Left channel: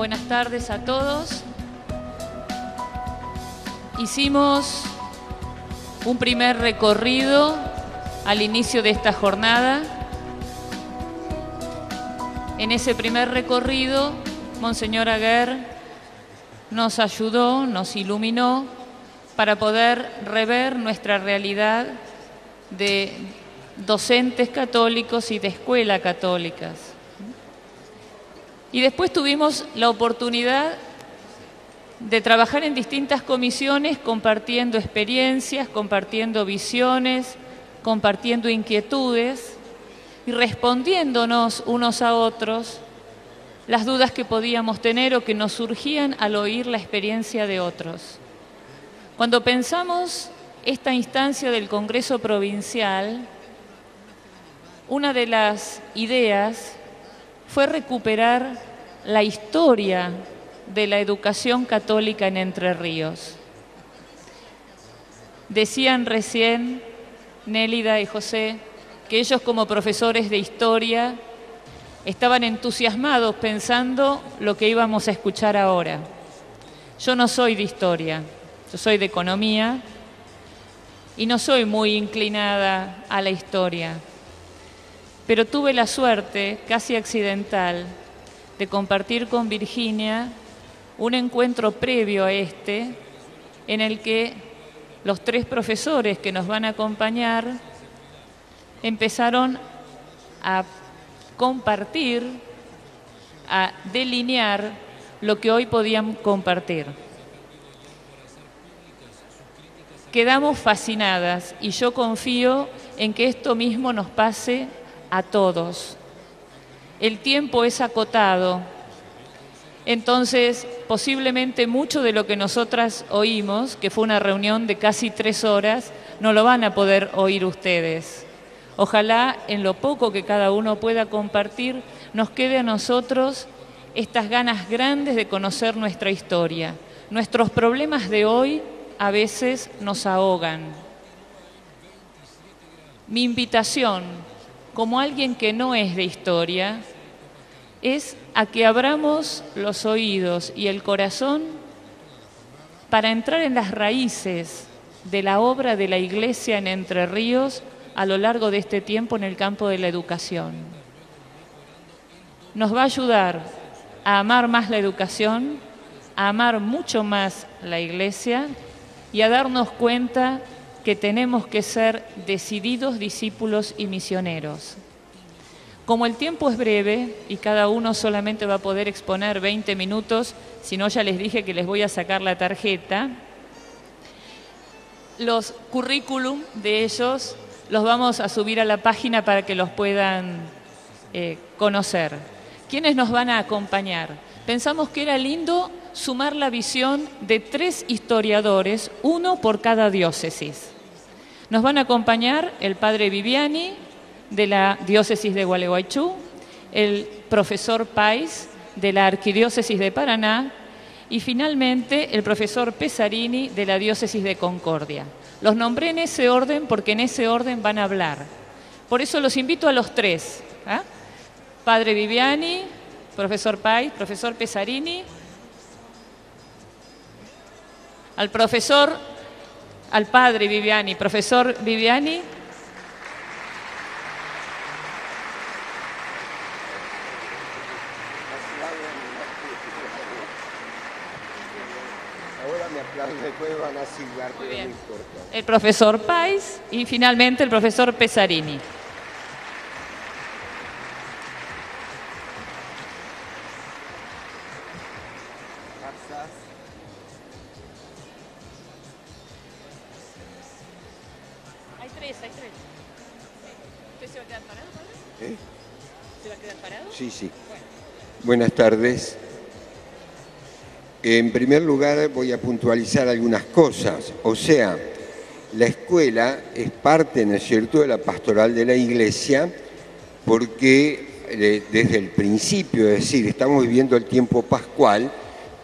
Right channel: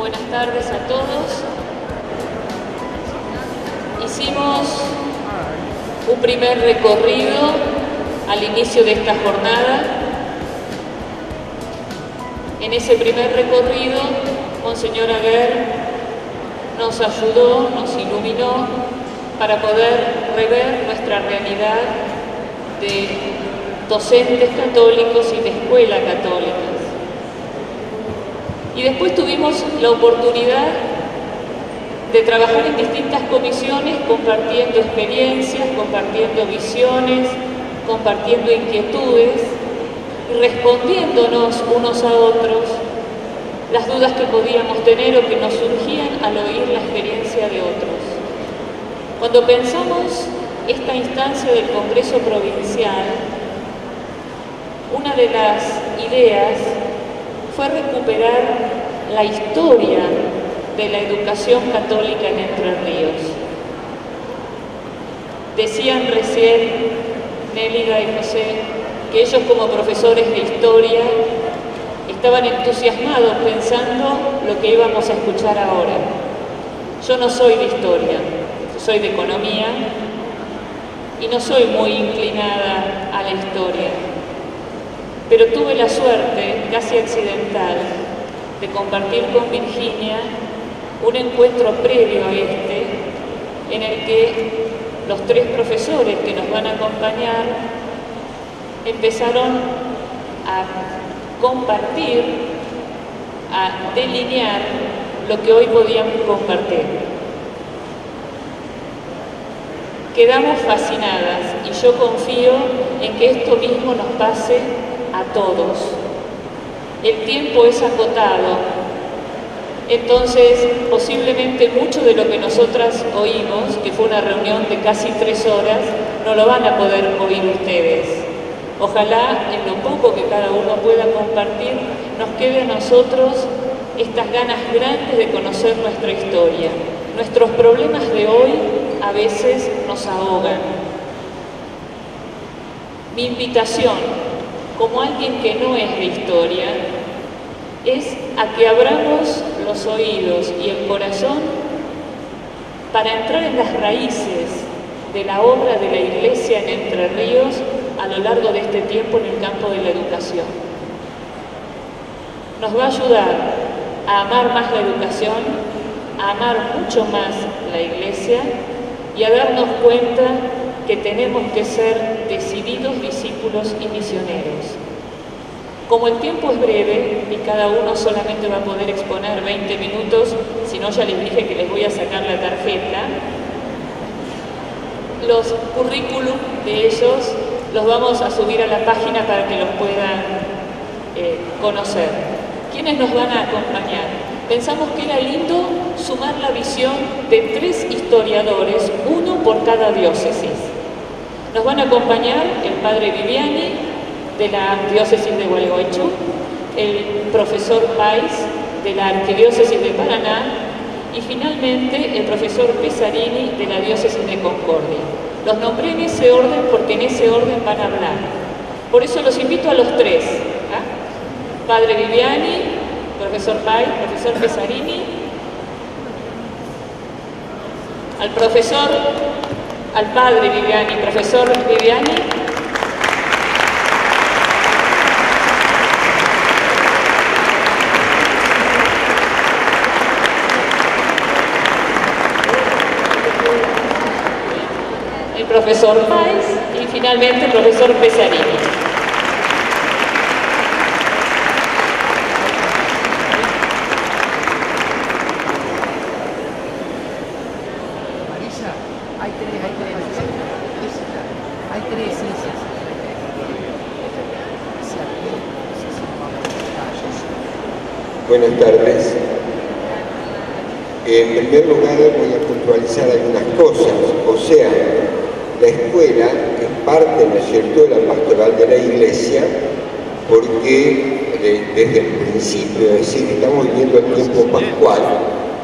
Buenas tardes a todos. Hicimos un primer recorrido al inicio de esta jornada. En ese primer recorrido, Monseñor Aguer nos ayudó, nos iluminó para poder rever nuestra realidad de docentes católicos y de escuela católicas. Y después tuvimos la oportunidad de trabajar en distintas comisiones, compartiendo experiencias, compartiendo visiones, compartiendo inquietudes y respondiéndonos unos a otros las dudas que podíamos tener o que nos surgían al oír la experiencia de otros. Cuando pensamos esta instancia del Congreso Provincial, una de las ideas fue recuperar la historia de la educación católica en Entre Ríos. Decían recién Nélida y José que ellos, como profesores de historia, estaban entusiasmados pensando lo que íbamos a escuchar ahora. Yo no soy de historia, yo soy de economía y no soy muy inclinada a la historia, pero tuve la suerte, casi accidental, de compartir con Virginia un encuentro previo a este, en el que los tres profesores que nos van a acompañar empezaron a compartir, a delinear lo que hoy podíamos compartir. Quedamos fascinadas y yo confío en que esto mismo nos pase a todos. El tiempo es acotado, entonces posiblemente mucho de lo que nosotras oímos, que fue una reunión de casi 3 horas, no lo van a poder oír ustedes. Ojalá en lo poco que cada uno pueda compartir nos quede a nosotros estas ganas grandes de conocer nuestra historia. Nuestros problemas de hoy a veces nos ahogan. Mi invitación, como alguien que no es de historia, es a que abramos los oídos y el corazón para entrar en las raíces de la obra de la Iglesia en Entre Ríos a lo largo de este tiempo en el campo de la educación. Nos va a ayudar a amar más la educación, a amar mucho más la Iglesia y a darnos cuenta que tenemos que ser decididos discípulos y misioneros. Como el tiempo es breve y cada uno solamente va a poder exponer 20 minutos, si no ya les dije que les voy a sacar la tarjeta, los currículum de ellos los vamos a subir a la página para que los puedan conocer. ¿Quiénes nos van a acompañar? Pensamos que era lindo sumar la visión de 3 historiadores, uno por cada diócesis. Nos van a acompañar el padre Viviani, de la diócesis de Gualeguaychú, el profesor Pais, de la arquidiócesis de Paraná, y finalmente el profesor Pesarini, de la diócesis de Concordia. Los nombré en ese orden porque en ese orden van a hablar. Por eso los invito a los 3. Padre Viviani, profesor Pais, profesor Pesarini, al padre Viviani, profesor Viviani, el profesor Pais y finalmente el profesor Pesarini. Buenas tardes. En primer lugar voy a puntualizar algunas cosas, o sea, la escuela es parte, ¿no es cierto?, de la pastoral de la Iglesia, porque desde el principio, es decir, estamos viviendo el tiempo pascual,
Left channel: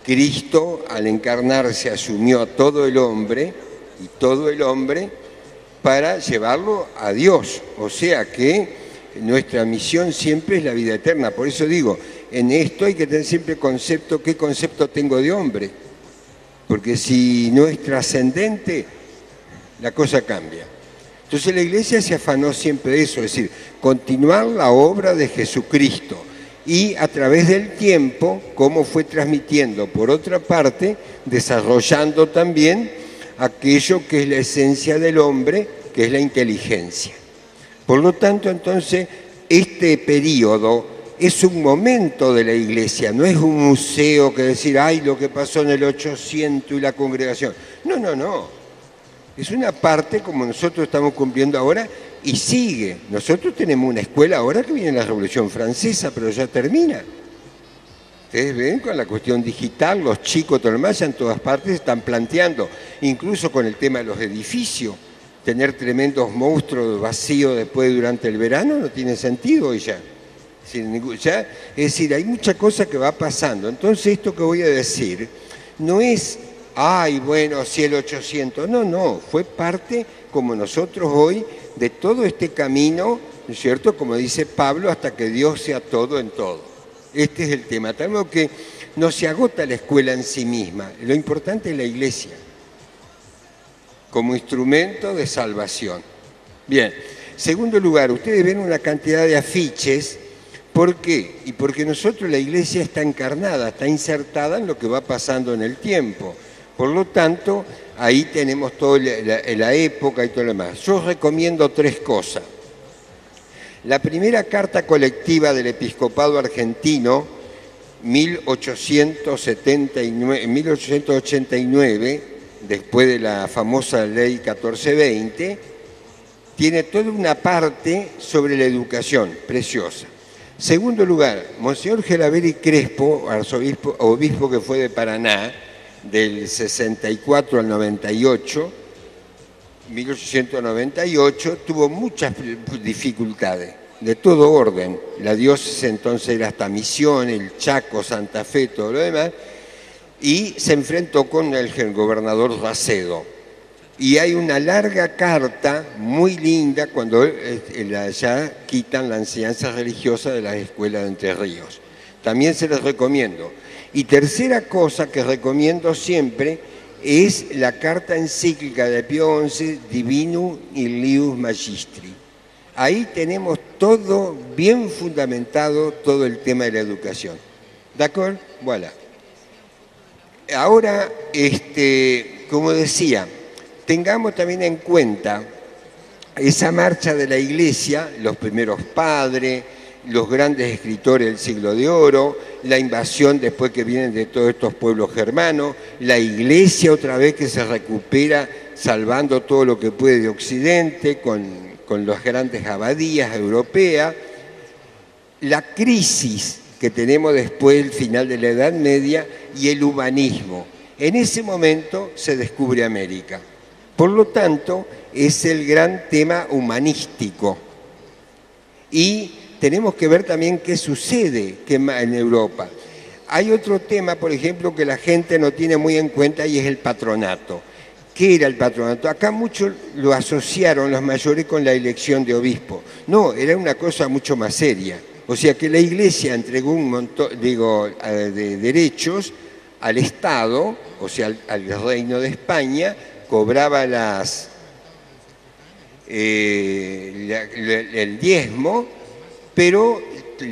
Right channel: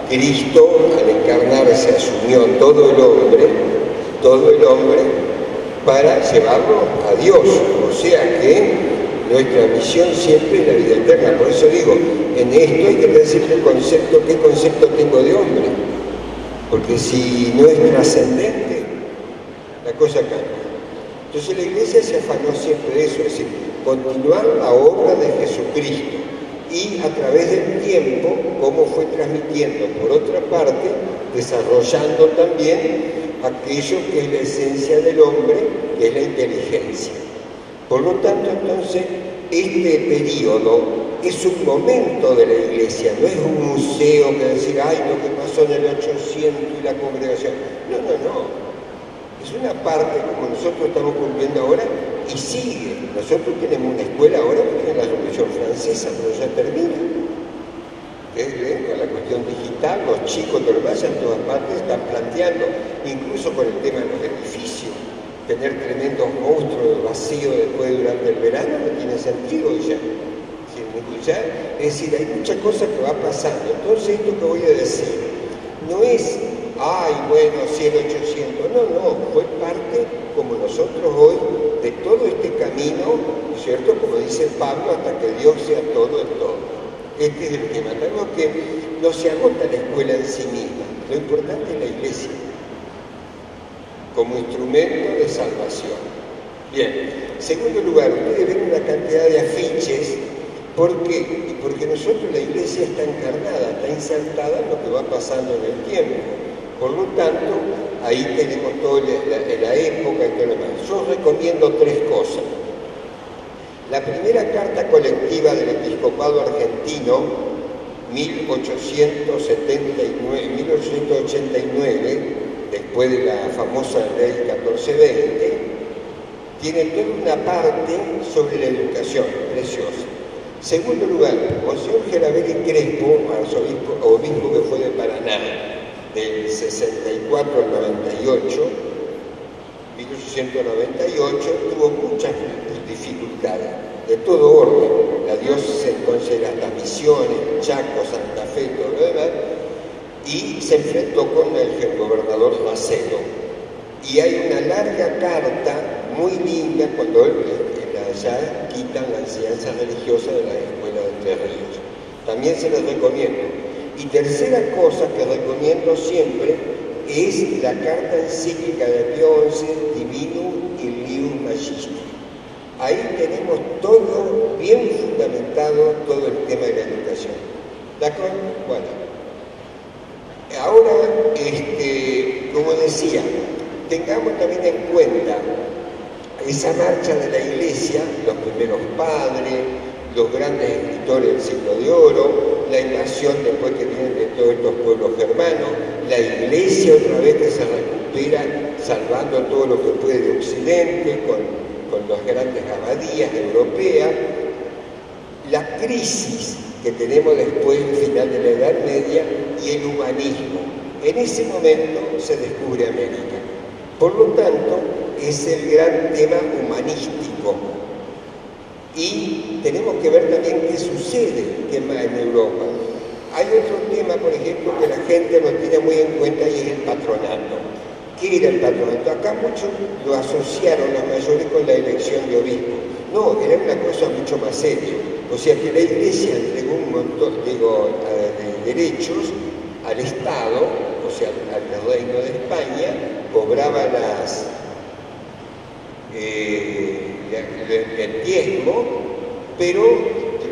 Cristo al encarnarse asumió todo el hombre, para llevarlo a Dios, o sea que nuestra misión siempre es la vida eterna. Por eso digo, en esto hay que decir qué concepto tengo de hombre, porque si no es trascendente, la cosa cambia. Entonces la Iglesia se afanó siempre de eso, es decir, continuar la obra de Jesucristo y a través del tiempo, cómo fue transmitiendo, por otra parte, desarrollando también aquello que es la esencia del hombre, que es la inteligencia. Por lo tanto, entonces, este periodo es un momento de la Iglesia, no es un museo que decir, ay, lo que pasó en el 800 y la congregación. No, no, no. Es una parte como nosotros estamos cumpliendo ahora y sigue. Nosotros tenemos una escuela ahora que viene la Revolución Francesa, pero ya termina. Ustedes ven con la cuestión digital, los chicos, todo lo demás, en todas partes están planteando, incluso con el tema de los edificios, tener tremendos monstruos vacíos después durante el verano no tiene sentido y ya. Es decir, hay mucha cosa que va pasando. Entonces esto que voy a decir no es, ay, bueno, si el 800, no, fue parte, como nosotros hoy, de todo este camino, ¿no es cierto? Como dice Pablo, hasta que Dios sea todo en todo. Este es el tema. Tenemos que no se agota la escuela en sí misma, lo importante es la Iglesia, como instrumento de salvación. Bien, segundo lugar, ustedes ven una cantidad de afiches. ¿Por qué? Y porque nosotros, la Iglesia está encarnada, está insertada en lo que va pasando en el tiempo. Por lo tanto, ahí tenemos toda la época y todo lo demás. Yo recomiendo tres cosas. La primera carta colectiva del Episcopado Argentino, 1889, después de la famosa Ley 1420, tiene toda una parte sobre la educación, preciosa. Segundo lugar, Monseñor Geraberi Crespo, obispo que fue de Paraná, del 64 al 98, 1898, tuvo muchas dificultades, de todo orden. La diócesis entonces era hasta Misiones, el Chaco, Santa Fe, todo lo demás, y se enfrentó con el gobernador Racedo. Y hay una larga carta muy linda cuando ya quitan la enseñanza religiosa de las escuelas de Entre Ríos. También se les recomiendo. Y tercera cosa que recomiendo siempre es la carta encíclica de Pío XI, Divinum Ilius Magistri. Ahí tenemos todo bien fundamentado, todo el tema de la educación. ¿De acuerdo? Bueno. Ahora, como decía, tengamos también en cuenta esa marcha de la Iglesia, los primeros padres, los grandes escritores del siglo de oro, la invasión después que vienen de todos estos pueblos germanos, la Iglesia otra vez que se recupera salvando todo lo que puede de Occidente con las grandes abadías europeas, la crisis que tenemos después del final de la Edad Media y el humanismo. En ese momento se descubre América. Por lo tanto, es el gran tema humanístico. Y tenemos que ver también qué sucede en Europa. Hay otro tema, por ejemplo, que la gente no tiene muy en cuenta y es el patronato. ¿Qué era el patronato? Acá muchos lo asociaron los mayores con la elección de obispo. No, era una cosa mucho más seria. O sea que la Iglesia entregó un montón, de derechos al Estado, o sea, al Reino de España, cobraba el diezmo, pero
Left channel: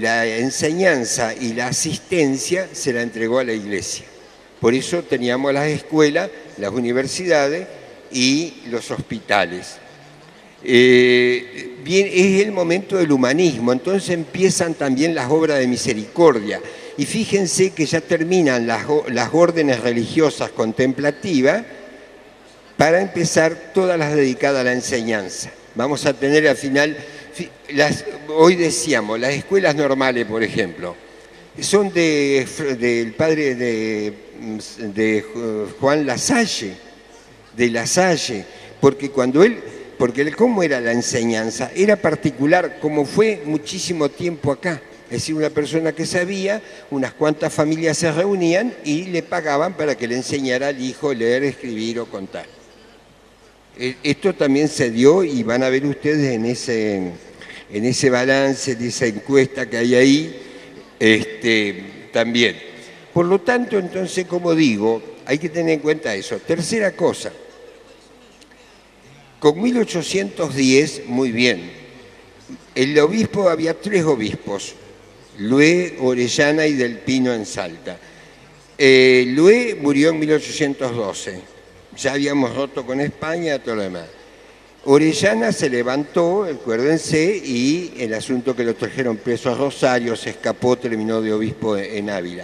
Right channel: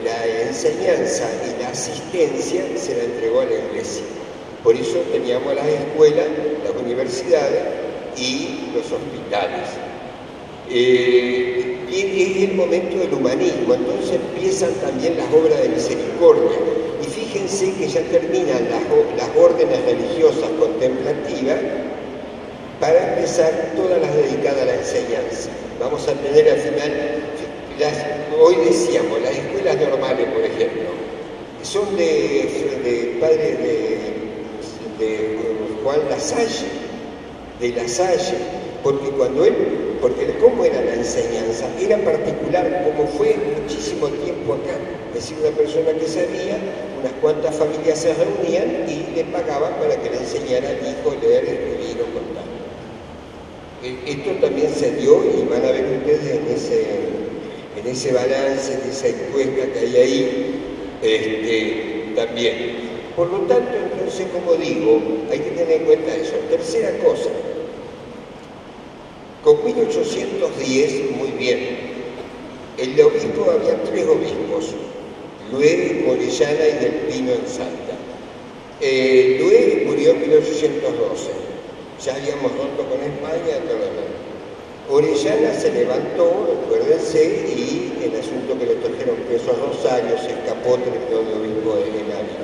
la enseñanza y la asistencia se la entregó a la Iglesia. Por eso teníamos las escuelas, las universidades y los hospitales. Bien, es el momento del humanismo, entonces empiezan también las obras de misericordia. Y fíjense que ya terminan las órdenes religiosas contemplativas para empezar todas las dedicadas a la enseñanza. Vamos a tener al final, hoy decíamos, las escuelas normales, por ejemplo, son del padre de Juan Lasalle, porque ¿cómo era la enseñanza? Era particular, como fue muchísimo tiempo acá. Es decir, una persona que sabía, unas cuantas familias se reunían y le pagaban para que le enseñara al hijo a leer, escribir o contar. Esto también se dio y van a ver ustedes en ese balance de esa encuesta que hay ahí, también. Por lo tanto, entonces, como digo, hay que tener en cuenta eso. Tercera cosa, con 1810, muy bien, el obispo, había 3 obispos, Lué, Orellana y Del Pino en Salta. Lué murió en 1812, ya habíamos roto con España, todo lo demás. Orellana se levantó, acuérdense, y el asunto que lo trajeron preso a Rosario, se escapó, terminó de obispo en Ávila.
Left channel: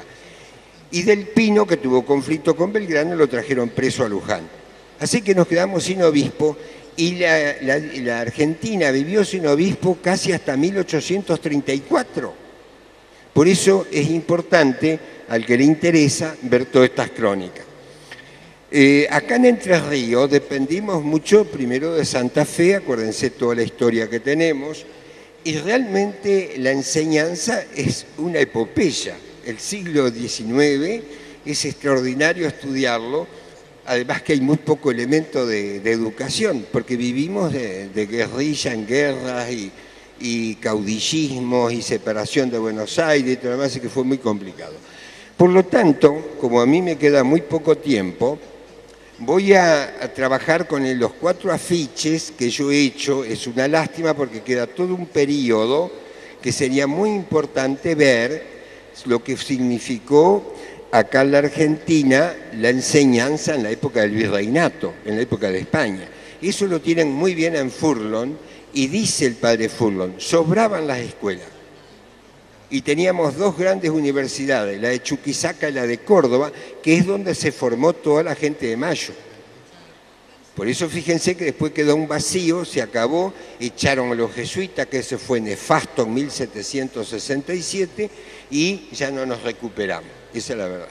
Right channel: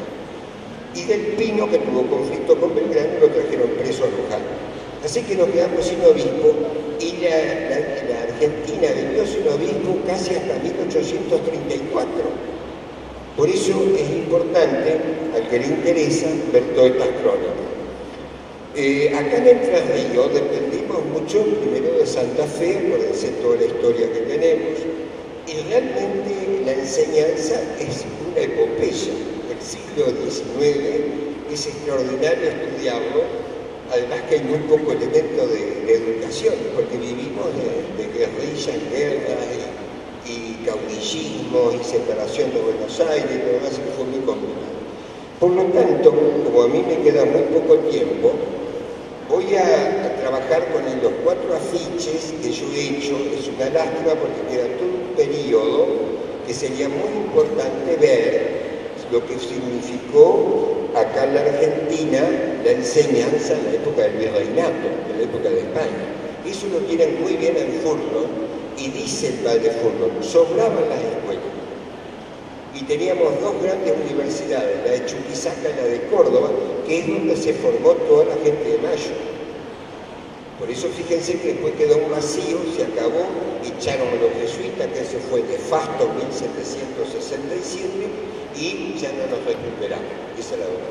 Y Del Pino, que tuvo conflicto con Belgrano, lo trajeron preso a Luján. Así que nos quedamos sin obispo, y la Argentina vivió sin obispo casi hasta 1834. Por eso es importante, al que le interesa, ver todas estas crónicas. Acá en Entre Ríos dependimos mucho primero de Santa Fe, acuérdense toda la historia que tenemos, y realmente la enseñanza es una epopeya. El siglo XIX es extraordinario estudiarlo, además que hay muy poco elemento de educación, porque vivimos de guerrilla en guerras y caudillismo y separación de Buenos Aires y todo lo demás, que fue muy complicado. Por lo tanto, como a mí me queda muy poco tiempo, voy a trabajar con los 4 afiches que yo he hecho. Es una lástima porque queda todo un periodo que sería muy importante ver lo que significó acá en la Argentina la enseñanza en la época del virreinato, en la época de España. Eso lo tienen muy bien en Furlon, y dice el padre Furlon, sobraban las escuelas. Y teníamos 2 grandes universidades, la de Chuquisaca y la de Córdoba, que es donde se formó toda la gente de Mayo. Por eso fíjense que después quedó un vacío, se acabó, echaron a los jesuitas, que ese fue nefasto en 1767, y ya no nos recuperamos. Esa es la verdad.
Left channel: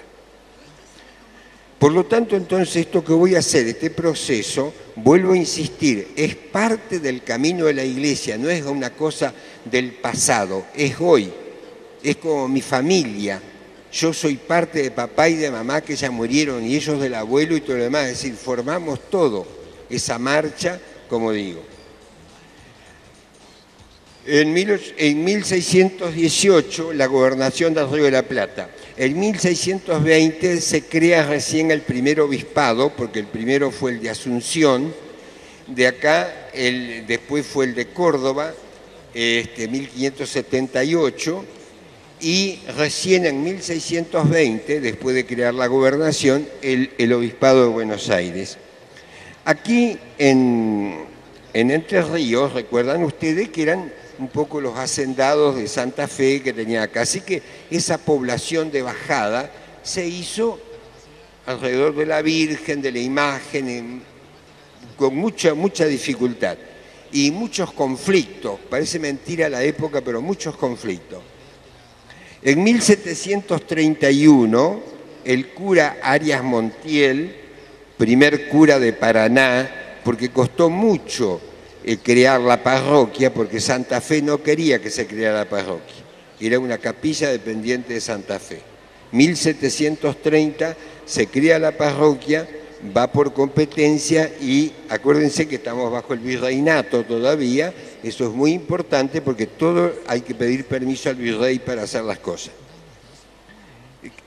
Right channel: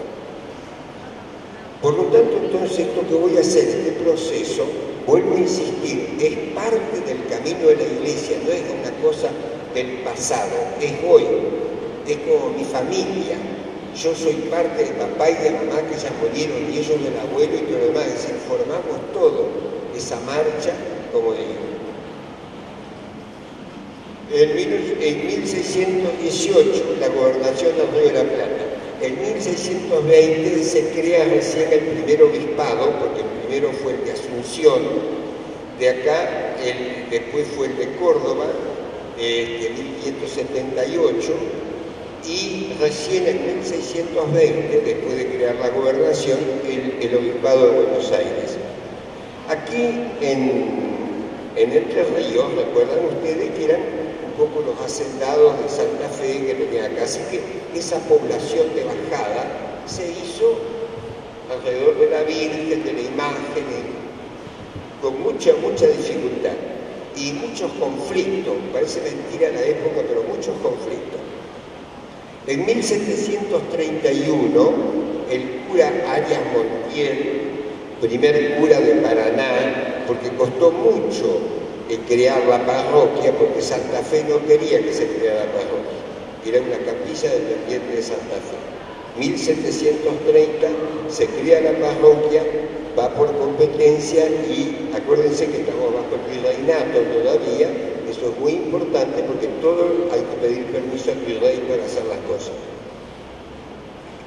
Por lo tanto, entonces, esto que voy a hacer, este proceso, vuelvo a insistir, es parte del camino de la Iglesia, no es una cosa del pasado, es hoy, es como mi familia. Yo soy parte de papá y de mamá que ya murieron, y ellos del abuelo y todo lo demás, es decir, formamos todo esa marcha, como digo. En 1618, la gobernación del Río de la Plata. En 1620 se crea recién el primer obispado, porque el primero fue el de Asunción, de acá después fue el de Córdoba, 1578, y recién en 1620, después de crear la gobernación, el obispado de Buenos Aires. Aquí en Entre Ríos, recuerdan ustedes que eran un poco los hacendados de Santa Fe que tenía acá, así que esa población de bajada se hizo alrededor de la Virgen, de la imagen, con mucha dificultad y muchos conflictos. Parece mentira la época, pero muchos conflictos. En 1731, el cura Arias Montiel, primer cura de Paraná, porque costó mucho crear la parroquia, porque Santa Fe no quería que se creara la parroquia, era una capilla dependiente de Santa Fe. 1730 se crea la parroquia, va por competencia, y acuérdense que estamos bajo el virreinato todavía. Eso es muy importante porque todo hay que pedir permiso al virrey para hacer las cosas.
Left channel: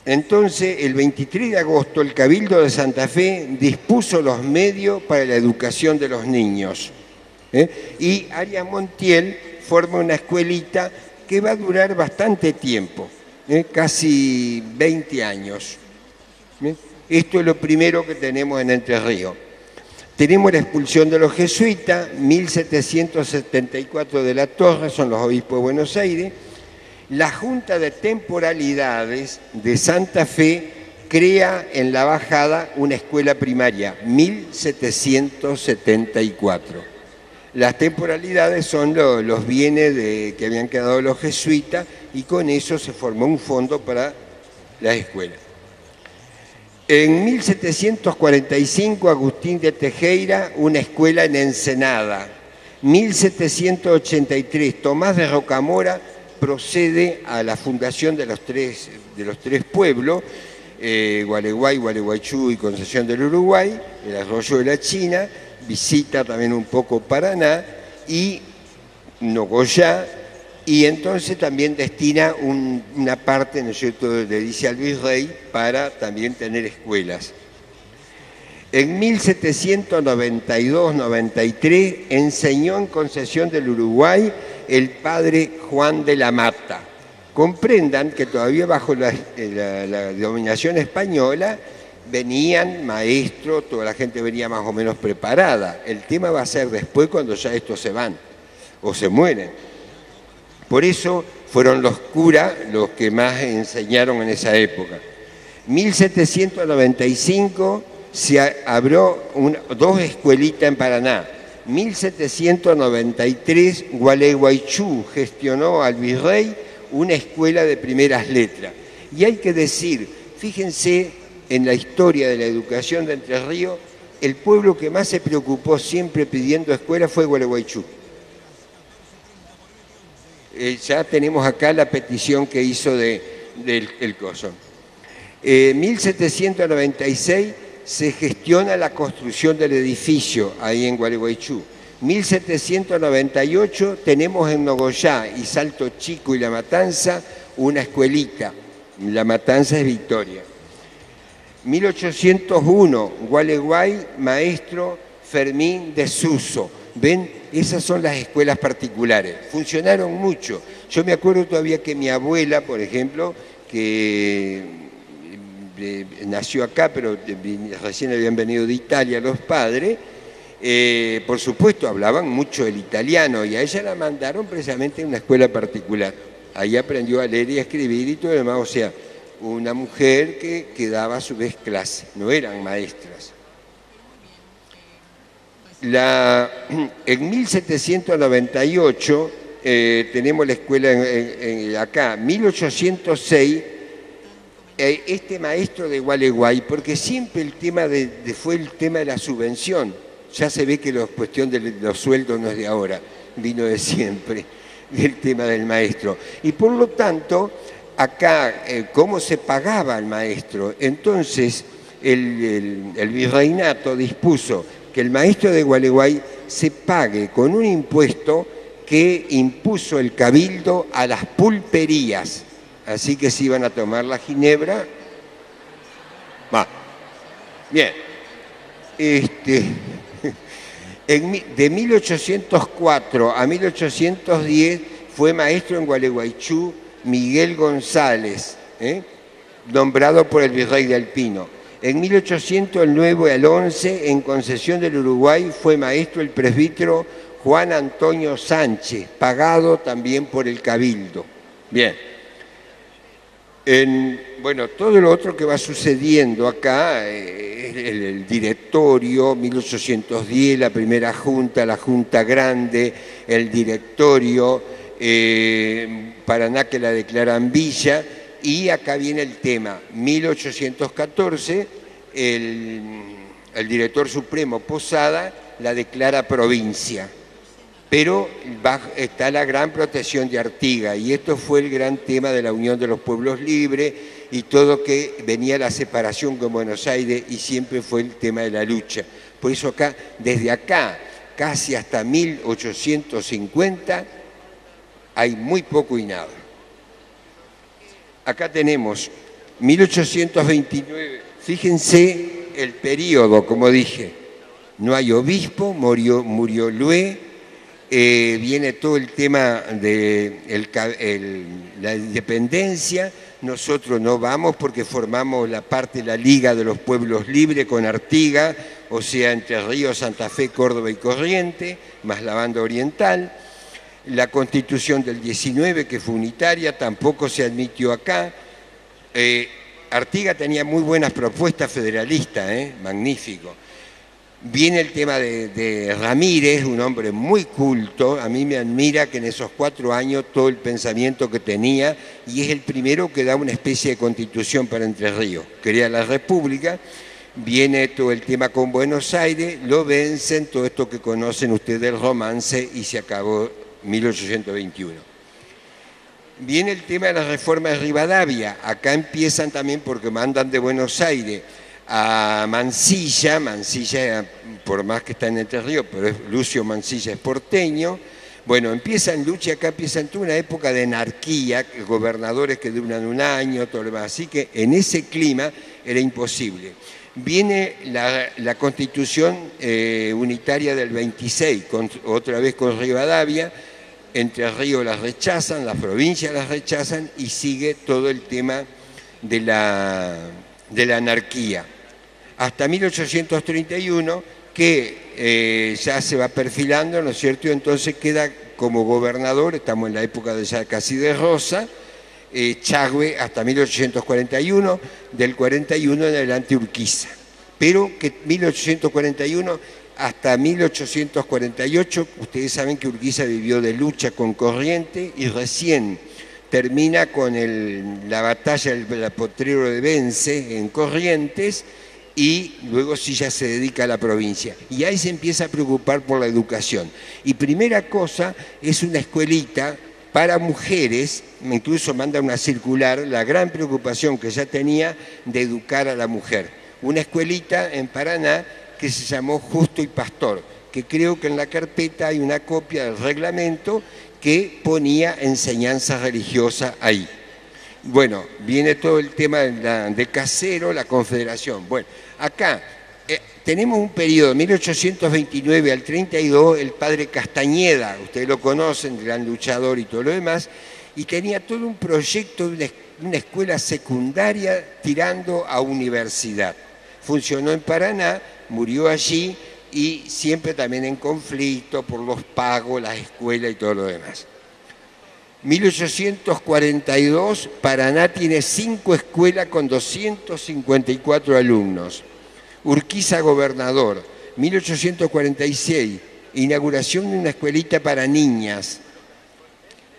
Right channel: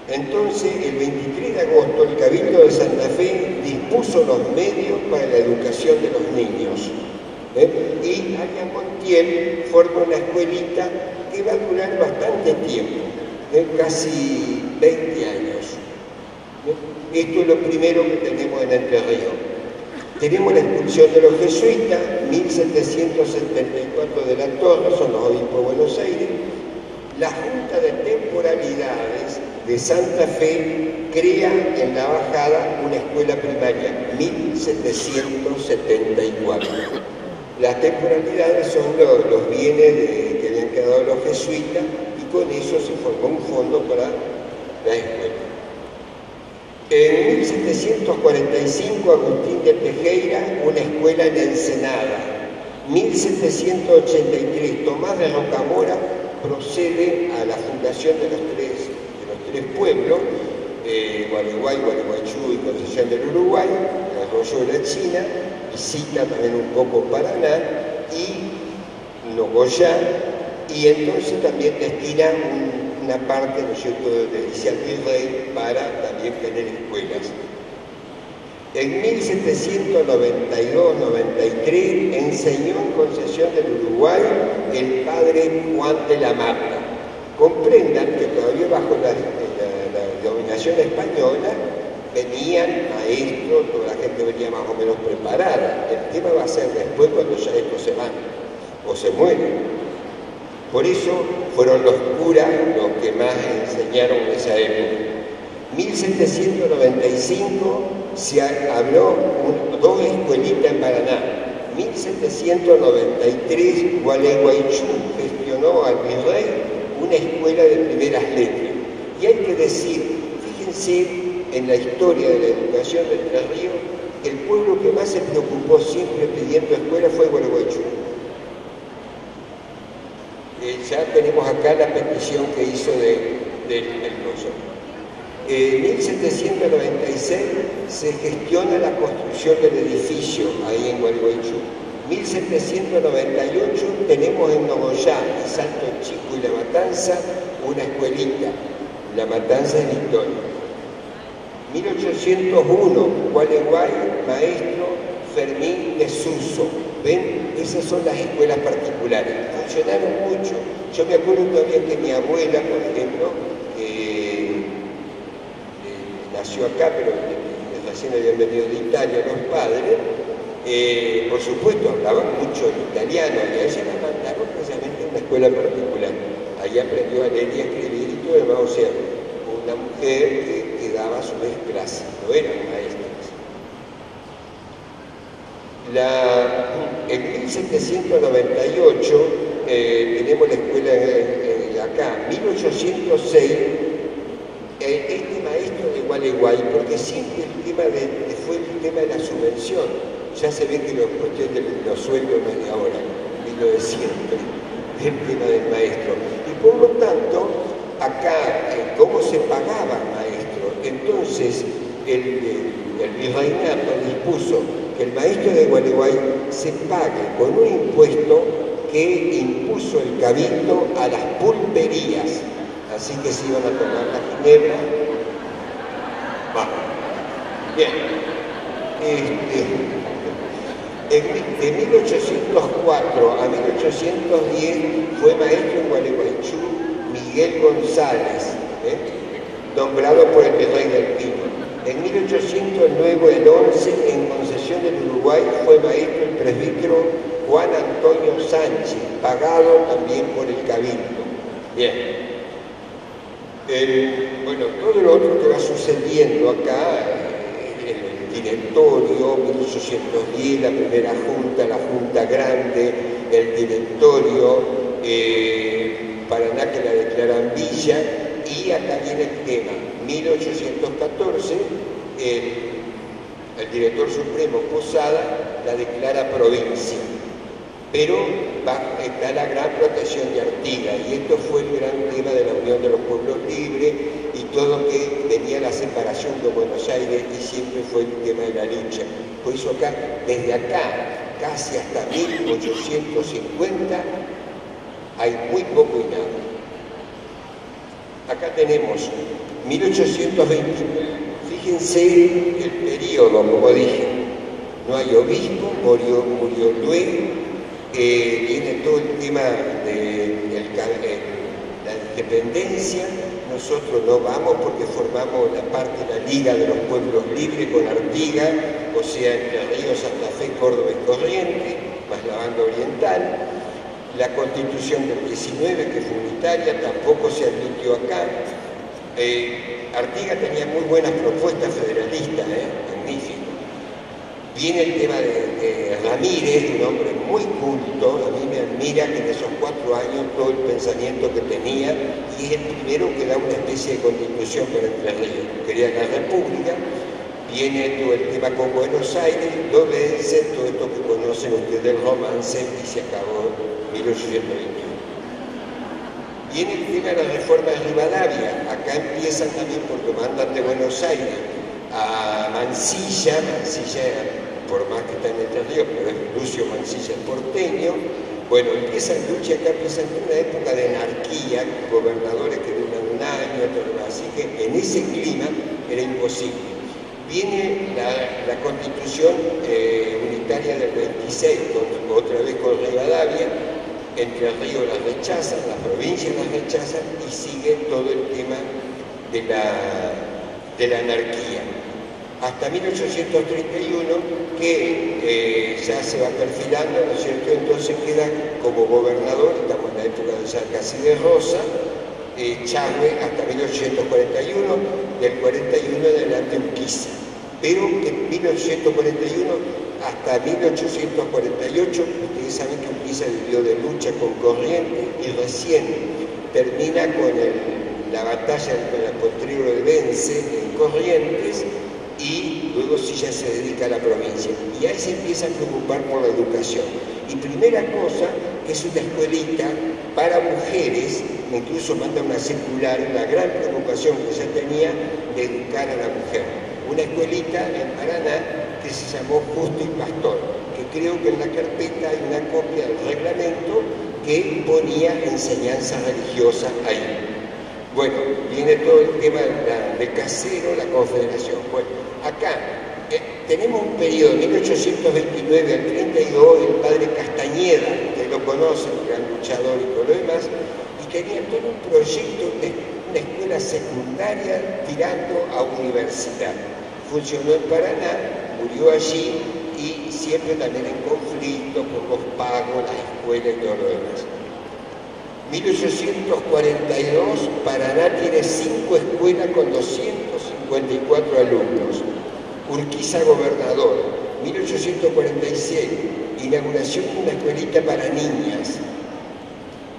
Entonces, el 23 de agosto, el Cabildo de Santa Fe dispuso los medios para la educación de los niños. Y Arias Montiel forma una escuelita que va a durar bastante tiempo, casi 20 años. Esto es lo primero que tenemos en Entre Ríos. Tenemos la expulsión de los jesuitas, 1774 de la Torre, son los obispos de Buenos Aires. La Junta de Temporalidades de Santa Fe crea en la Bajada una escuela primaria, 1774. Las temporalidades son los bienes que habían quedado los jesuitas, y con eso se formó un fondo para la escuela. En 1745, Agustín de Tejera, una escuela en Ensenada. 1783, Tomás de Rocamora procede a la fundación de los tres pueblos, Gualeguay, Gualeguaychú y Concepción del Uruguay, el arroyo de la China, visita también un poco Paraná y Nogoyá, y entonces también destina una parte, ¿no es cierto?, le dice al virrey para también tener escuelas. En 1792-93 enseñó en Concesión del Uruguay el padre Juan de la Mata. Comprendan que todavía bajo la dominación española venían maestros, toda la gente venía más o menos preparada. El tema va a ser después cuando ya estos se van o se mueren. Por eso fueron los curas los que más enseñaron en esa época. 1795 se abrió dos escuelitas en Paraná. 1793 Gualeguaychú gestionó al virrey una escuela de primeras letras. Y hay que decir, fíjense en la historia de la educación de Entre Ríos, el pueblo que más se preocupó siempre pidiendo escuela fue Gualeguaychú. Ya tenemos acá la petición que hizo del coso. 1796 se gestiona la construcción del edificio ahí en Gualeguaychú. 1798 tenemos en Nogoyá y Salto Chico y La Matanza una escuelita. La Matanza es Victoria. 1801, Gualeguay, maestro Fermín de Suso. ¿Ven? Esas son las escuelas particulares. Funcionaron mucho. Yo me acuerdo todavía que mi abuela, por ejemplo, que nació acá, pero recién habían venido de Italia los padres, por supuesto hablaban mucho el italiano y a ella la mandaron precisamente a una escuela particular. Ahí aprendió a leer y a escribir y todo lo demás, o sea, una mujer que daba a su vez clase, no eran maestras. En 1798 tenemos la escuela acá, 1806, este maestro de Gualeguay, porque siempre el tema fue el tema de la subvención. Ya se ve que la cuestión de los sueldos no es de ahora, vino de siempre, el tema del maestro. Y por lo tanto, acá, ¿cómo se pagaba el maestro? Entonces, el virreinato dispuso que el maestro de Gualeguay se pague con un impuesto que impuso el cabildo a las pulperías. Así que se iban a tomar la ginebra. Va. Bien. De 1804 a 1810 fue maestro en Gualeguaychú Miguel González, nombrado por el virrey del Pino. En 1809 al 11, en Concesión del Uruguay, fue maestro el presbítero Juan Antonio Sánchez, pagado también por el cabildo. Bien. Bueno, todo lo otro que va sucediendo acá, el directorio, 1810, la primera junta, la junta grande, el directorio, Paraná que la declaran villa, y acá viene el tema, 1814, el director supremo Posada la declara provincia, pero está la gran protección de Artigas, y esto fue el gran tema de la Unión de los Pueblos Libres y todo que venía la separación con Buenos Aires y siempre fue el tema de la lucha. Por eso acá, desde acá, casi hasta 1850, hay muy poco y nada. Acá tenemos 1829, fíjense el periodo, como dije, no hay obispo, murió Lué, viene todo el tema de la independencia, nosotros no vamos porque formamos la parte de la Liga de los Pueblos Libres con Artigas, o sea, Entre Ríos, Santa Fe, Córdoba y Corrientes, más la banda oriental. La Constitución del 19, que fue unitaria, tampoco se admitió acá. Artigas tenía muy buenas propuestas federalistas, magnífico. Viene el tema de Ramírez, un hombre muy culto, a mí me admira que en esos 4 años todo el pensamiento que tenía, y es el primero que da una especie de constitución para Entre Ríos, crea la República. Viene todo el tema con Buenos Aires, lo vencen, todo esto que conocen ustedes del romance, y se acabó 1821. Viene el tema de la reforma de Rivadavia, acá empiezan también porque mandan de Buenos Aires a Mansilla, por más que está en Entre Ríos, pero es Lucio Mansilla es porteño, Bueno, empieza en lucha, acá empieza en toda una época de anarquía, gobernadores que duran un año, todo lo demás. Así que en ese clima era imposible. Viene la Constitución unitaria del 26, otra vez con Rivadavia. Entre Ríos las rechazan, las provincias las rechazan y sigue todo el tema de la anarquía. Hasta 1831, que ya se va perfilando, ¿no es cierto? Entonces queda como gobernador, estamos en la época de ya casi de Rosa, Chagüe hasta 1841, del 41 en adelante Urquiza. Pero que 1841 hasta 1848, ustedes saben que Urquiza vivió de lucha con Corrientes y recién termina con la batalla del Potrero de Vence en Corrientes y luego sí ya se dedica a la provincia. Y ahí se empieza a preocupar por la educación. Y primera cosa es una escuelita para mujeres, incluso manda una circular, la gran preocupación que ya tenía de educar a la mujer. Una escuelita en Paraná que se llamó Justo y Pastor, que creo que en la carpeta hay una copia del reglamento que ponía enseñanza religiosa ahí. Bueno, viene todo el tema de Casero, la Confederación. Bueno, acá tenemos un periodo, 1829 al 32, el padre Castañeda, ustedes lo conocen, gran luchador y todo lo demás, y tenía todo un proyecto de una escuela secundaria tirando a universidad. Funcionó en Paraná, murió allí y siempre también en conflicto por los pagos, la escuela y todo lo demás. 1842, Paraná tiene 5 escuelas con 254 alumnos. Urquiza gobernador. 1846, inauguración de una escuelita para niñas.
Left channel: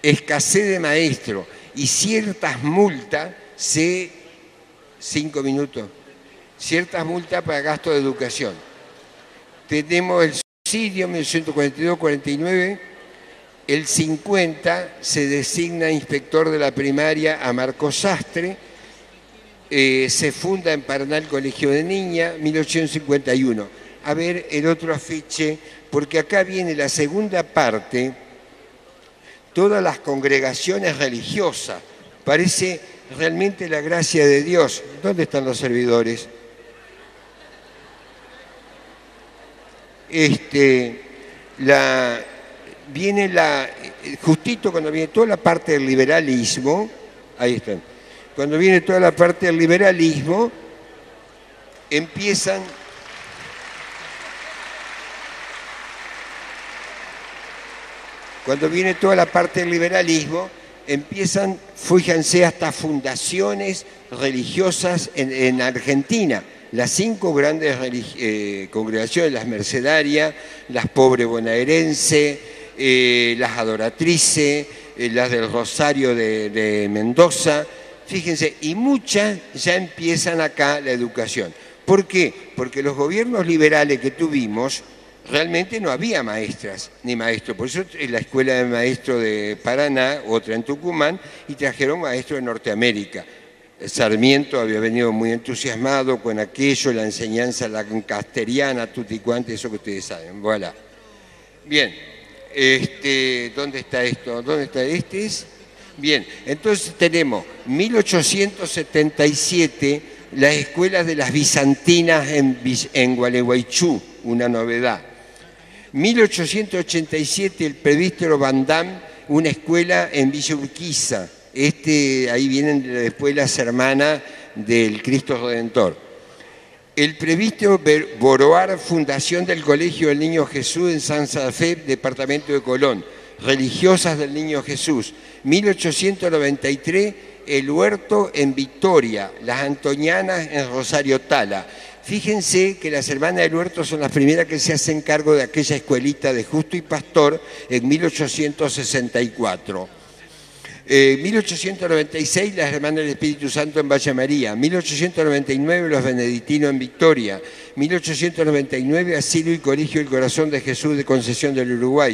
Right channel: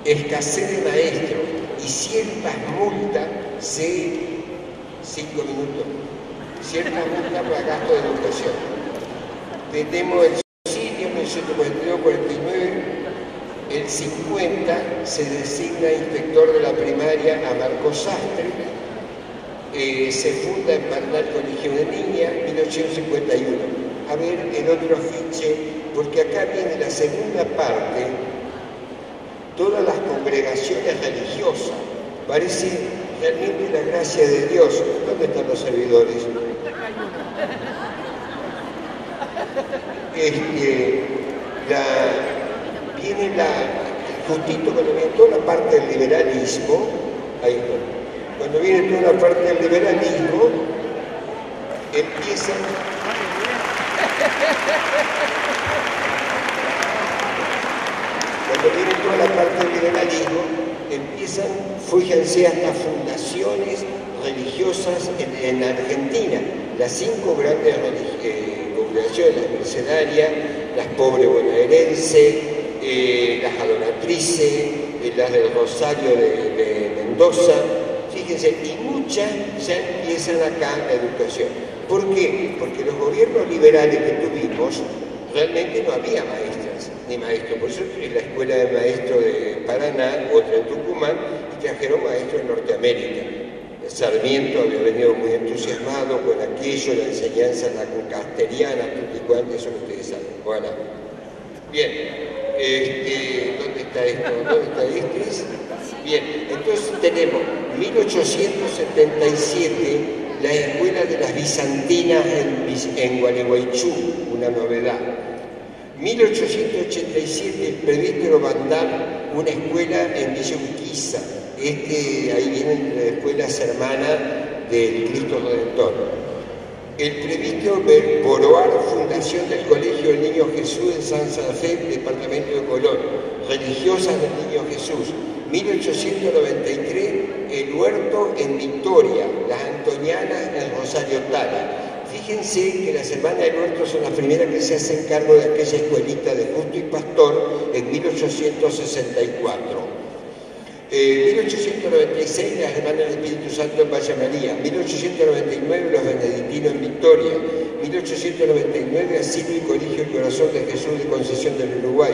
Escasez de maestros y ciertas multas, 5 minutos, ciertas multas para gasto de educación. Tenemos el subsidio 1942-49, el 50 se designa inspector de la primaria a Marcos Sastre, se funda en Paraná el Colegio de Niñas, 1851. A ver el otro afiche, porque acá viene la segunda parte, todas las congregaciones religiosas. Parece realmente la gracia de Dios. ¿Dónde están los servidores? Viene justito cuando viene toda la parte del liberalismo, ahí está, cuando viene toda la parte del liberalismo, empiezan fíjense, hasta fundaciones religiosas en Argentina, las 5 grandes congregaciones, las mercedarias, las pobres bonaerenses, las adoratrices, las del Rosario de Mendoza, fíjense, y muchas ya empiezan acá la educación. ¿Por qué? Porque los gobiernos liberales que tuvimos, realmente no había maestras ni maestros, por eso es la escuela de maestros de Paraná, otra en Tucumán, y trajeron maestros de Norteamérica. Sarmiento había venido muy entusiasmado con aquello, la enseñanza lancasteriana, tutti quanti, eso que ustedes saben. Voilà. Bien, ¿dónde está esto? ¿Dónde está este? Bien, entonces tenemos 1877, la escuela de las bizantinas en Gualeguaychú, una novedad. 1887, el presbítero Van Damme, una escuela en Villa Urquiza. Ahí vienen después las hermanas del Cristo Redentor. El presbítero Boroar, fundación del Colegio del Niño Jesús en Santa Fe, departamento de Colón. Religiosas del Niño Jesús. 1893, el huerto en Victoria, las antonianas en Rosario Tala. Fíjense que las hermanas del huerto son las primeras que se hacen cargo de aquella escuelita de Justo y Pastor en 1864. 1896, las hermanas del Espíritu Santo en Valle María. 1899, los benedictinos en Victoria. 1899, Asilo y Colegio del Corazón de Jesús de Concesión del Uruguay.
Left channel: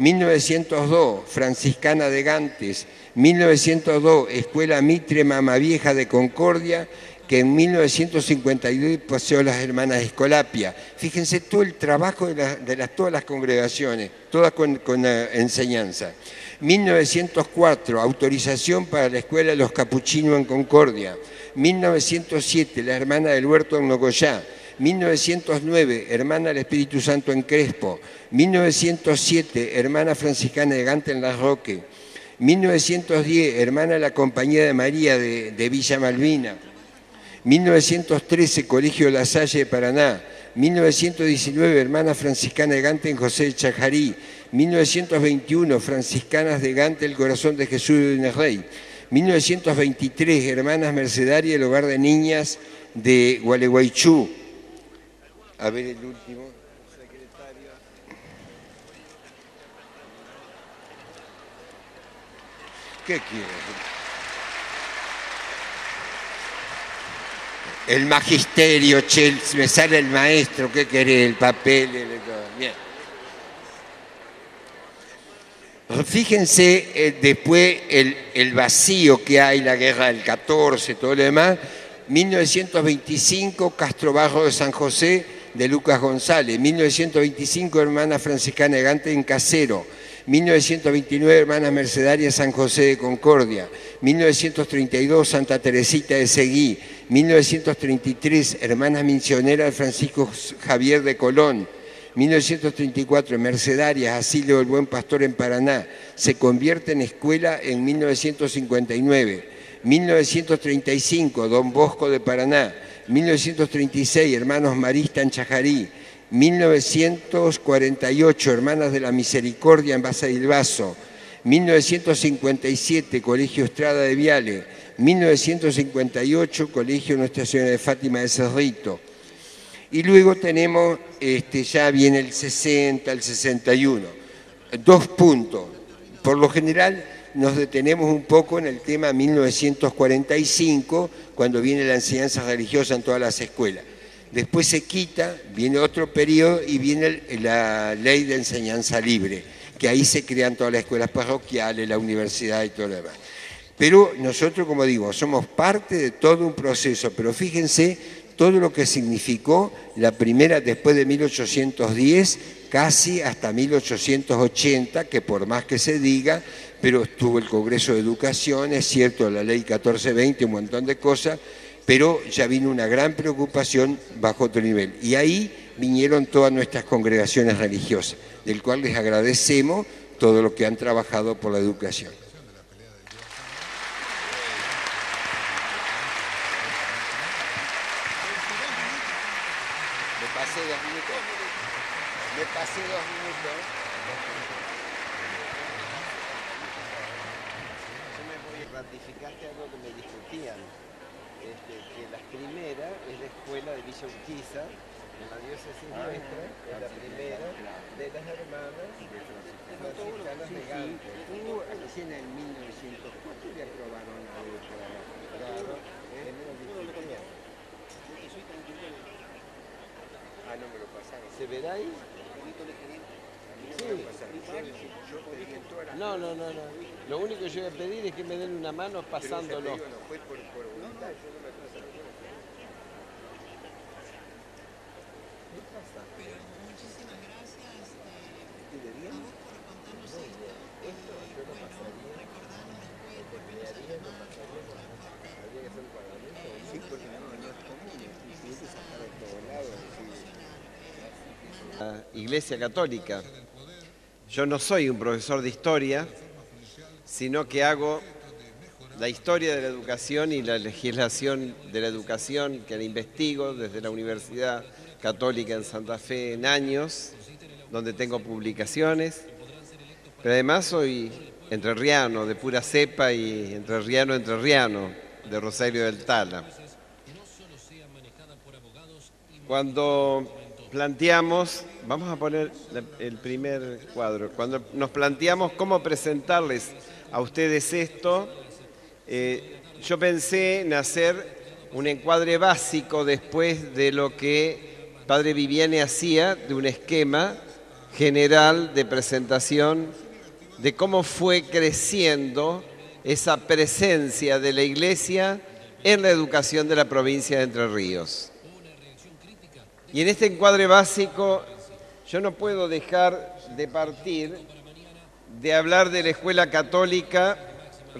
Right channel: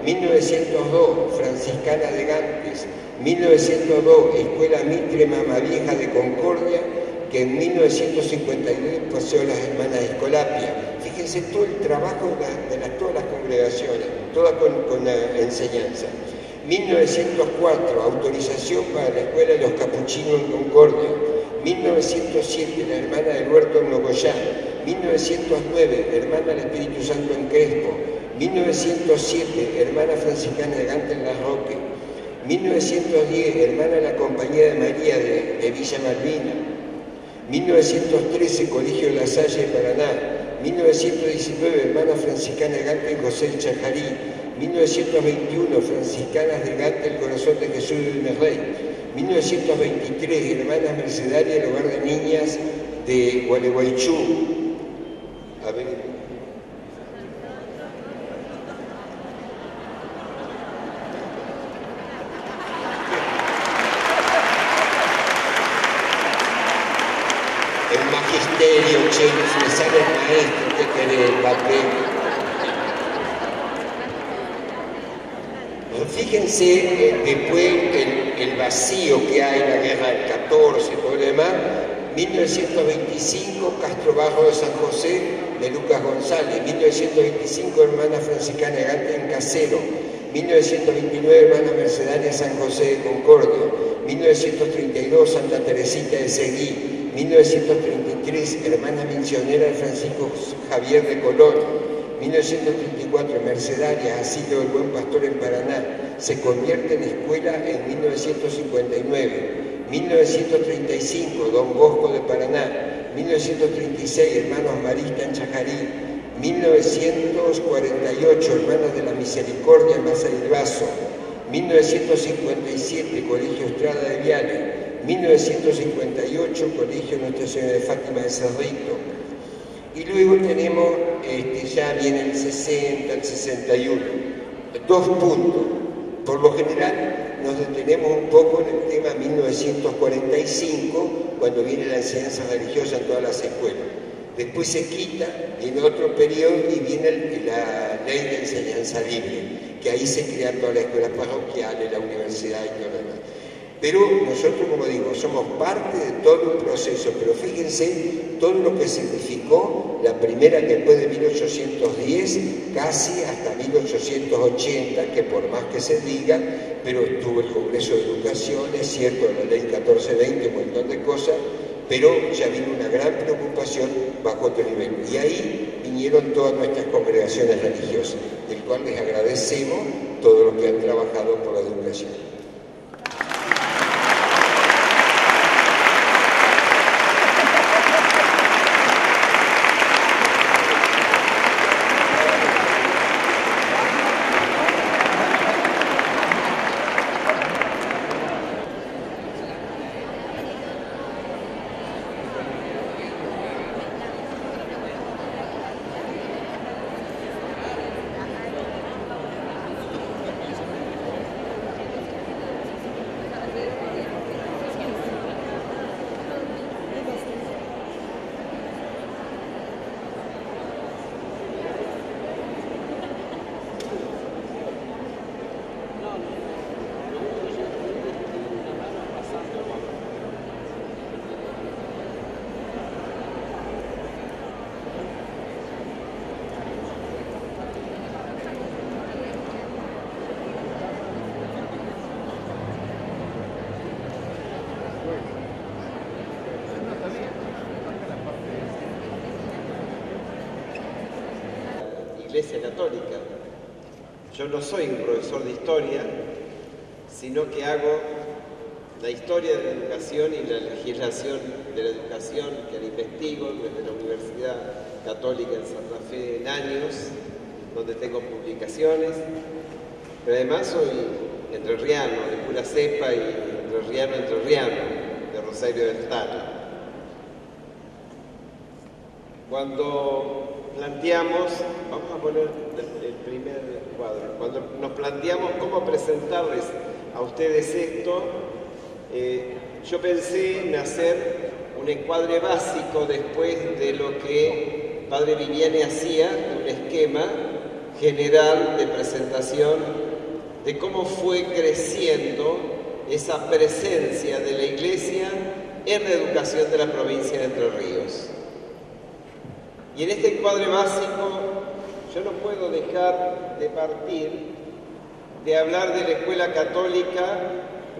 1902, Franciscana de Gantes. 1902, Escuela Mitre Mamavieja de Concordia. que en 1952 pasó las hermanas Escolapia. Fíjense todo el trabajo de todas las congregaciones, todas con enseñanza. 1904, autorización para la escuela de los capuchinos en Concordia. 1907, la hermana del Huerto en Nogoyá. 1909, hermana del Espíritu Santo en Crespo. 1907, hermana franciscana de Gante en Las Roque. 1910, hermana de la Compañía de María de Villa Malvina. 1913, Colegio de La Salle de Paraná. 1919, hermana franciscana de Gante en José de Chajarí. 1921, franciscanas de Gante, el Corazón de Jesús de Unerrey. 1923, hermanas mercedarias del Hogar de Niñas de Gualeguaychú. A ver el último. El magisterio, che, me sale el maestro, ¿qué querés? El papel. Fíjense después el vacío que hay, la guerra del 14, todo lo demás. 1925, Castro Barro de San José, de Lucas González. 1925, hermana franciscana de Gante en Casero. 1929, hermana mercedaria San José de Concordia. 1932, Santa Teresita de Seguí. 1933, hermana misionera Francisco Javier de Colón. 1934, mercedarias, Asilio del Buen Pastor en Paraná. Se convierte en escuela en 1959. 1935, Don Bosco de Paraná. 1936, hermanos Marista en Chajarí. 1948, hermanas de la Misericordia en Basavilbaso. 1957, Colegio Estrada de Viale. 1958, Colegio Nuestra Señora de Fátima de Cerrito. Y luego tenemos, ya viene el 60, el 61. 2 puntos. Por lo general nos detenemos un poco en el tema 1945, cuando viene la enseñanza religiosa en todas las escuelas. Después se quita, viene otro periodo y viene la ley de enseñanza libre, que ahí se crean todas las escuelas parroquiales, la universidad y todo lo demás. Pero nosotros, como digo, somos parte de todo un proceso, pero fíjense todo lo que significó la primera, después de 1810, casi hasta 1880, que por más que se diga, pero estuvo el Congreso de Educación, es cierto, la Ley 1420, un montón de cosas, pero ya vino una gran preocupación bajo otro nivel. Y ahí vinieron todas nuestras congregaciones religiosas, del cual les agradecemos todo lo que han trabajado por la educación. Iglesia Católica. Yo no soy un profesor de historia, sino que hago la historia de la educación y la legislación de la educación que la investigo desde la Universidad Católica en Santa Fe en años, donde tengo publicaciones, pero además soy entrerriano, de pura cepa y entrerriano, de Rosario del Tala. Cuando planteamos, vamos a poner el primer cuadro, cuando nos planteamos cómo presentarles a ustedes esto, yo pensé en hacer un encuadre básico después de lo que Padre Viviani hacía, de un esquema general de presentación de cómo fue creciendo esa presencia de la Iglesia en la educación de la provincia de Entre Ríos. Y en este encuadre básico yo no puedo dejar de partir de hablar de la escuela católica,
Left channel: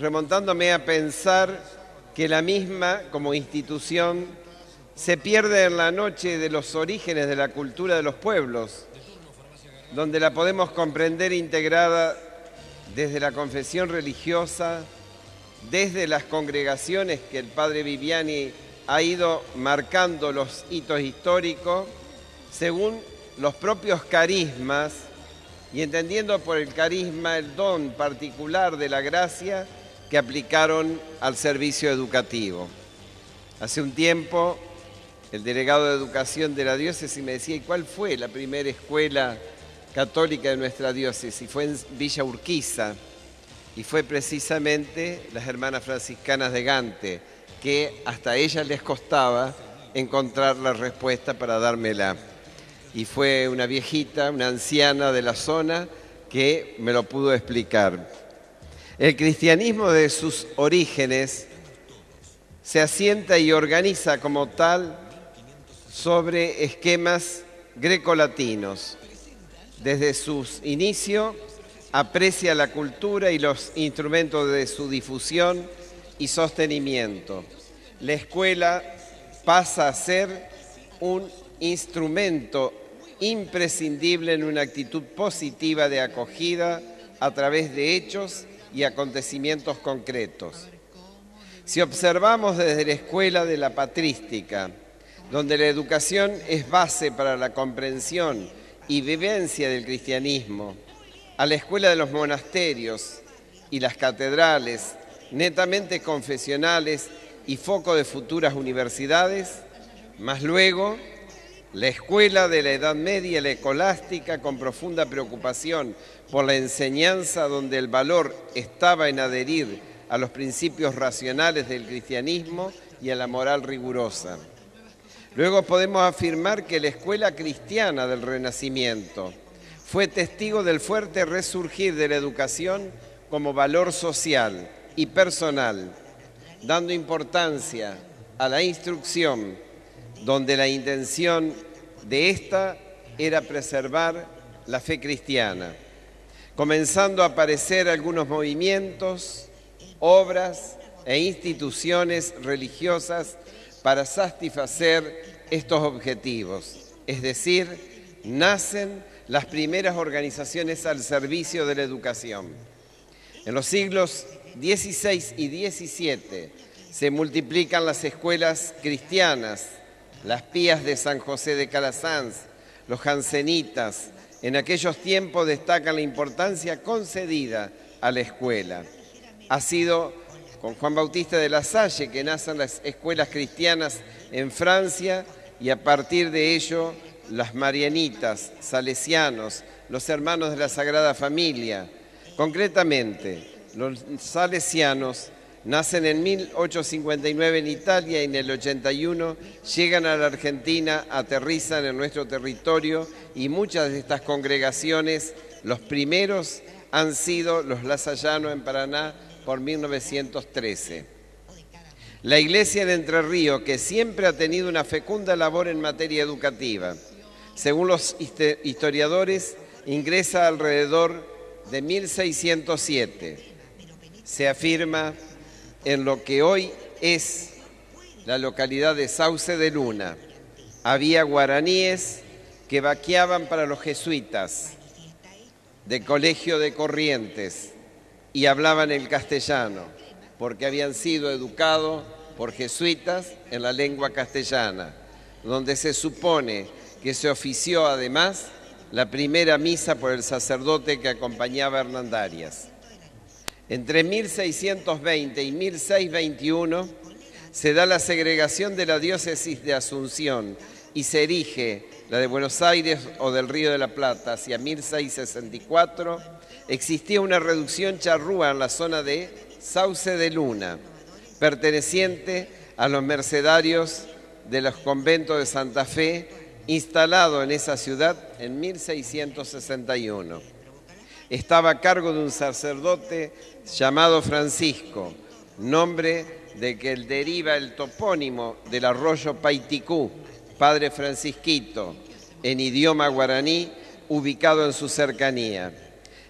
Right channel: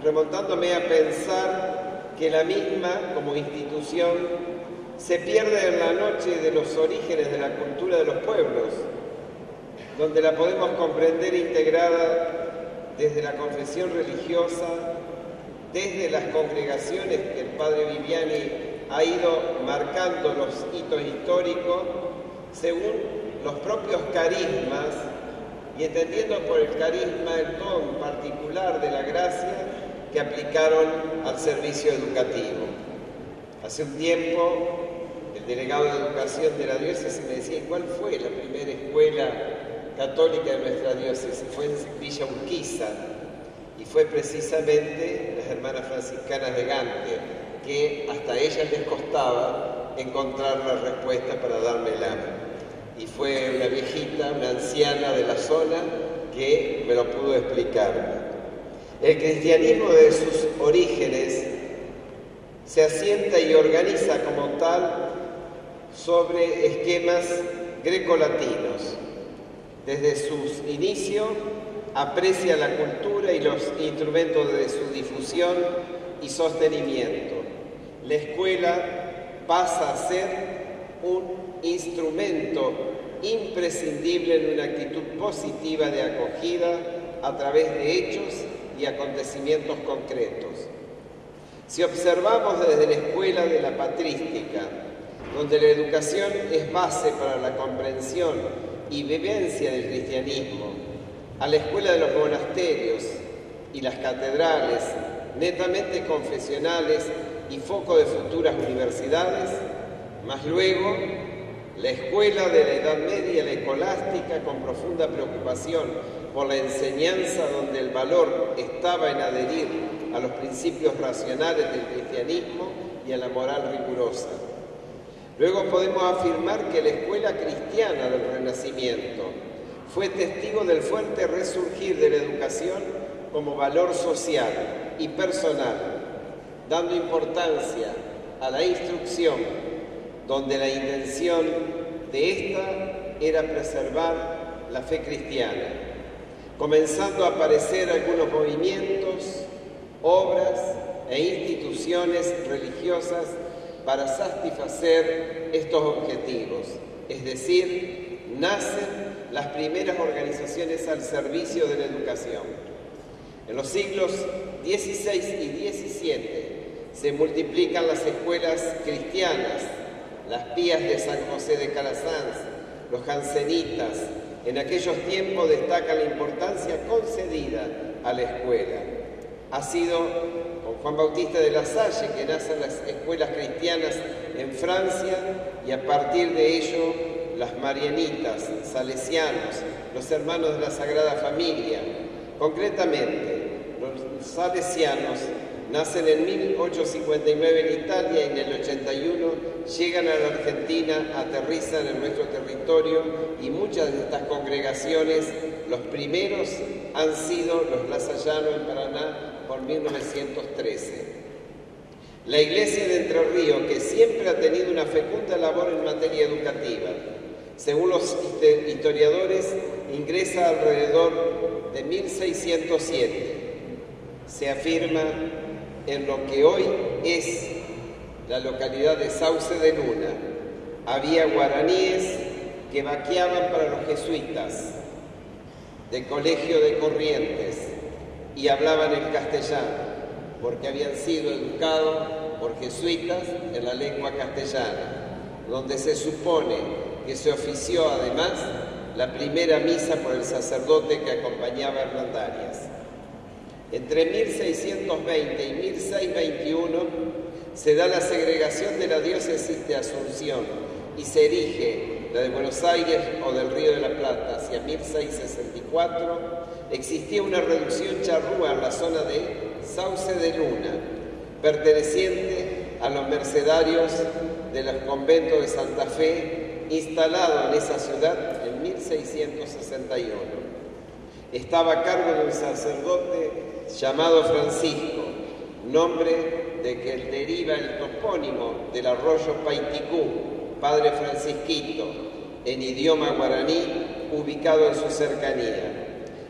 remontándome a pensar que la misma, como institución, se pierde en la noche de los orígenes de la cultura de los pueblos, donde la podemos comprender integrada desde la confesión religiosa, desde las congregaciones que el padre Viviani ha ido marcando los hitos históricos, según los propios carismas, y entendiendo por el carisma el don particular de la gracia que aplicaron al servicio educativo. Hace un tiempo, el delegado de Educación de la diócesis me decía, ¿cuál fue la primera escuela católica de nuestra diócesis? Fue en Villa Urquiza, y fue precisamente las hermanas franciscanas de Gante, que hasta a ellas les costaba encontrar la respuesta para dármela. Y fue una viejita, una anciana de la zona, que me lo pudo explicar. El cristianismo de sus orígenes se asienta y organiza como tal sobre esquemas grecolatinos. Desde sus inicios aprecia la cultura y los instrumentos de su difusión y sostenimiento. La escuela pasa a ser un instrumento imprescindible en una actitud positiva de acogida a través de hechos y acontecimientos concretos. Si observamos desde la escuela de la patrística, donde la educación es base para la comprensión y vivencia del cristianismo, a la escuela de los monasterios y las catedrales, netamente confesionales y foco de futuras universidades, más luego la escuela de la Edad Media, la escolástica, con profunda preocupación por la enseñanza, donde el valor estaba en adherir a los principios racionales del cristianismo y a la moral rigurosa. Luego podemos afirmar que la escuela cristiana del Renacimiento fue testigo del fuerte resurgir de la educación como valor social y personal, dando importancia a la instrucción, donde la intención de esta era preservar la fe cristiana, comenzando a aparecer algunos movimientos, obras e instituciones religiosas para satisfacer estos objetivos, es decir, nacen las primeras organizaciones al servicio de la educación. En los siglos XVI y XVII se multiplican las escuelas cristianas, las pías de San José de Calasanz, los jansenitas. En aquellos tiempos destaca la importancia concedida a la escuela. Ha sido con Juan Bautista de la Salle que nacen las escuelas cristianas en Francia, y a partir de ello las marianitas, salesianos, los hermanos de la Sagrada Familia. Concretamente, los salesianos nacen en 1859 en Italia y en el 81 llegan a la Argentina, aterrizan en nuestro territorio, y muchas de estas congregaciones, los primeros han sido los lasallanos en Paraná por 1913. La Iglesia de Entre Ríos, que siempre ha tenido una fecunda labor en materia educativa, según los historiadores, ingresa alrededor de 1607. Se afirma en lo que hoy es la localidad de Sauce de Luna. Había guaraníes que vaqueaban para los jesuitas de Colegio de Corrientes y hablaban el castellano, porque habían sido educados por jesuitas en la lengua castellana, donde se supone que se ofició además la primera misa por el sacerdote que acompañaba a Hernandarias. Entre 1620 y 1621 se da la segregación de la diócesis de Asunción y se erige la de Buenos Aires o del Río de la Plata. Hacia 1664 existía una reducción charrúa en la zona de Sauce de Luna, perteneciente a los mercedarios de los conventos de Santa Fe, instalado en esa ciudad en 1661. Estaba a cargo de un sacerdote llamado Francisco, nombre de que deriva el topónimo del arroyo Paiticú, Padre Francisquito, en idioma guaraní, ubicado en su cercanía.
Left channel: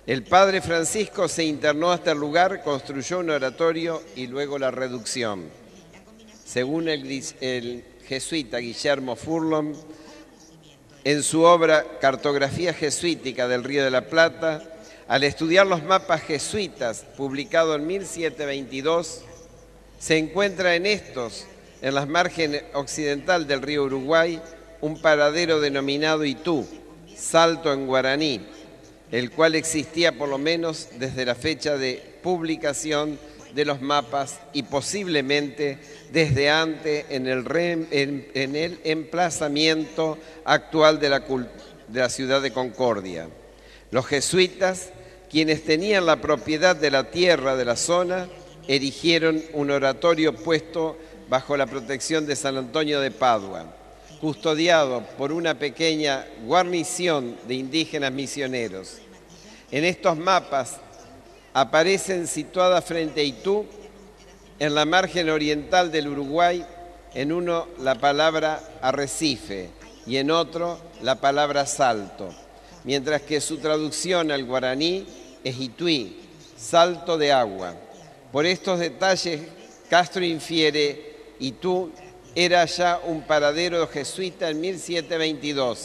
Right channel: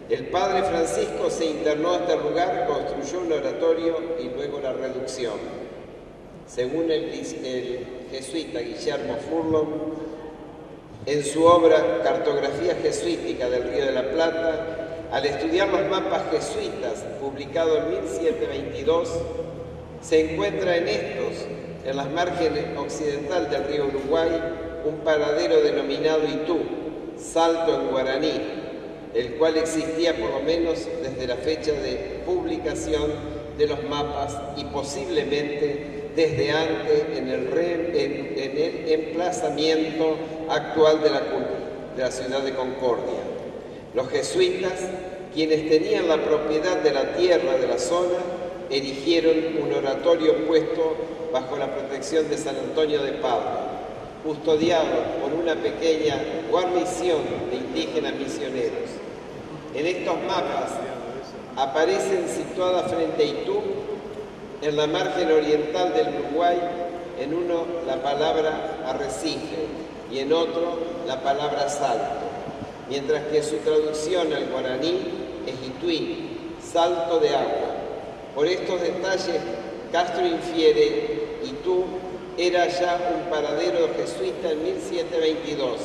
El Padre Francisco se internó hasta el lugar, construyó un oratorio y luego la reducción. Según el jesuita Guillermo Furlong, en su obra Cartografía Jesuítica del Río de la Plata, al estudiar los mapas jesuitas, publicado en 1722, se encuentra en estos, en las márgenes occidental del río Uruguay, un paradero denominado Itú, Salto en guaraní, el cual existía por lo menos desde la fecha de publicación de los mapas y posiblemente desde antes en el emplazamiento actual de la ciudad de Concordia. Los jesuitas, quienes tenían la propiedad de la tierra de la zona, erigieron un oratorio puesto bajo la protección de San Antonio de Padua, custodiado por una pequeña guarnición de indígenas misioneros. En estos mapas aparecen situadas frente a Itú, en la margen oriental del Uruguay, en uno la palabra arrecife y en otro la palabra salto, mientras que su traducción al guaraní es Ituí, salto de agua. Por estos detalles, Castro infiere Itú era ya un paradero jesuita en 1722,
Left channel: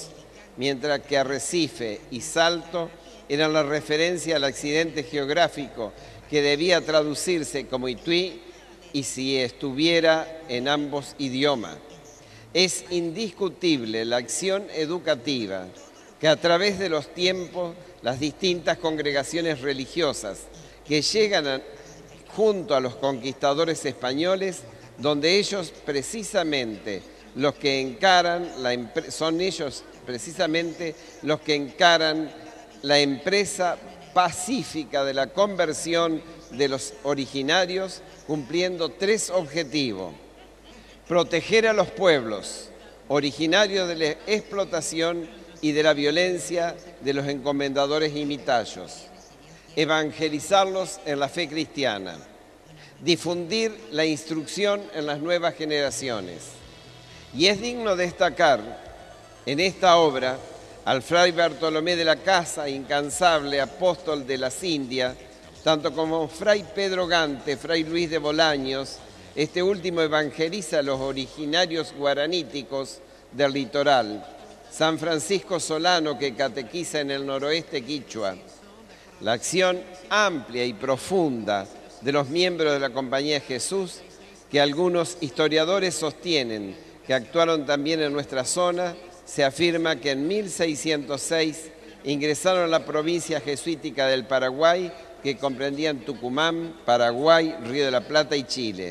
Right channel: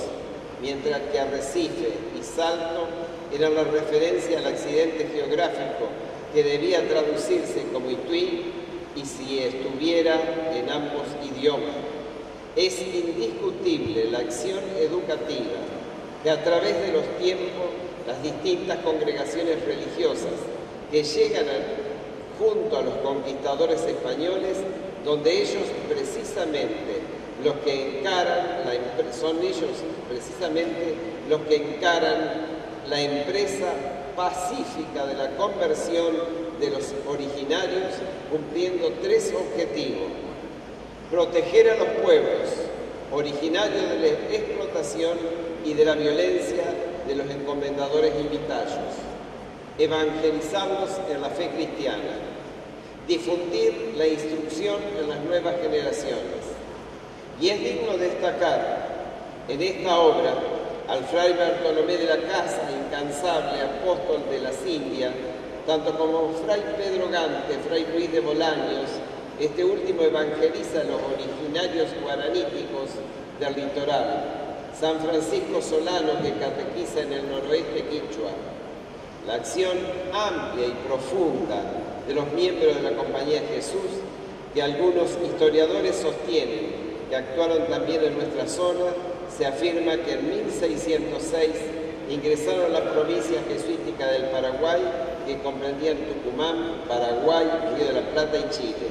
mientras que Arrecife y Salto eran la referencia al accidente geográfico que debía traducirse como Ituí y si estuviera en ambos idiomas. Es indiscutible la acción educativa que a través de los tiempos las distintas congregaciones religiosas que llegan junto a los conquistadores españoles, donde ellos precisamente los que encaran son ellos precisamente los que encaran la empresa pacífica de la conversión de los originarios, cumpliendo tres objetivos: proteger a los pueblos originarios de la explotación y de la violencia de los encomendadores y mitayos, evangelizarlos en la fe cristiana, difundir la instrucción en las nuevas generaciones. Y es digno destacar en esta obra al fray Bartolomé de la Casa, incansable apóstol de las Indias, tanto como fray Pedro Gante, fray Luis de Bolaños. Este último evangeliza a los originarios guaraníticos del litoral, San Francisco Solano, que catequiza en el noroeste quichua. La acción amplia y profunda de los miembros de la Compañía de Jesús, que algunos historiadores sostienen que actuaron también en nuestra zona, se afirma que en 1606 ingresaron a la provincia jesuítica del Paraguay, que comprendían Tucumán, Paraguay, Río de la Plata y Chile.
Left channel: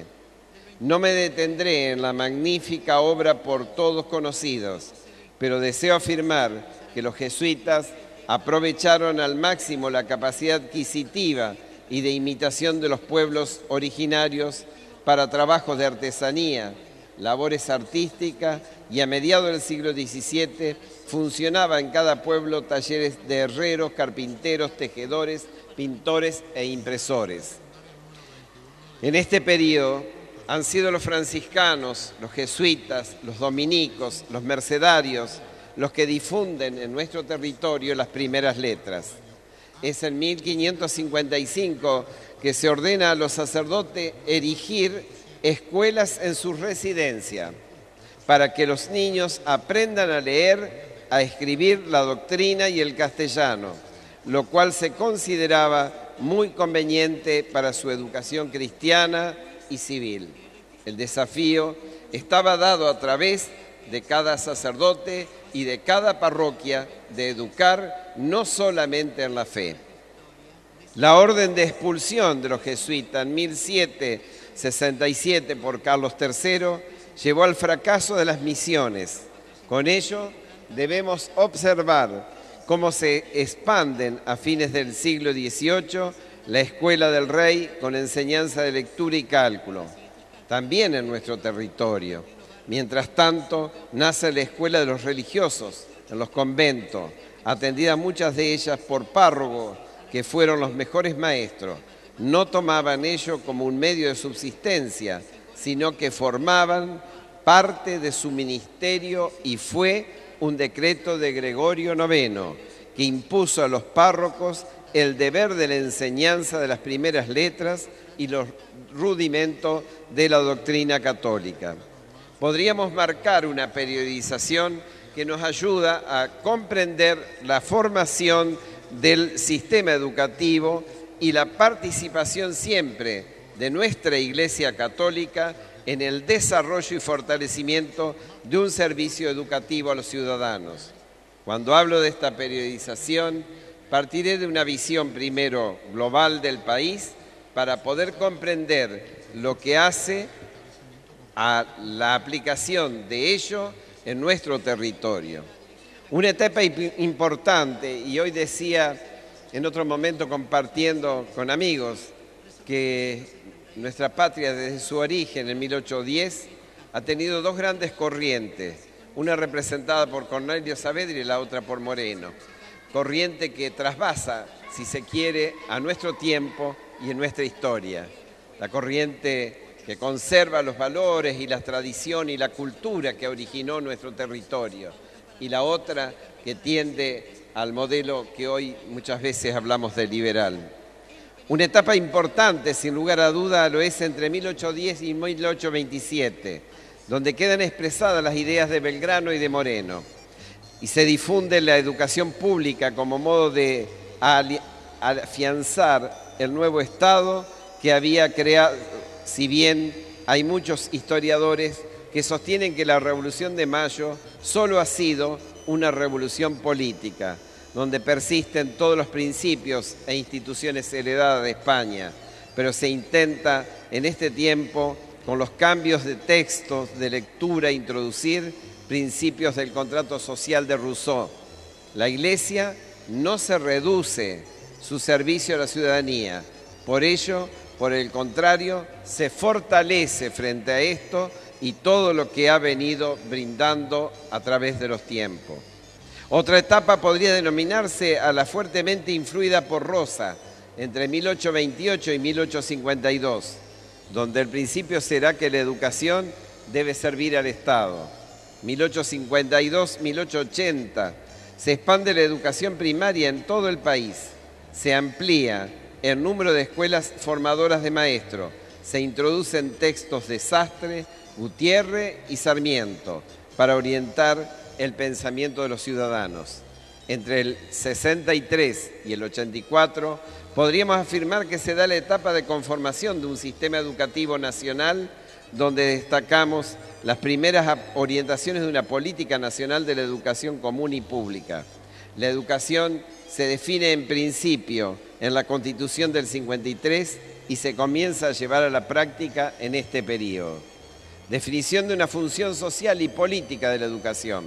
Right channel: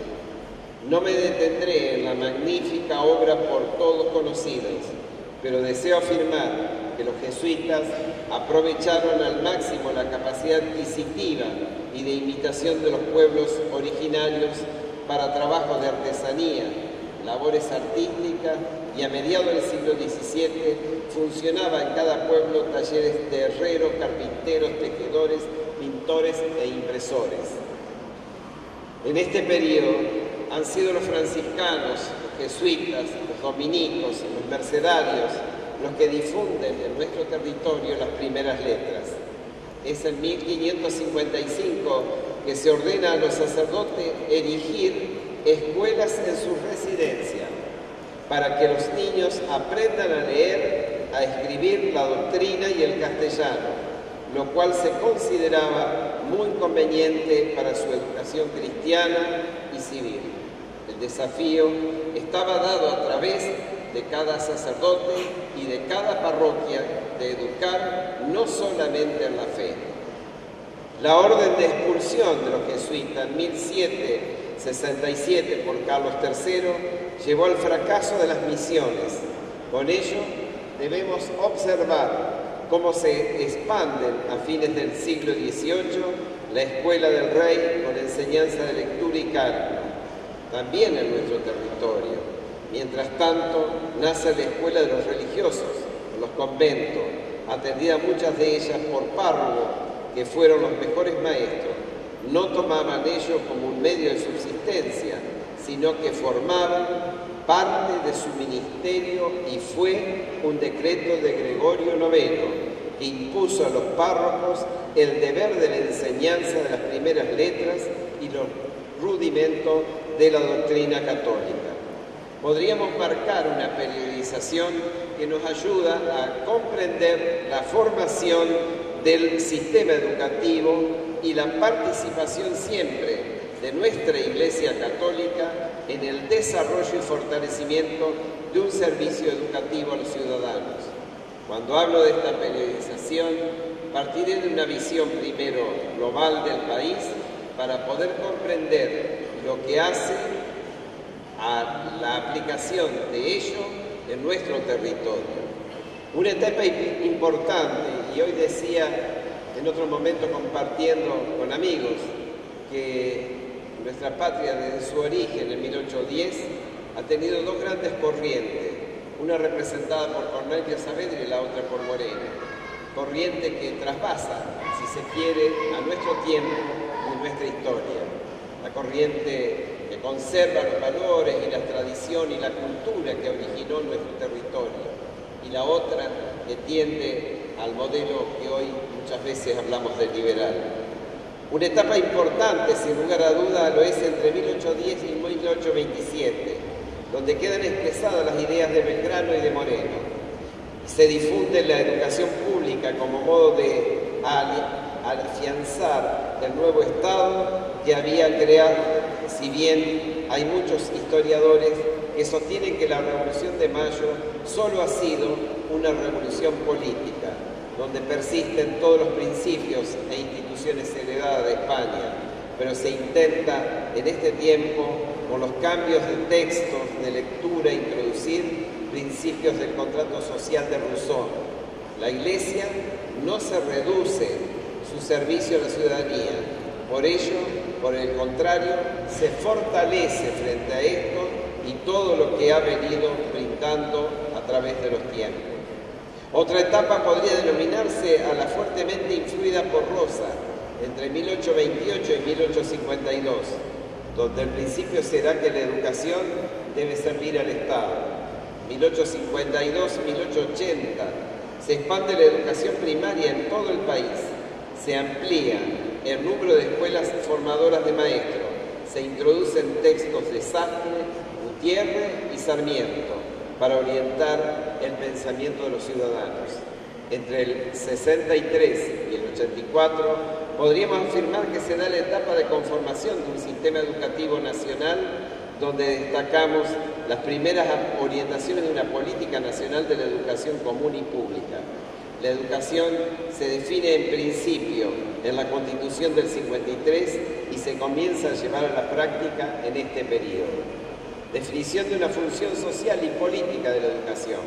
No me detendré en la magnífica obra por todos conocidos, pero deseo afirmar que los jesuitas aprovecharon al máximo la capacidad adquisitiva y de imitación de los pueblos originarios para trabajos de artesanía, labores artísticas, y a mediados del siglo XVII funcionaba en cada pueblo talleres de herreros, carpinteros, tejedores, pintores e impresores. En este periodo han sido los franciscanos, los jesuitas, los dominicos, los mercedarios, los que difunden en nuestro territorio las primeras letras. Es en 1555 que se ordena a los sacerdotes erigir escuelas en sus residencias para que los niños aprendan a leer, a escribir la doctrina y el castellano, lo cual se consideraba muy conveniente para su educación cristiana y civil. El desafío estaba dado a través de cada sacerdote y de cada parroquia de educar no solamente en la fe. La orden de expulsión de los jesuitas en 1767 por Carlos III llevó al fracaso de las misiones. Con ello debemos observar cómo se expanden a fines del siglo XVIII la Escuela del Rey con enseñanza de lectura y cálculo, también en nuestro territorio. Mientras tanto, nace la Escuela de los Religiosos, en los conventos, atendidas muchas de ellas por párrocos que fueron los mejores maestros. No tomaban ello como un medio de subsistencia, sino que formaban parte de su ministerio, y fue un decreto de Gregorio IX que impuso a los párrocos el deber de la enseñanza de las primeras letras y los rudimentos de la doctrina católica. Podríamos marcar una periodización que nos ayuda a comprender la formación del sistema educativo y la participación siempre de nuestra Iglesia Católica en el desarrollo y fortalecimiento de un servicio educativo a los ciudadanos. Cuando hablo de esta periodización, partiré de una visión primero global del país para poder comprender lo que hace a la aplicación de ello en nuestro territorio. Una etapa importante, y hoy decía en otro momento compartiendo con amigos que nuestra patria desde su origen en 1810 ha tenido dos grandes corrientes, una representada por Cornelio Saavedra y la otra por Moreno. Corriente que trasvasa, si se quiere, a nuestro tiempo y en nuestra historia. La corriente que conserva los valores y la tradición y la cultura que originó nuestro territorio. Y la otra que tiende al modelo que hoy muchas veces hablamos de liberal. Una etapa importante, sin lugar a duda, lo es entre 1810 y 1827, donde quedan expresadas las ideas de Belgrano y de Moreno, y se difunde la educación pública como modo de afianzar el nuevo Estado que había creado, si bien hay muchos historiadores que sostienen que la Revolución de Mayo solo ha sido una revolución política, donde persisten todos los principios e instituciones heredadas de España, pero se intenta en este tiempo, con los cambios de textos, de lectura, introducir principios del contrato social de Rousseau. La Iglesia no se reduce su servicio a la ciudadanía, por ello, por el contrario, se fortalece frente a esto y todo lo que ha venido brindando a través de los tiempos. Otra etapa podría denominarse a la fuertemente influida por Rosa, entre 1828 y 1852, donde el principio será que la educación debe servir al Estado. 1852-1880 se expande la educación primaria en todo el país, se amplía el número de escuelas formadoras de maestros, se introducen textos de Sastre, Gutiérrez y Sarmiento para orientar el pensamiento de los ciudadanos. Entre el 63 y el 84 podríamos afirmar que se da la etapa de conformación de un sistema educativo nacional donde destacamos las primeras orientaciones de una política nacional de la educación común y pública. La educación se define en principio en la Constitución del 53 y se comienza a llevar a la práctica en este periodo. Definición de una función social y política de la educación.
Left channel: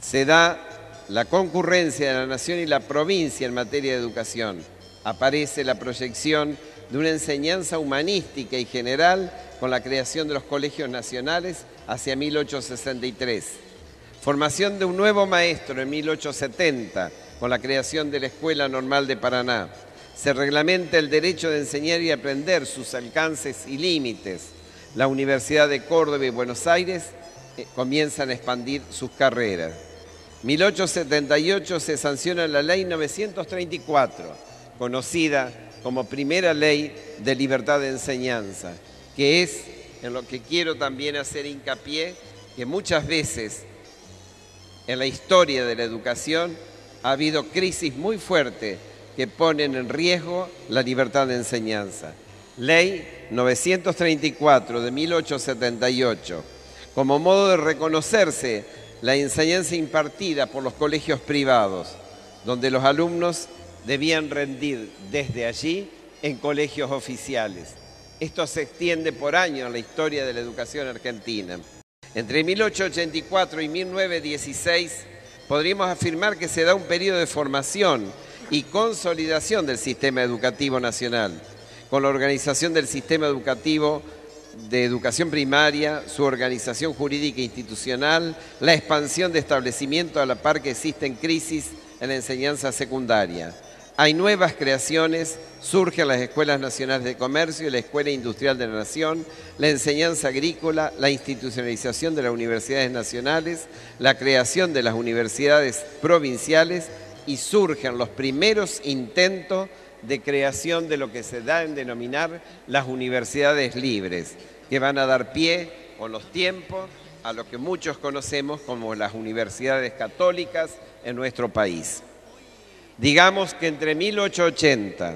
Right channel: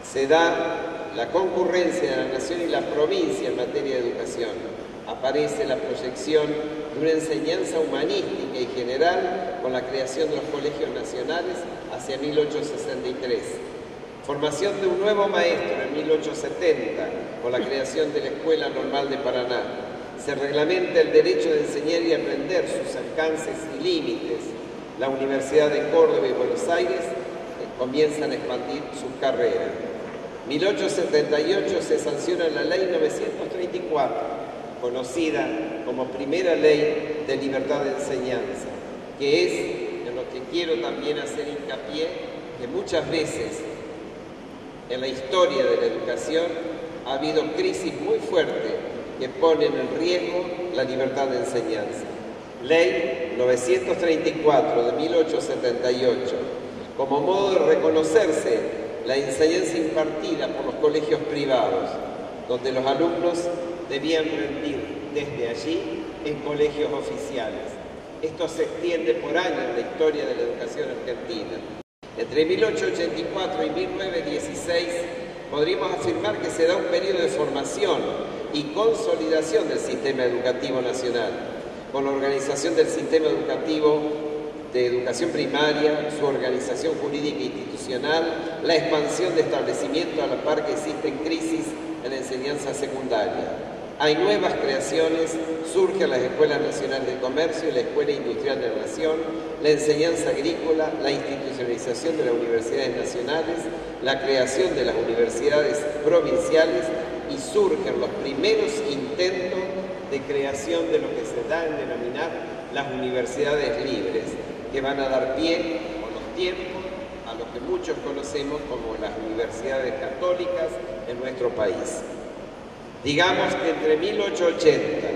Se da la concurrencia de la nación y la provincia en materia de educación. Aparece la proyección de una enseñanza humanística y general con la creación de los colegios nacionales hacia 1863. Formación de un nuevo maestro en 1870 con la creación de la Escuela Normal de Paraná. Se reglamenta el derecho de enseñar y aprender, sus alcances y límites. La Universidad de Córdoba y Buenos Aires comienzan a expandir sus carreras. 1878 se sanciona la Ley 934, conocida como primera ley de libertad de enseñanza, que es en lo que quiero también hacer hincapié, que muchas veces en la historia de la educación ha habido crisis muy fuertes que ponen en riesgo la libertad de enseñanza. Ley 934 de 1878, como modo de reconocerse la enseñanza impartida por los colegios privados, donde los alumnos debían rendir desde allí en colegios oficiales. Esto se extiende por años en la historia de la educación argentina. Entre 1884 y 1916 podríamos afirmar que se da un periodo de formación y consolidación del sistema educativo nacional, con la organización del sistema educativo de educación primaria, su organización jurídica e institucional, la expansión de establecimientos a la par que existen crisis en la enseñanza secundaria. Hay nuevas creaciones, surgen las Escuelas Nacionales de Comercio y la Escuela Industrial de la Nación, la enseñanza agrícola, la institucionalización de las universidades nacionales, la creación de las universidades provinciales y surgen los primeros intentos de creación de lo que se da en denominar las universidades libres, que van a dar pie con los tiempos a lo que muchos conocemos como las universidades católicas en nuestro país. Digamos que entre 1880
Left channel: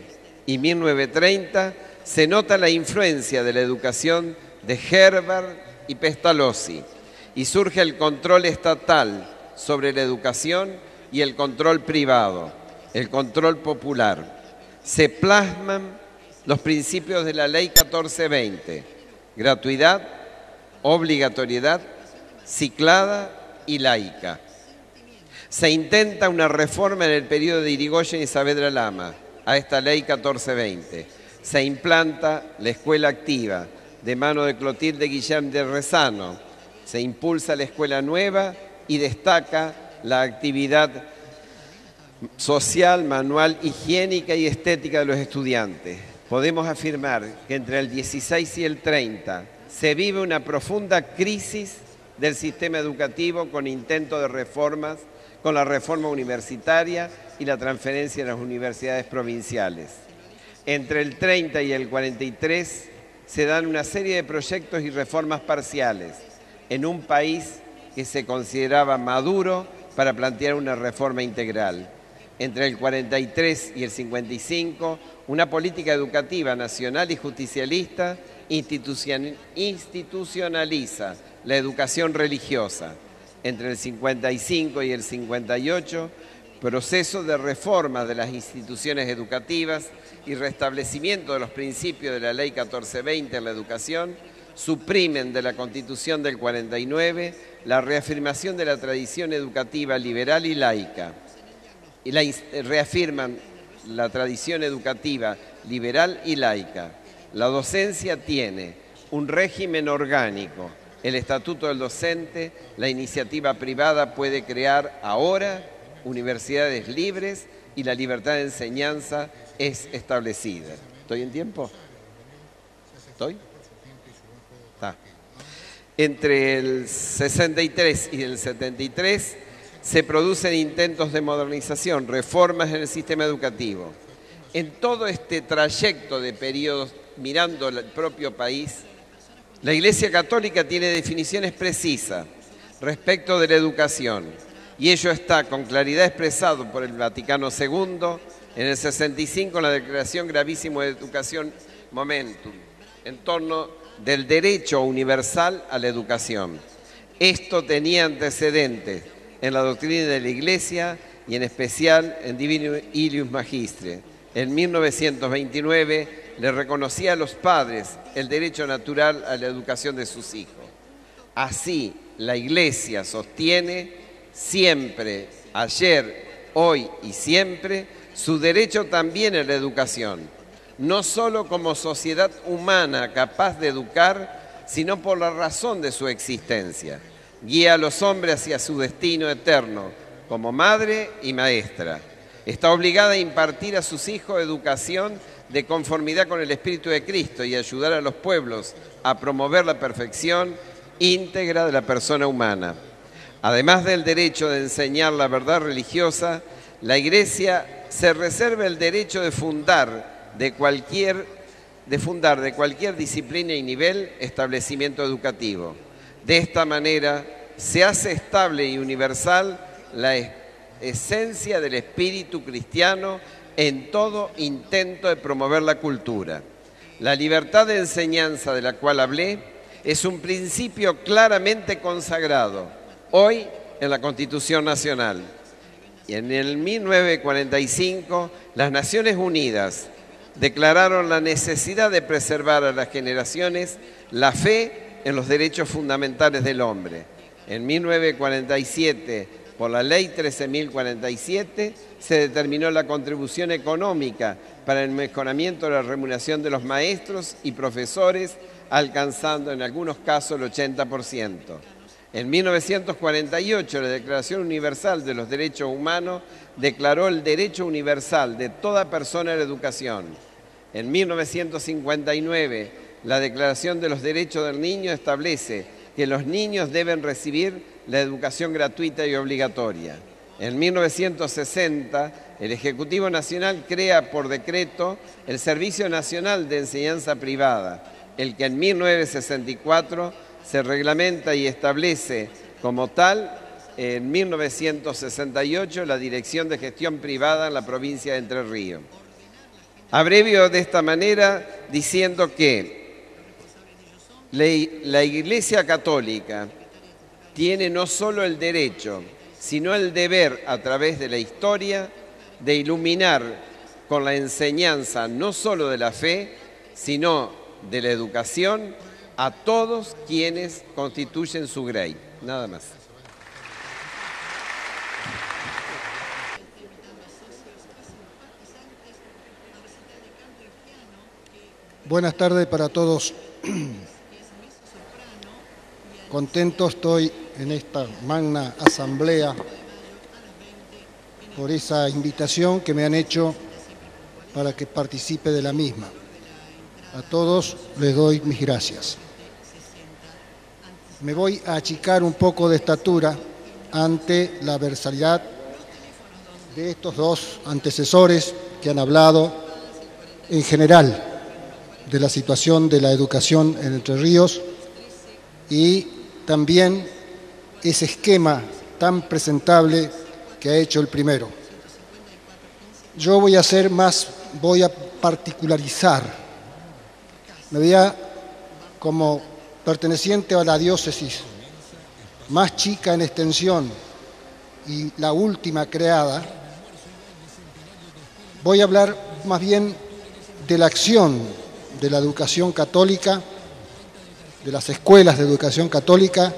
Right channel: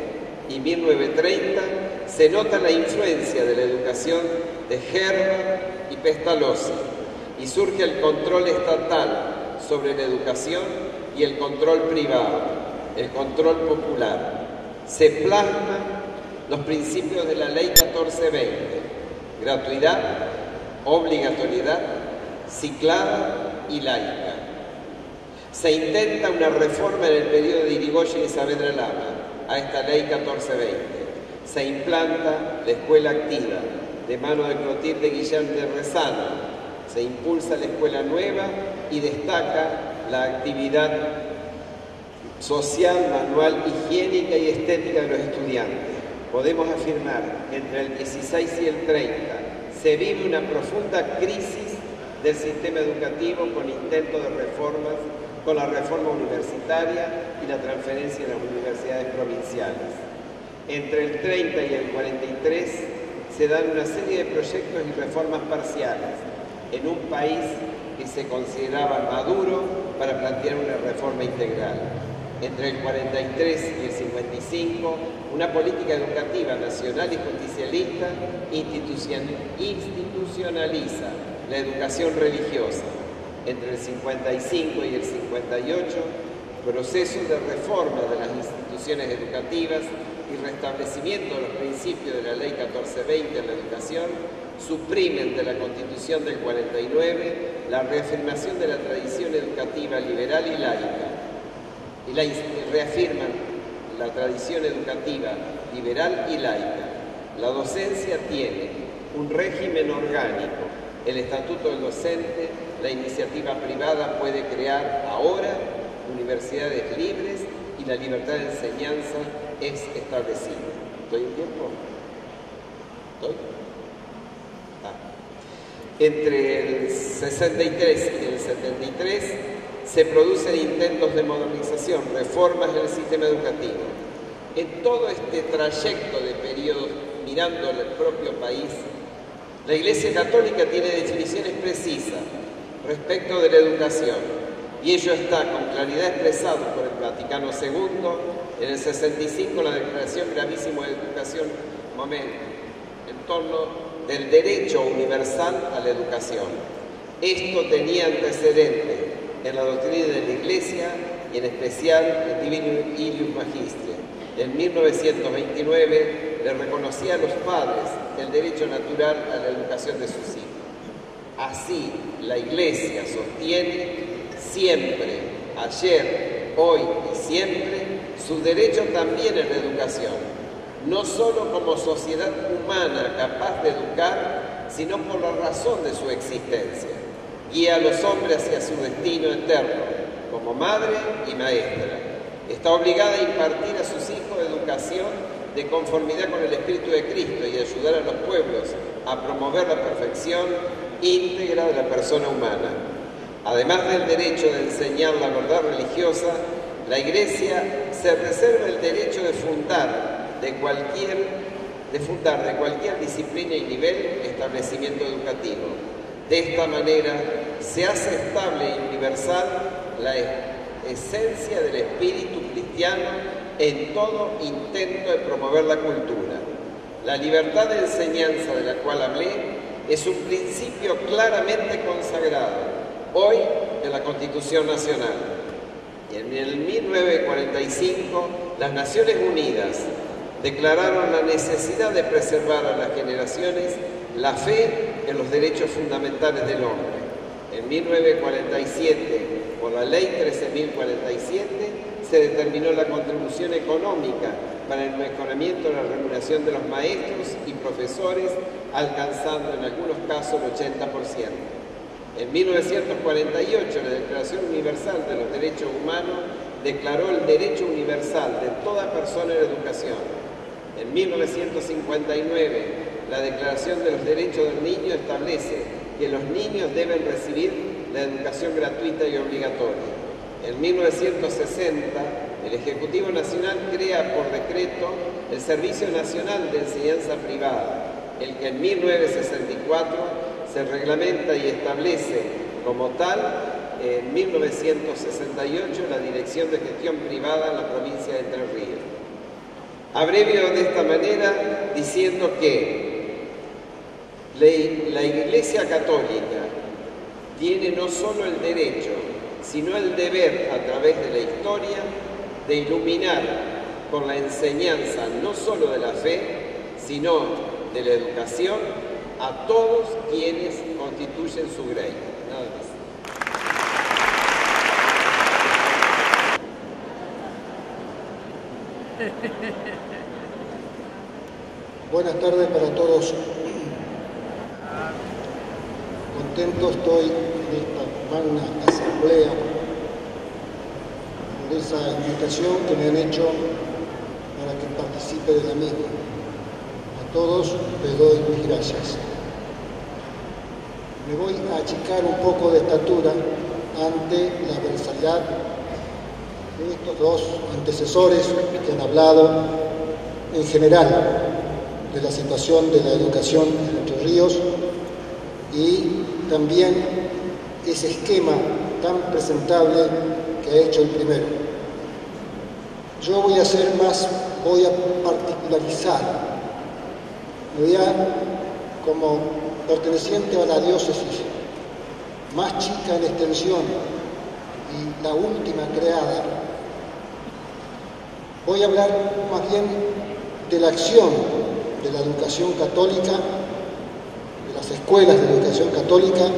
y 1930 se nota la influencia de la educación de Herbert y Pestalozzi y surge el control estatal sobre la educación y el control privado, el control popular. Se plasman los principios de la Ley 1420, gratuidad, obligatoriedad, ciclada y laica. Se intenta una reforma en el periodo de Irigoyen y Saavedra Lama a esta Ley 1420. Se implanta la escuela activa de mano de Clotilde Guillén de Rezano. Se impulsa la escuela nueva y destaca la actividad social, manual, higiénica y estética de los estudiantes. Podemos afirmar que entre el 16 y el 30 se vive una profunda crisis del sistema educativo con intentos de reformas, con la reforma universitaria y la transferencia de las universidades provinciales. Entre el 30 y el 43 se dan una serie de proyectos y reformas parciales en un país que se consideraba maduro para plantear una reforma integral. Entre el 43 y el 55, una política educativa nacional y justicialista institucionaliza la educación religiosa. Entre el 55 y el 58, proceso de reforma de las instituciones educativas y restablecimiento de los principios de la Ley 1420 en la educación, suprimen de la Constitución del 49 la reafirmación de la tradición educativa liberal y laica. Y reafirman la tradición educativa liberal y laica. La docencia tiene un régimen orgánico, el Estatuto del Docente, la iniciativa privada puede crear ahora universidades libres y la libertad de enseñanza es establecida. ¿Estoy en tiempo? ¿Estoy? Está. Entre el 63 y el 73 se producen intentos de modernización, reformas en el sistema educativo. En todo este trayecto de periodos, mirando el propio país, la Iglesia Católica tiene definiciones precisas respecto de la educación y ello está con claridad expresado por el Vaticano II en el 65, la Declaración Gravísima de Educación Momentum, en torno del derecho universal a la educación. Esto tenía antecedentes en la doctrina de la Iglesia y en especial en Divino Ilius Magistre. En 1929 le reconocía a los padres el derecho natural a la educación de sus hijos. Así, la Iglesia sostiene siempre, ayer, hoy y siempre, su derecho también a la educación, no solo como sociedad humana capaz de educar, sino por la razón de su existencia. Guía a los hombres hacia su destino eterno, como madre y maestra. Está obligada a impartir a sus hijos educación de conformidad con el Espíritu de Cristo y ayudar a los pueblos a promover la perfección íntegra de la persona humana. Además del derecho de enseñar la verdad religiosa, la Iglesia se reserva el derecho de fundar de cualquier disciplina y nivel establecimiento educativo. De esta manera se hace estable y universal la esencia del espíritu cristiano en todo intento de promover la cultura. La libertad de enseñanza de la cual hablé es un principio claramente consagrado hoy en la Constitución Nacional. Y en el 1945 las Naciones Unidas declararon la necesidad de preservar a las generaciones la fe en los derechos fundamentales del hombre. En 1947, por la Ley 13.047, se determinó la contribución económica para el mejoramiento de la remuneración de los maestros y profesores, alcanzando en algunos casos el 80%. En 1948, la Declaración Universal de los Derechos Humanos declaró el derecho universal de toda persona a la educación. En 1959, la Declaración de los Derechos del Niño establece que los niños deben recibir la educación gratuita y obligatoria. En 1960, el Ejecutivo Nacional crea por decreto el Servicio Nacional de Enseñanza Privada, el que en 1964 se reglamenta y establece como tal en 1968 la Dirección de Gestión Privada en la provincia de Entre Ríos. Abrevio de esta manera diciendo que la Iglesia Católica tiene no solo el derecho, sino el deber a través de la historia de iluminar con la enseñanza no solo de la fe, sino de la educación a todos quienes constituyen su grey. Nada más. Buenas tardes para todos. Contento estoy en esta magna asamblea por esa invitación que me han hecho para que participe de la misma. A todos les doy mis gracias. Me voy a achicar un poco de estatura ante la adversidad de estos dos antecesores que han hablado en general de la situación de la educación en Entre Ríos y también ese esquema tan presentable que ha hecho el primero. Yo voy a particularizar, me voy como perteneciente a la diócesis más chica en extensión y la última creada, voy a hablar más bien de la acción de la educación católica, de las escuelas de educación católica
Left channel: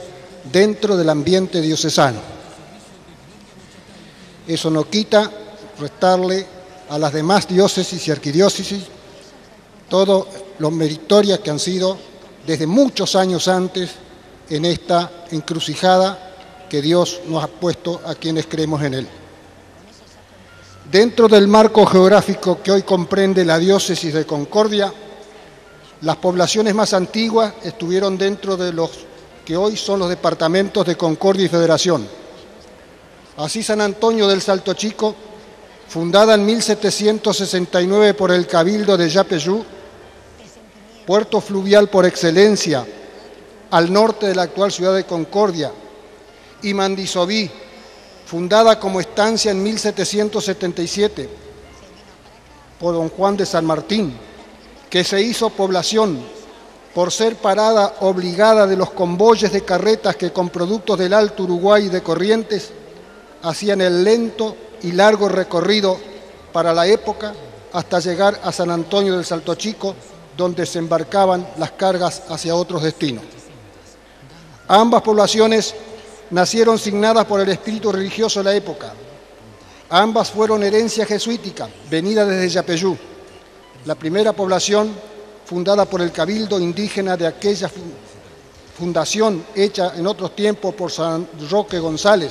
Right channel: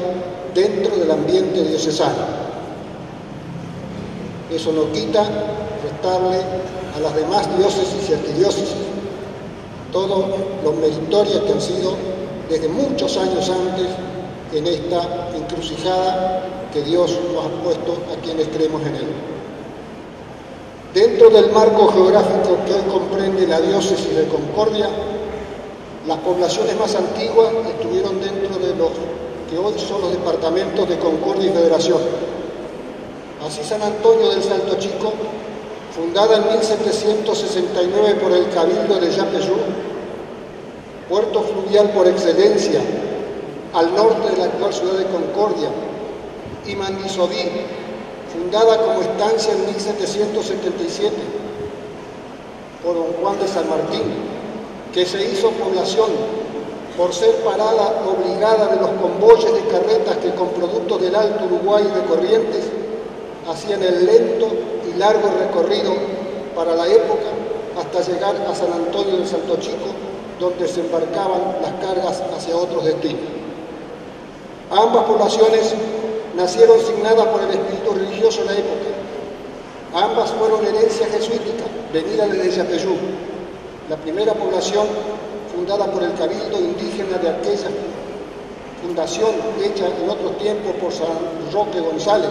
dentro del ambiente diocesano. Eso no quita restarle a las demás diócesis y arquidiócesis todo lo meritoria que han sido desde muchos años antes en esta encrucijada que Dios nos ha puesto a quienes creemos en Él. Dentro del marco geográfico que hoy comprende la diócesis de Concordia, las poblaciones más antiguas estuvieron dentro de los que hoy son los departamentos de Concordia y Federación. Así San Antonio del Salto Chico, fundada en 1769 por el Cabildo de Yapeyú, puerto fluvial por excelencia al norte de la actual ciudad de Concordia, y Mandisoví, fundada como estancia en 1777 por don Juan de San Martín, que se hizo población por ser parada obligada de los convoyes de carretas que con productos del Alto Uruguay y de Corrientes hacían el lento y largo recorrido para la época hasta llegar a San Antonio del Salto Chico, donde se embarcaban las cargas hacia otros destinos. Ambas poblaciones nacieron signadas por el espíritu religioso de la época. Ambas fueron herencia jesuítica, venida desde Yapeyú. La primera población, fundada por el Cabildo indígena de aquella fundación hecha en otros tiempos por San Roque González,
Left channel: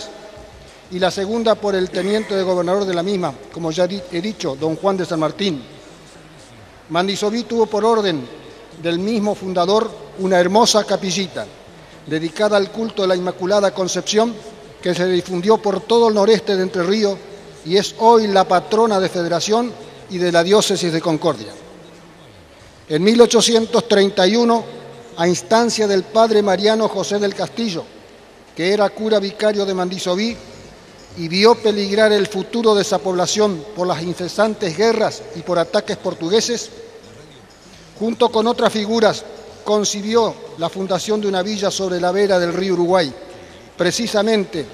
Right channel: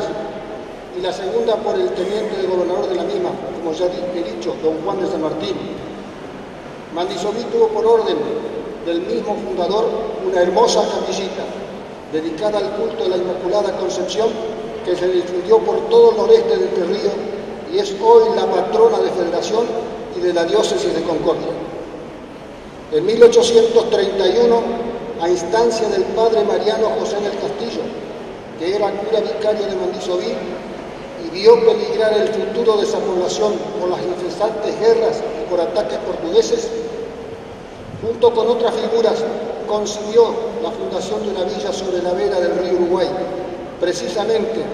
y la segunda por el teniente de gobernador de la misma, como ya he dicho, don Juan de San Martín. Mandisoví tuvo por orden del mismo fundador una hermosa capillita dedicada al culto de la Inmaculada Concepción, que se difundió por todo el noreste de Entre Ríos y es hoy la patrona de Federación y de la diócesis de Concordia. En 1831, a instancia del padre Mariano José del Castillo, que era cura vicario de Mandisoví y vio peligrar el futuro de esa población por las incesantes guerras y por ataques portugueses, junto con otras figuras, concibió la fundación de una villa sobre la vera del río Uruguay, precisamente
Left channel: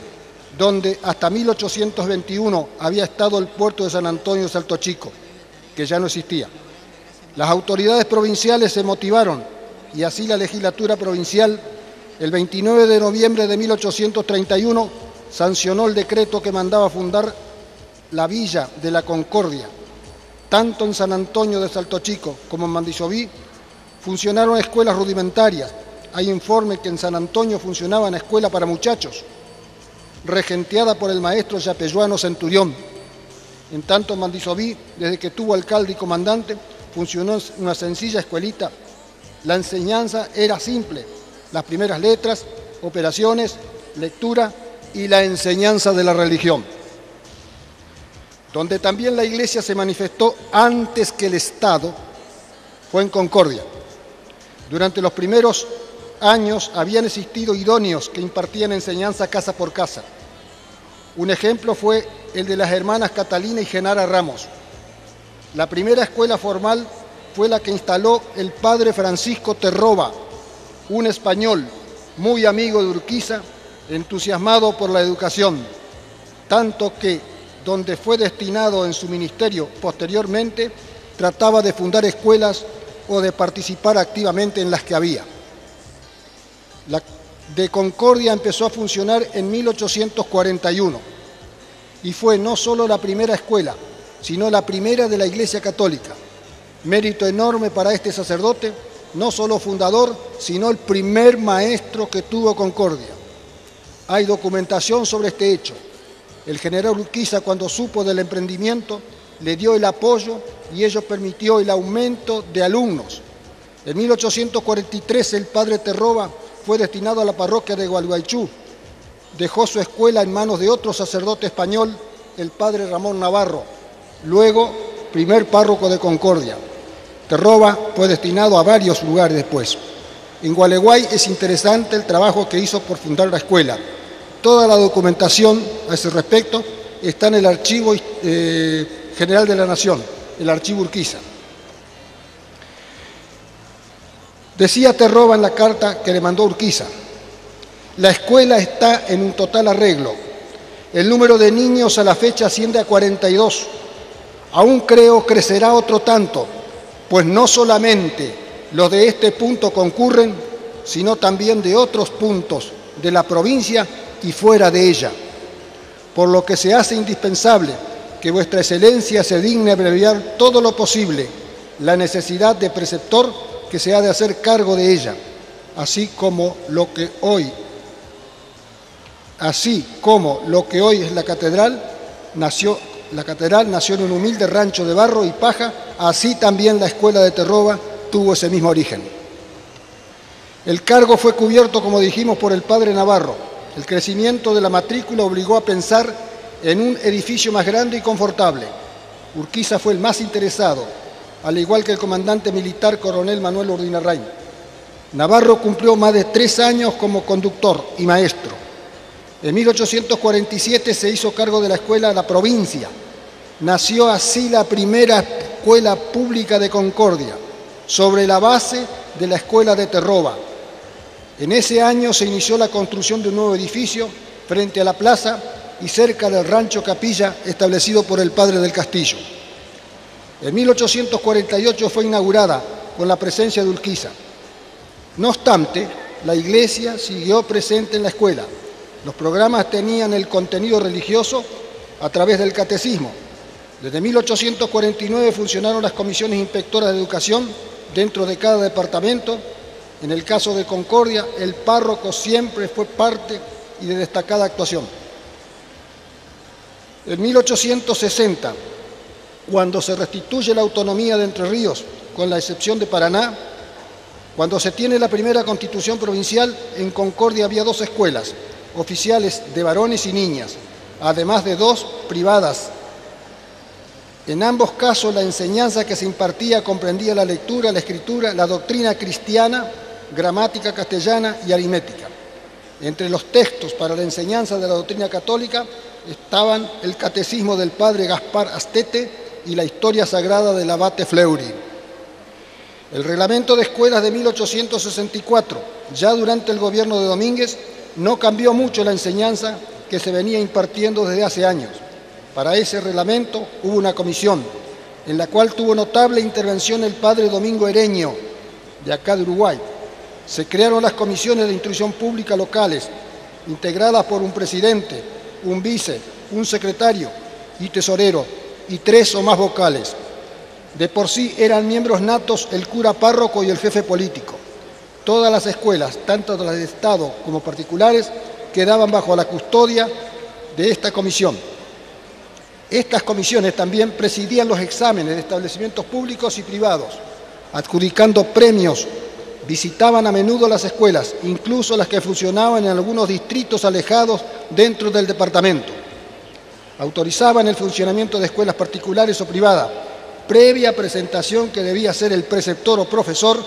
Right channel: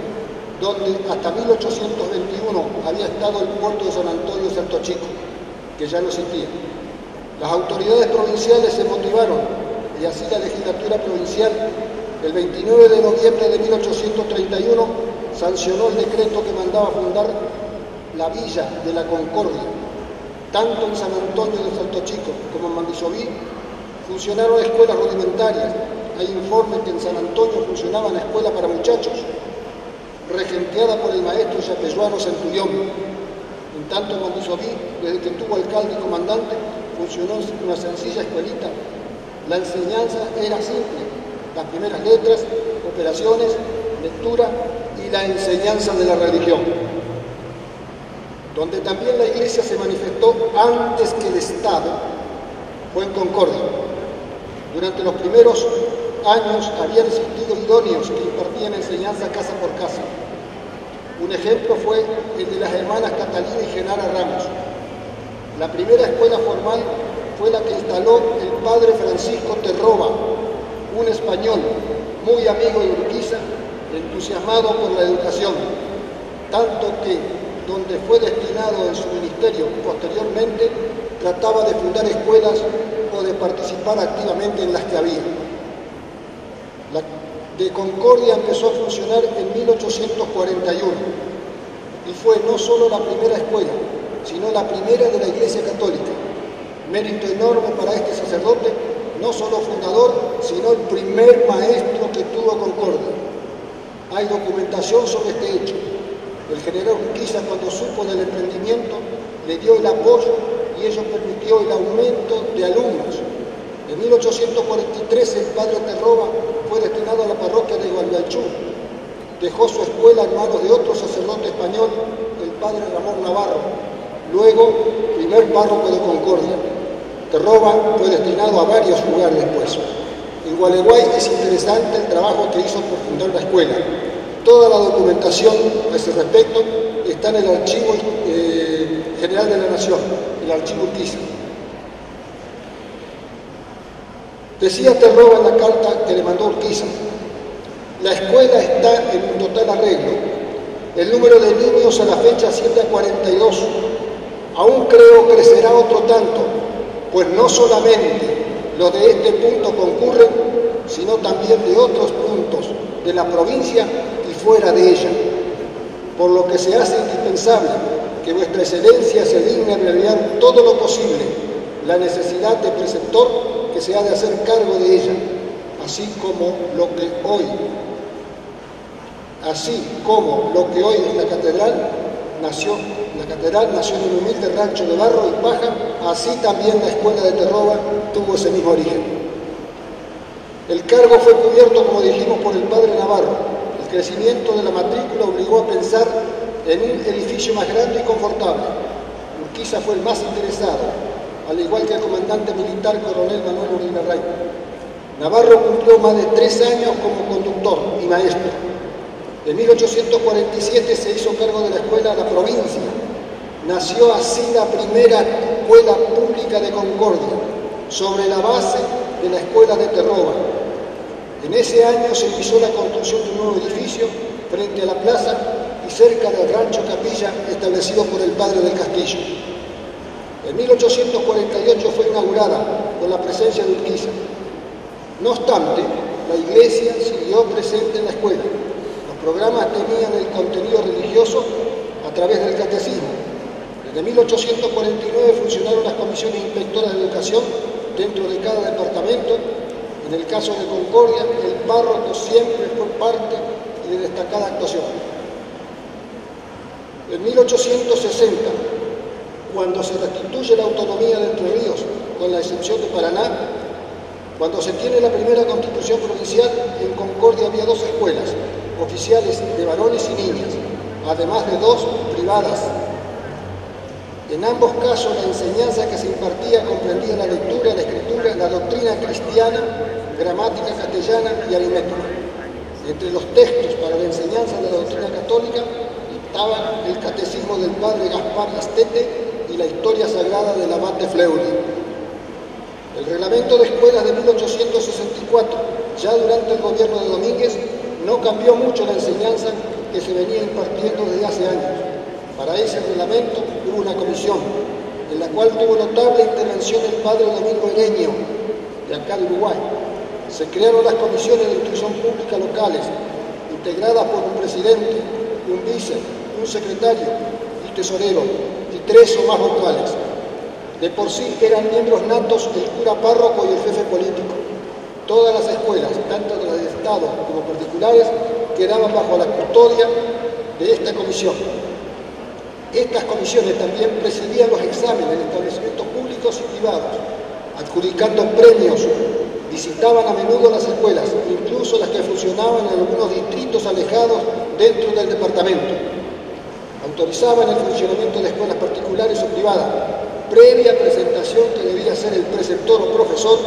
donde hasta 1821 había estado el puerto de San Antonio de Salto Chico, que ya no existía. Las autoridades provinciales se motivaron y así la legislatura provincial, el 29 de noviembre de 1831, sancionó el decreto que mandaba fundar la Villa de la Concordia. Tanto en San Antonio de Salto Chico como en Mandisoví funcionaron escuelas rudimentarias. Hay informes que en San Antonio funcionaba una escuela para muchachos, regenteada por el maestro yapeyuano Centurión, En tanto, en Mandisoví, desde que tuvo alcalde y comandante, funcionó una sencilla escuelita. La enseñanza era simple: las primeras letras, operaciones, lectura y la enseñanza de la religión. Donde también la Iglesia se manifestó antes que el Estado fue en Concordia. Durante los primeros años habían existido idóneos que impartían enseñanza casa por casa. Un ejemplo fue el de las hermanas Catalina y Genara Ramos. La primera escuela formal fue la que instaló el padre Francisco Terroba, un español muy amigo de Urquiza, entusiasmado por la educación, tanto que, donde fue destinado en su ministerio posteriormente, trataba de fundar escuelas o de participar activamente en las que había. La de Concordia empezó a funcionar en 1841 y fue no solo la primera escuela, sino la primera de la Iglesia Católica. Mérito enorme para este sacerdote, no solo fundador, sino el primer maestro que tuvo Concordia. Hay documentación sobre este hecho. El general Urquiza, cuando supo del emprendimiento, le dio el apoyo y ello permitió el aumento de alumnos. En 1843 el padre Terroba fue destinado a la parroquia de Gualeguaychú. Dejó su escuela en manos de otro sacerdote español, el padre Ramón Navarro, luego primer párroco de Concordia. Terroba fue destinado a varios lugares después. En Gualeguay es interesante el trabajo que hizo por fundar la escuela. Toda la documentación a ese respecto está en el Archivo General de la Nación, el Archivo Urquiza. Decía Terroba en la carta que le mandó Urquiza: la escuela está en un total arreglo. El número de niños a la fecha asciende a 42. Aún creo crecerá otro tanto, pues no solamente los de este punto concurren, sino también de otros puntos de la provincia y fuera de ella, por lo que se hace indispensable que vuestra excelencia se digne abreviar todo lo posible la necesidad de preceptor que se ha de hacer cargo de ella, así como lo que hoy es la catedral nació en un humilde rancho de barro y paja, así también la escuela de Terroba tuvo ese mismo origen. El cargo fue cubierto, como dijimos, por el padre Navarro. El crecimiento de la matrícula obligó a pensar en un edificio más grande y confortable. Urquiza fue el más interesado, al igual que el comandante militar coronel Manuel Urdinarrain. Navarro cumplió más de 3 años como conductor y maestro. En 1847 se hizo cargo de la escuela de la provincia. Nació así la primera escuela pública de Concordia, sobre la base de la escuela de Terroba. En ese año se inició la construcción de un nuevo edificio frente a la plaza y cerca del rancho Capilla establecido por el padre del Castillo. En 1848 fue inaugurada con la presencia de Urquiza. No obstante, la iglesia siguió presente en la escuela. Los programas tenían el contenido religioso a través del catecismo. Desde 1849 funcionaron las comisiones inspectoras de educación dentro de cada departamento. En el caso de Concordia, el párroco siempre fue parte y de destacada actuación. En 1860, cuando se restituye la autonomía de Entre Ríos, con la excepción de Paraná, cuando se tiene la primera constitución provincial, en Concordia había 2 escuelas oficiales de varones y niñas, además de 2 privadas. En ambos casos la enseñanza que se impartía comprendía la lectura, la escritura, la doctrina cristiana, gramática castellana y aritmética. Entre los textos para la enseñanza de la doctrina católica estaban el catecismo del padre Gaspar Astete y la historia sagrada del abate Fleury. El reglamento de escuelas de 1864, ya durante el gobierno de Domínguez, no cambió mucho la enseñanza que se venía impartiendo desde hace años. Para ese reglamento hubo una comisión, en la cual tuvo notable intervención el padre Domingo Ereño, de acá de Uruguay. Se crearon las comisiones de instrucción pública locales, integradas por un presidente, un vice, un secretario y tesorero, y 3 o más vocales. De por sí eran miembros natos el cura párroco y el jefe político. Todas las escuelas, tanto de las de Estado como particulares, quedaban bajo la custodia de esta comisión. Estas comisiones también presidían los exámenes de establecimientos públicos y privados, adjudicando premios, visitaban a menudo las escuelas, incluso las que funcionaban en algunos distritos alejados dentro del departamento. Autorizaban el funcionamiento de escuelas particulares o privadas, previa presentación que debía hacer el preceptor o profesor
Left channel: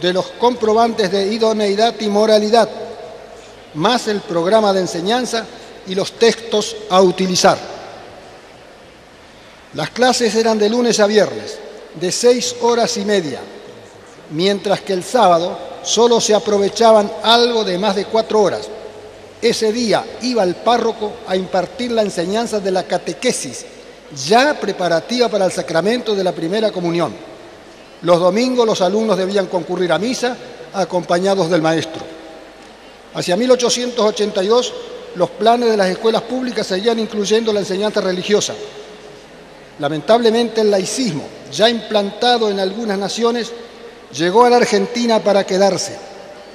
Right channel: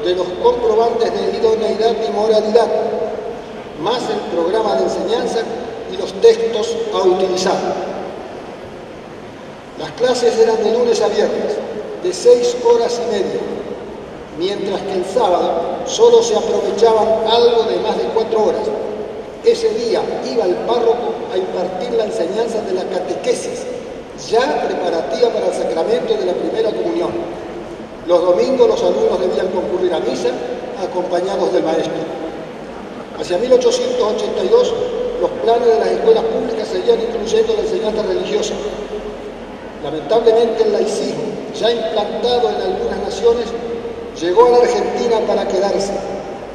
de los comprobantes de idoneidad y moralidad, más el programa de enseñanza y los textos a utilizar. Las clases eran de lunes a viernes, de 6 horas y media, mientras que el sábado solo se aprovechaban algo de más de 4 horas. Ese día iba el párroco a impartir la enseñanza de la catequesis, ya preparativa para el sacramento de la primera comunión. Los domingos los alumnos debían concurrir a misa acompañados del maestro. Hacia 1882, los planes de las escuelas públicas seguían incluyendo la enseñanza religiosa. Lamentablemente, el laicismo, ya implantado en algunas naciones, llegó a la Argentina para quedarse.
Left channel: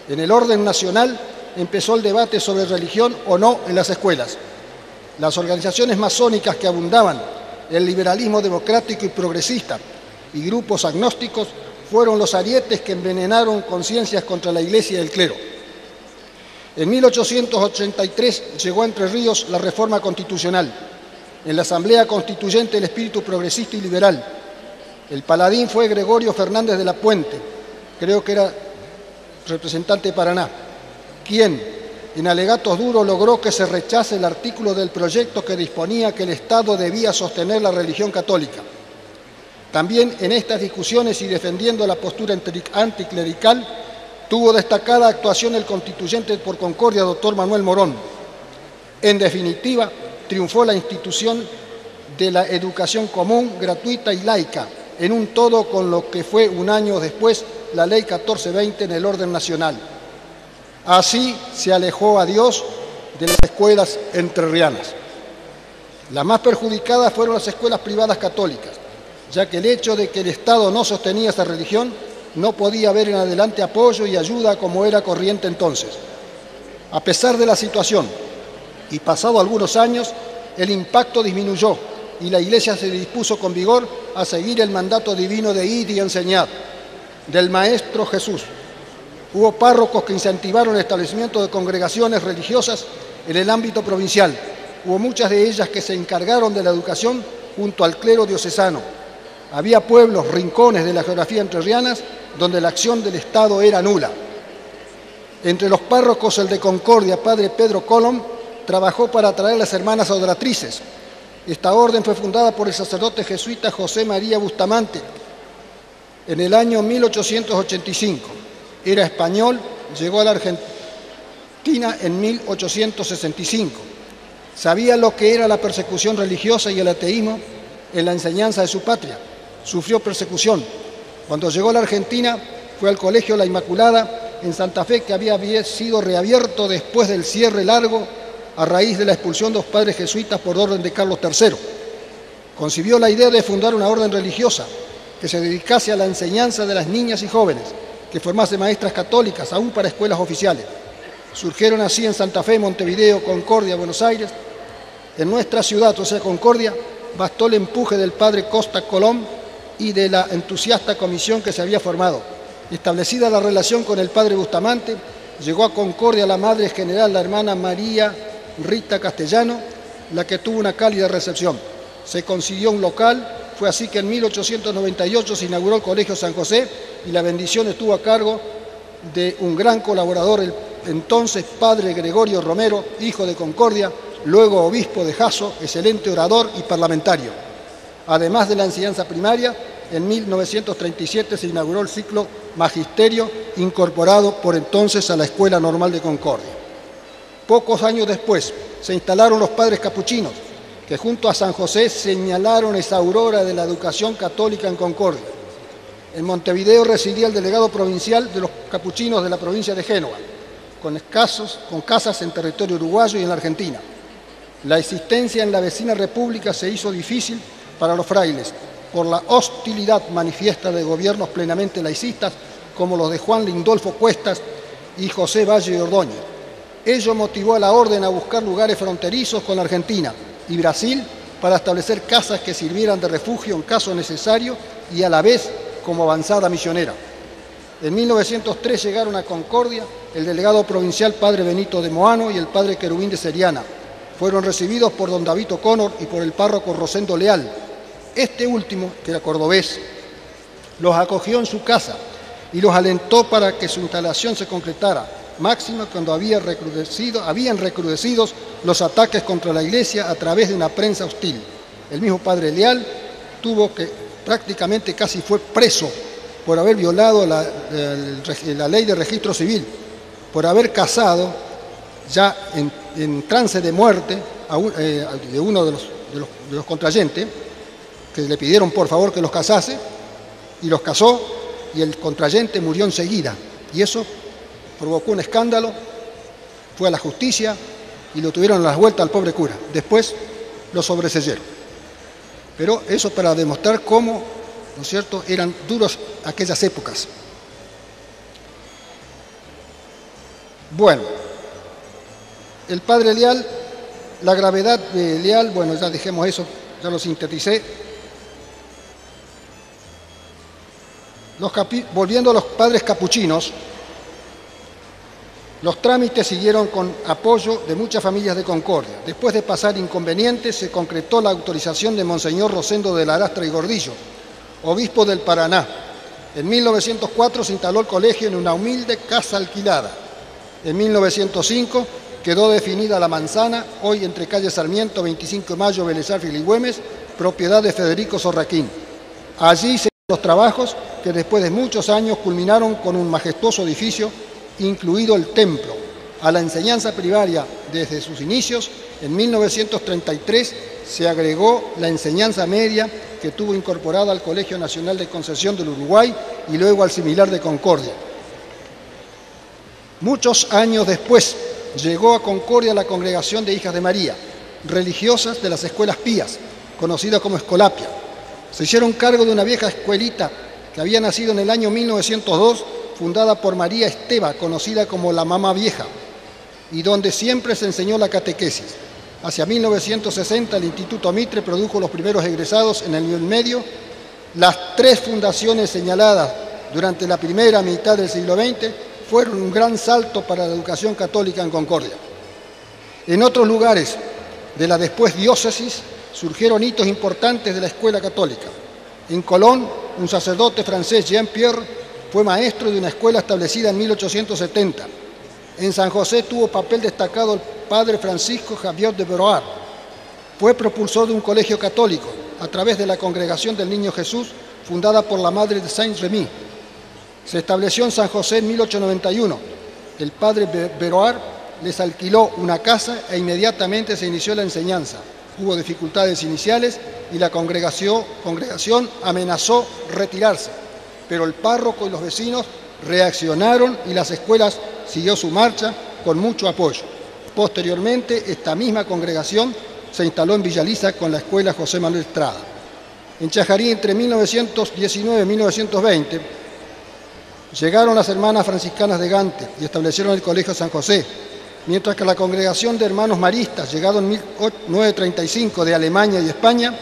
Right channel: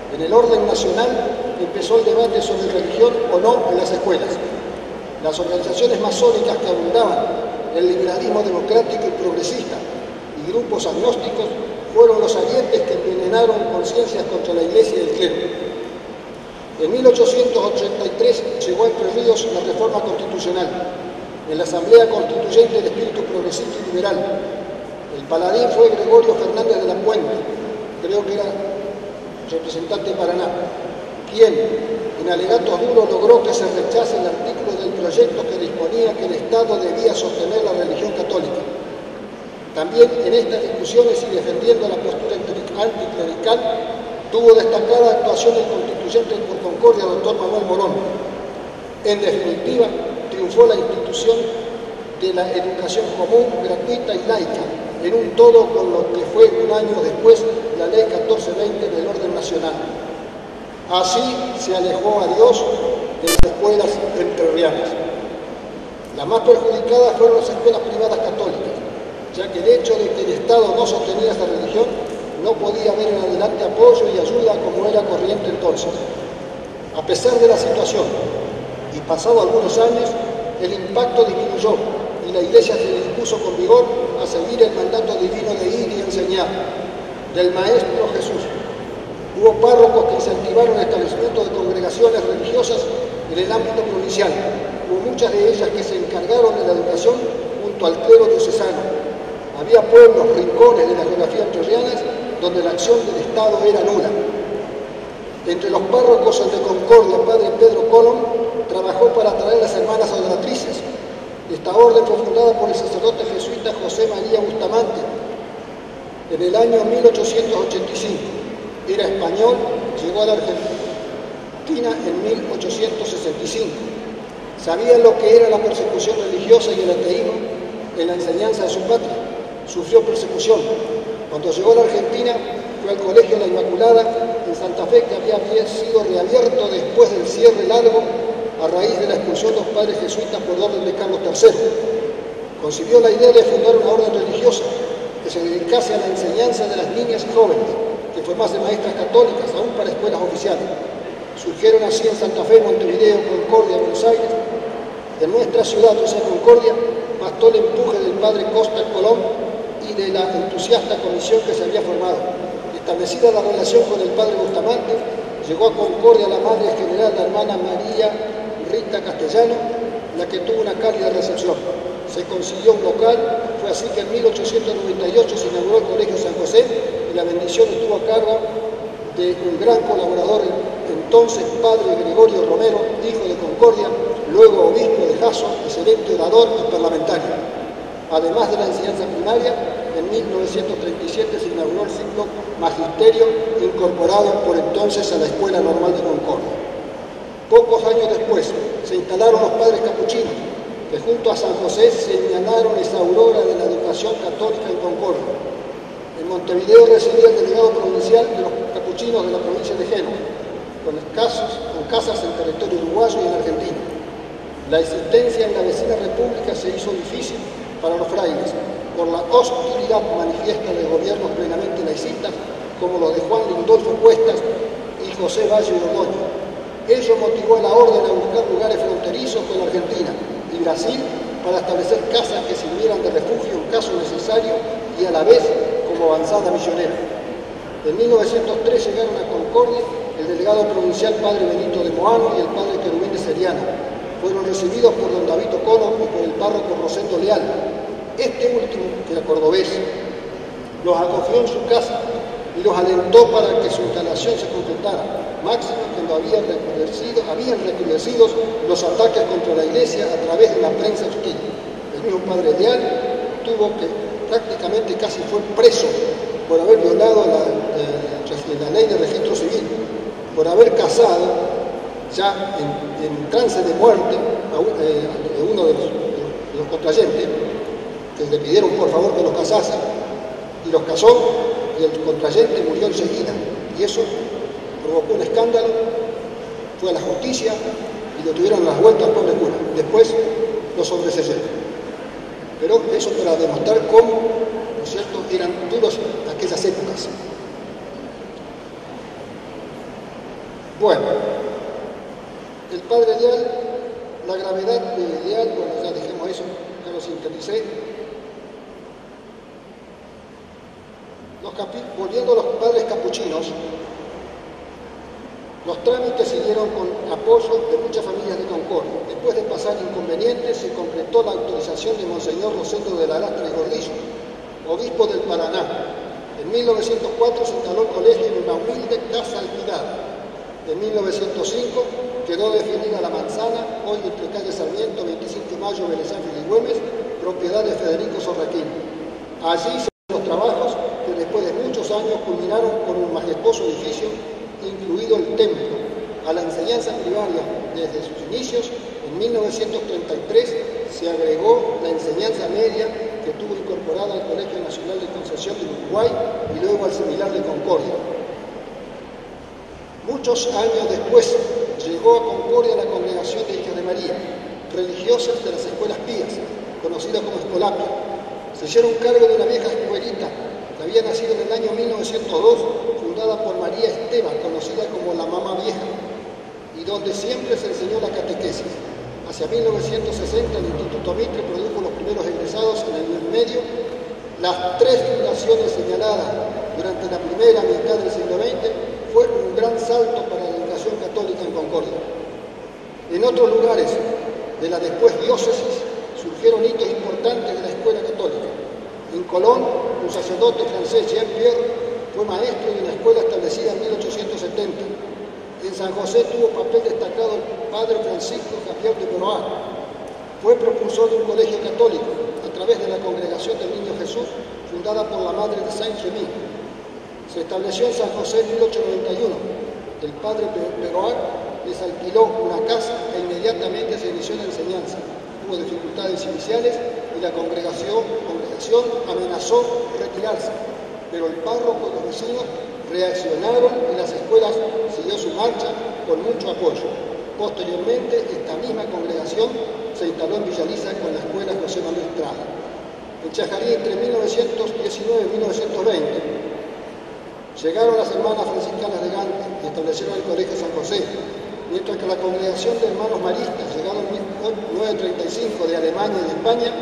En el orden nacional empezó el debate sobre religión o no en las escuelas. Las organizaciones masónicas que abundaban, el liberalismo democrático y progresista y grupos agnósticos fueron los arietes que envenenaron conciencias contra la Iglesia y el clero. En 1883 llegó a Entre Ríos la reforma constitucional. En la Asamblea Constituyente el espíritu progresista y liberal. El paladín fue Gregorio Fernández de la Puente, creo que era representante de Paraná, quien en alegatos duros logró que se rechace el artículo del proyecto que disponía que el Estado debía sostener la religión católica. También en estas discusiones y defendiendo la postura anticlerical, tuvo destacada actuación el constituyente por Concordia, doctor Manuel Morón. En definitiva, triunfó la institución de la educación común, gratuita y laica, en un todo con lo que fue un año después la Ley 1420 del orden nacional. Así se alejó a Dios de las escuelas entrerrianas. Las más perjudicadas fueron las escuelas privadas católicas, ya que el hecho de que el Estado no sostenía esta religión no podía haber en adelante apoyo y ayuda como era corriente entonces. A pesar de la situación, y pasado algunos años, el impacto disminuyó y la Iglesia se dispuso con vigor a seguir el mandato divino de ir y enseñar, del Maestro Jesús. Hubo párrocos que incentivaron el establecimiento de congregaciones religiosas en el ámbito provincial. Hubo muchas de ellas que se encargaron de la educación junto al clero diocesano. Había pueblos, rincones de la geografía entrerriana donde la acción del Estado era nula. Entre los párrocos, el de Concordia, padre Pedro Colón, trabajó para atraer a las hermanas adoratrices. Esta orden fue fundada por el sacerdote jesuita José María Bustamante en el año 1885. Era español, llegó a la Argentina en 1865. Sabía lo que era la persecución religiosa y el ateísmo en la enseñanza de su patria. Sufrió persecución. Cuando llegó a la Argentina, fue al Colegio La Inmaculada en Santa Fe, que había sido reabierto después del cierre largo a raíz de la expulsión de los padres jesuitas por orden de Carlos III. Concibió la idea de fundar una orden religiosa que se dedicase a la enseñanza de las niñas y jóvenes, que formase maestras católicas, aún para escuelas oficiales. Surgieron así en Santa Fe, Montevideo, Concordia, Buenos Aires. En nuestra ciudad, o sea, Concordia, bastó el empuje del padre Costa Colón y de la entusiasta comisión que se había formado. Establecida la relación con el padre Bustamante, llegó a Concordia la madre general, la hermana María Rita Castellano, la que tuvo una cálida recepción. Se consiguió un local, fue así que en 1898 se inauguró el Colegio San José y la bendición estuvo a cargo de un gran colaborador, el entonces padre Gregorio Romero, hijo de Concordia, luego obispo de Jasso, excelente orador y parlamentario. Además de la enseñanza primaria, en 1937 se inauguró el ciclo Magisterio, incorporado por entonces a la Escuela Normal de Concordia. Pocos años después se instalaron los padres capuchinos, que junto a San José señalaron esa aurora de la educación católica en Concordia. En Montevideo residía el delegado provincial de los capuchinos de la provincia de Génova, con casas en territorio uruguayo y en Argentina. La existencia en la vecina república se hizo difícil para los frailes por la hostilidad manifiesta de gobiernos plenamente laicistas como los de Juan Lindolfo Cuestas y José Valle y Ordóñez. Ello motivó a la orden a buscar lugares fronterizos con Argentina y Brasil para establecer casas que sirvieran de refugio en caso necesario y a la vez como avanzada misionera. En 1903 llegaron a Concordia el delegado provincial padre Benito de Moano y el padre Querubín de Seriana. Fueron recibidos por don David Ocono y por el párroco Rosendo Leal. Este último, que era cordobés, los acogió en su casa y los alentó para que su instalación se concretara, máximo cuando habían recrudecido los ataques contra la iglesia a través de una prensa hostil. El mismo padre Leal tuvo que prácticamente casi fue preso por haber violado la ley de registro civil, por haber casado ya en trance de muerte de uno de los contrayentes, que le pidieron por favor que los casase, y los casó, y el contrayente murió enseguida. Y eso provocó un escándalo, fue a la justicia y lo tuvieron a las vueltas al pobre cura. Después lo sobreseyeron. Pero eso para demostrar cómo, ¿no es cierto?, eran duros aquellas épocas. Bueno, el padre Leal, la gravedad de Leal, bueno, ya dejemos eso, ya lo sinteticé. Volviendo a los padres capuchinos, los trámites siguieron con apoyo de muchas familias de Concordia. Después de pasar inconvenientes, se concretó la autorización de Monseñor Rosendo de Larastra y Gordillo, obispo del Paraná. En 1904 se instaló el colegio en una humilde casa alquilada. En 1905 quedó definida la manzana, hoy entre calle Sarmiento, 25 de Mayo, Vélez Arfiel y Güemes, propiedad de Federico Sorraquín. Allí se los trabajos que después de muchos años culminaron con un majestuoso edificio, incluido el templo. A la enseñanza primaria desde sus inicios, en 1933 se agregó la enseñanza media que tuvo incorporada al Colegio Nacional de Concepción del Uruguay y luego al similar de Concordia. Muchos años después llegó a Concordia la Congregación de Hijas de María, religiosas de las escuelas pías, conocida como Escolapia. Se hicieron cargo de una vieja escuelita que había nacido en el año 1902, fundada por María Esteva, conocida como la Mamá Vieja, y donde siempre se enseñó la catequesis. Hacia 1960 el Instituto Mitre produjo los primeros egresados en el nivel medio. Las tres fundaciones señaladas durante la primera mitad del siglo XX fueron un gran salto para la educación católica en Concordia. En otros lugares de la después diócesis surgieron hitos importantes de la escuela católica. En Colón, un sacerdote francés, Jean-Pierre, fue maestro de una escuela establecida en 1870. En San José tuvo papel destacado el padre Francisco Javier de Beroar. Fue propulsor de un colegio católico a través de la Congregación del Niño Jesús, fundada por la madre de Saint-Remy. Se estableció en San José en 1891. El padre Beroar les alquiló una casa e inmediatamente se inició la enseñanza. Hubo dificultades iniciales y la congregación amenazó retirarse, pero el párroco y los vecinos reaccionaron y las escuelas siguió su marcha con mucho apoyo. Posteriormente, esta misma congregación se instaló en Villaliza con la escuela José Manuel Estrada. En Chajarí, entre 1919 y 1920, llegaron las hermanas franciscanas de Gante y establecieron el Colegio San José, mientras que la congregación de hermanos maristas, llegado en 1935 de Alemania y España,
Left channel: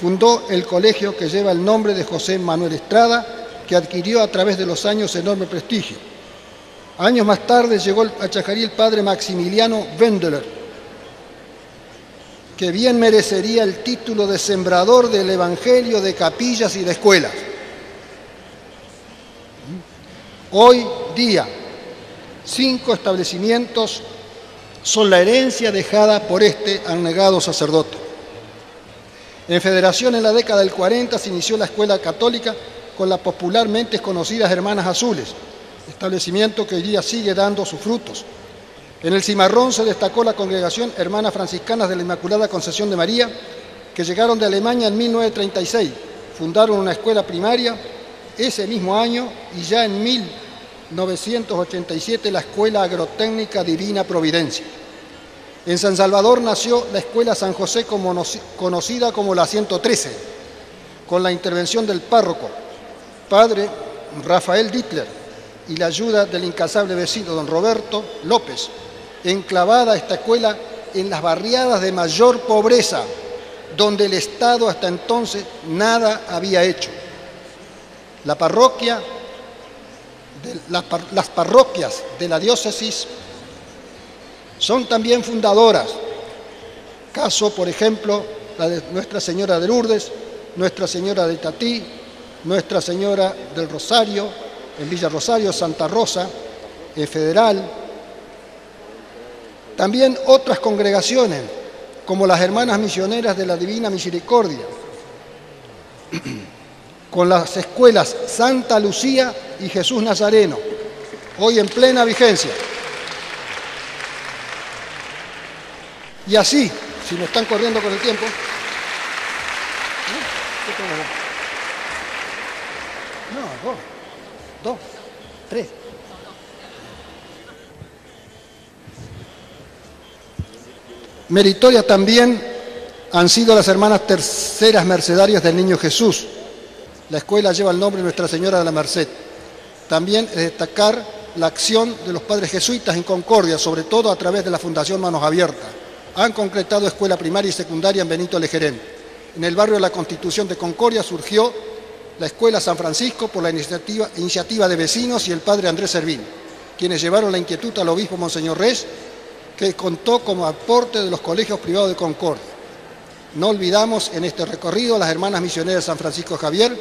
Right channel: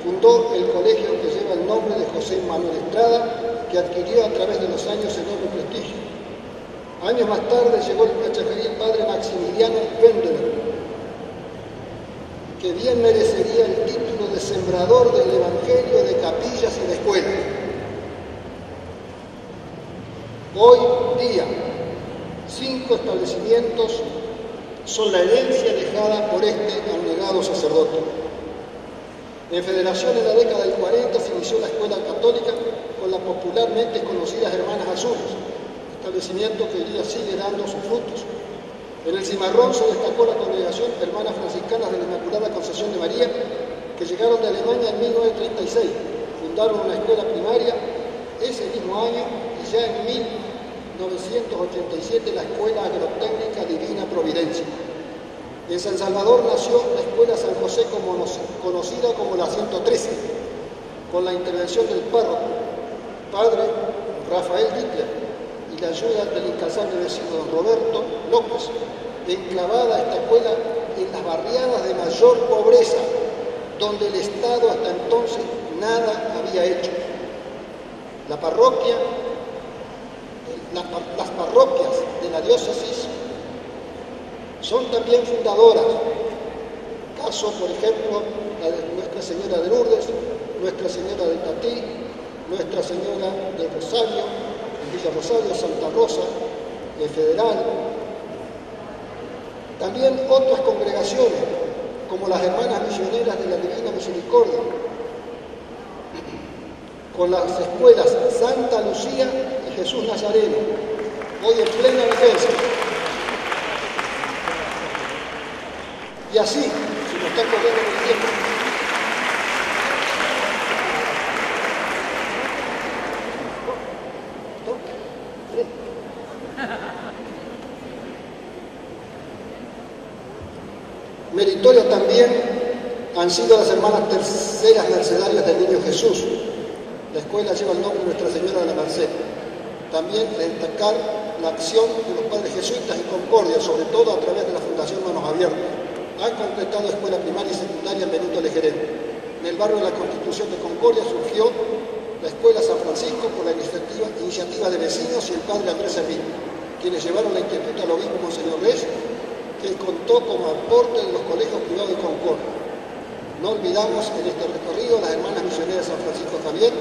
fundó el colegio que lleva el nombre de José Manuel Estrada, que adquirió a través de los años enorme prestigio. Años más tarde llegó a Chajarí el padre Maximiliano Wendler, que bien merecería el título de sembrador del Evangelio de capillas y de escuelas. Hoy día, 5 establecimientos son la herencia dejada por este abnegado sacerdote. En Federación, en la década del 40, se inició la escuela católica con las popularmente conocidas Hermanas Azules, establecimiento que hoy día sigue dando sus frutos. En el Cimarrón se destacó la congregación Hermanas Franciscanas de la Inmaculada Concepción de María, que llegaron de Alemania en 1936, fundaron una escuela primaria ese mismo año y ya en 1987 la Escuela Agrotécnica Divina Providencia. En San Salvador nació la Escuela San José, conocida como la 113, con la intervención del párroco, padre Rafael Dittler, y la ayuda del incansable vecino don Roberto López, enclavada esta escuela en las barriadas de mayor pobreza donde el Estado hasta entonces nada había hecho. La parroquia, las parroquias de la diócesis son también fundadoras. Caso, por ejemplo, la de Nuestra Señora de Lourdes, Nuestra Señora de Tatí, Nuestra Señora del Rosario, en Villa Rosario, Santa Rosa, Federal. También otras congregaciones, como las Hermanas Misioneras de la Divina Misericordia, con las escuelas Santa Lucía y Jesús Nazareno, hoy en plena vigencia. Y así, si nos están corriendo con el tiempo, dos, tres. Meritoria también han sido las hermanas terceras mercedarias del Niño Jesús. La escuela lleva el nombre de Nuestra Señora de la Merced. También es destacar la acción de los padres jesuitas en Concordia, sobre todo a través de la Fundación Manos Abiertas. Han concretado escuela primaria y secundaria en Benito Lejerén. En el barrio de la Constitución de Concordia surgió la Escuela San Francisco por la iniciativa de vecinos y el padre Andrés Servín, quienes llevaron la inquietud al obispo Monseñor Reyes, que contó como aporte de los colegios privados de Concordia. No olvidamos en este recorrido las hermanas misioneras San Francisco Javier,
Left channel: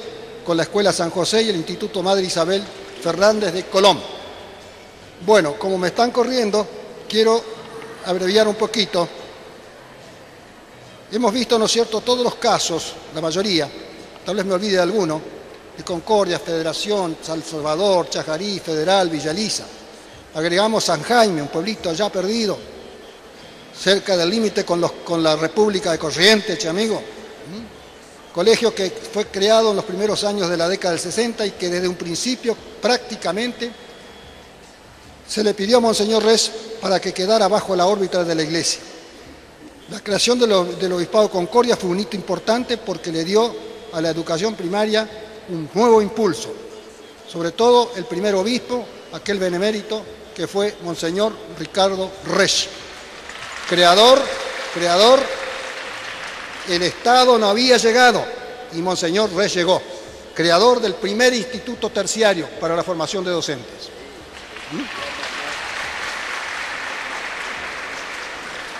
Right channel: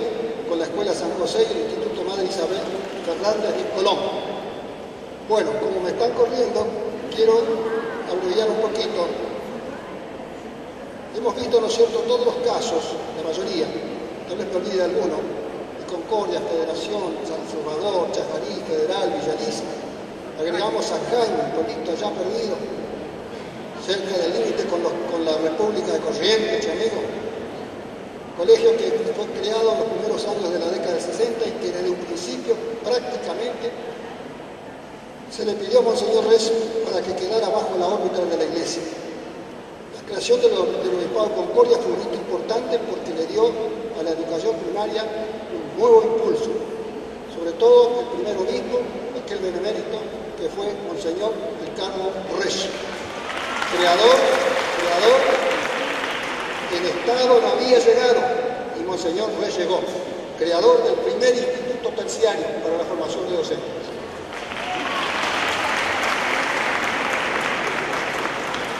con la Escuela San José y el Instituto Madre Isabel Fernández de Colón. Bueno, como me están corriendo, quiero abreviar un poquito. Hemos visto, ¿no es cierto?, todos los casos, la mayoría, tal vez me olvide de alguno, de Concordia, Federación, San Salvador, Chajarí, Federal, Villa Elisa. Agregamos San Jaime, un pueblito ya perdido, cerca del límite con la República de Corrientes, amigo. Colegio que fue creado en los primeros años de la década del 60 y que desde un principio prácticamente se le pidió a Monseñor Reyes para que quedara bajo la órbita de la Iglesia. La creación del Obispado de Concordia fue un hito importante porque le dio a la educación primaria un nuevo impulso. Sobre todo el primer obispo, aquel benemérito, que fue Monseñor Ricardo Reyes. Creador, el Estado no había llegado y Monseñor Reyes llegó. Creador del primer instituto terciario para la formación de docentes.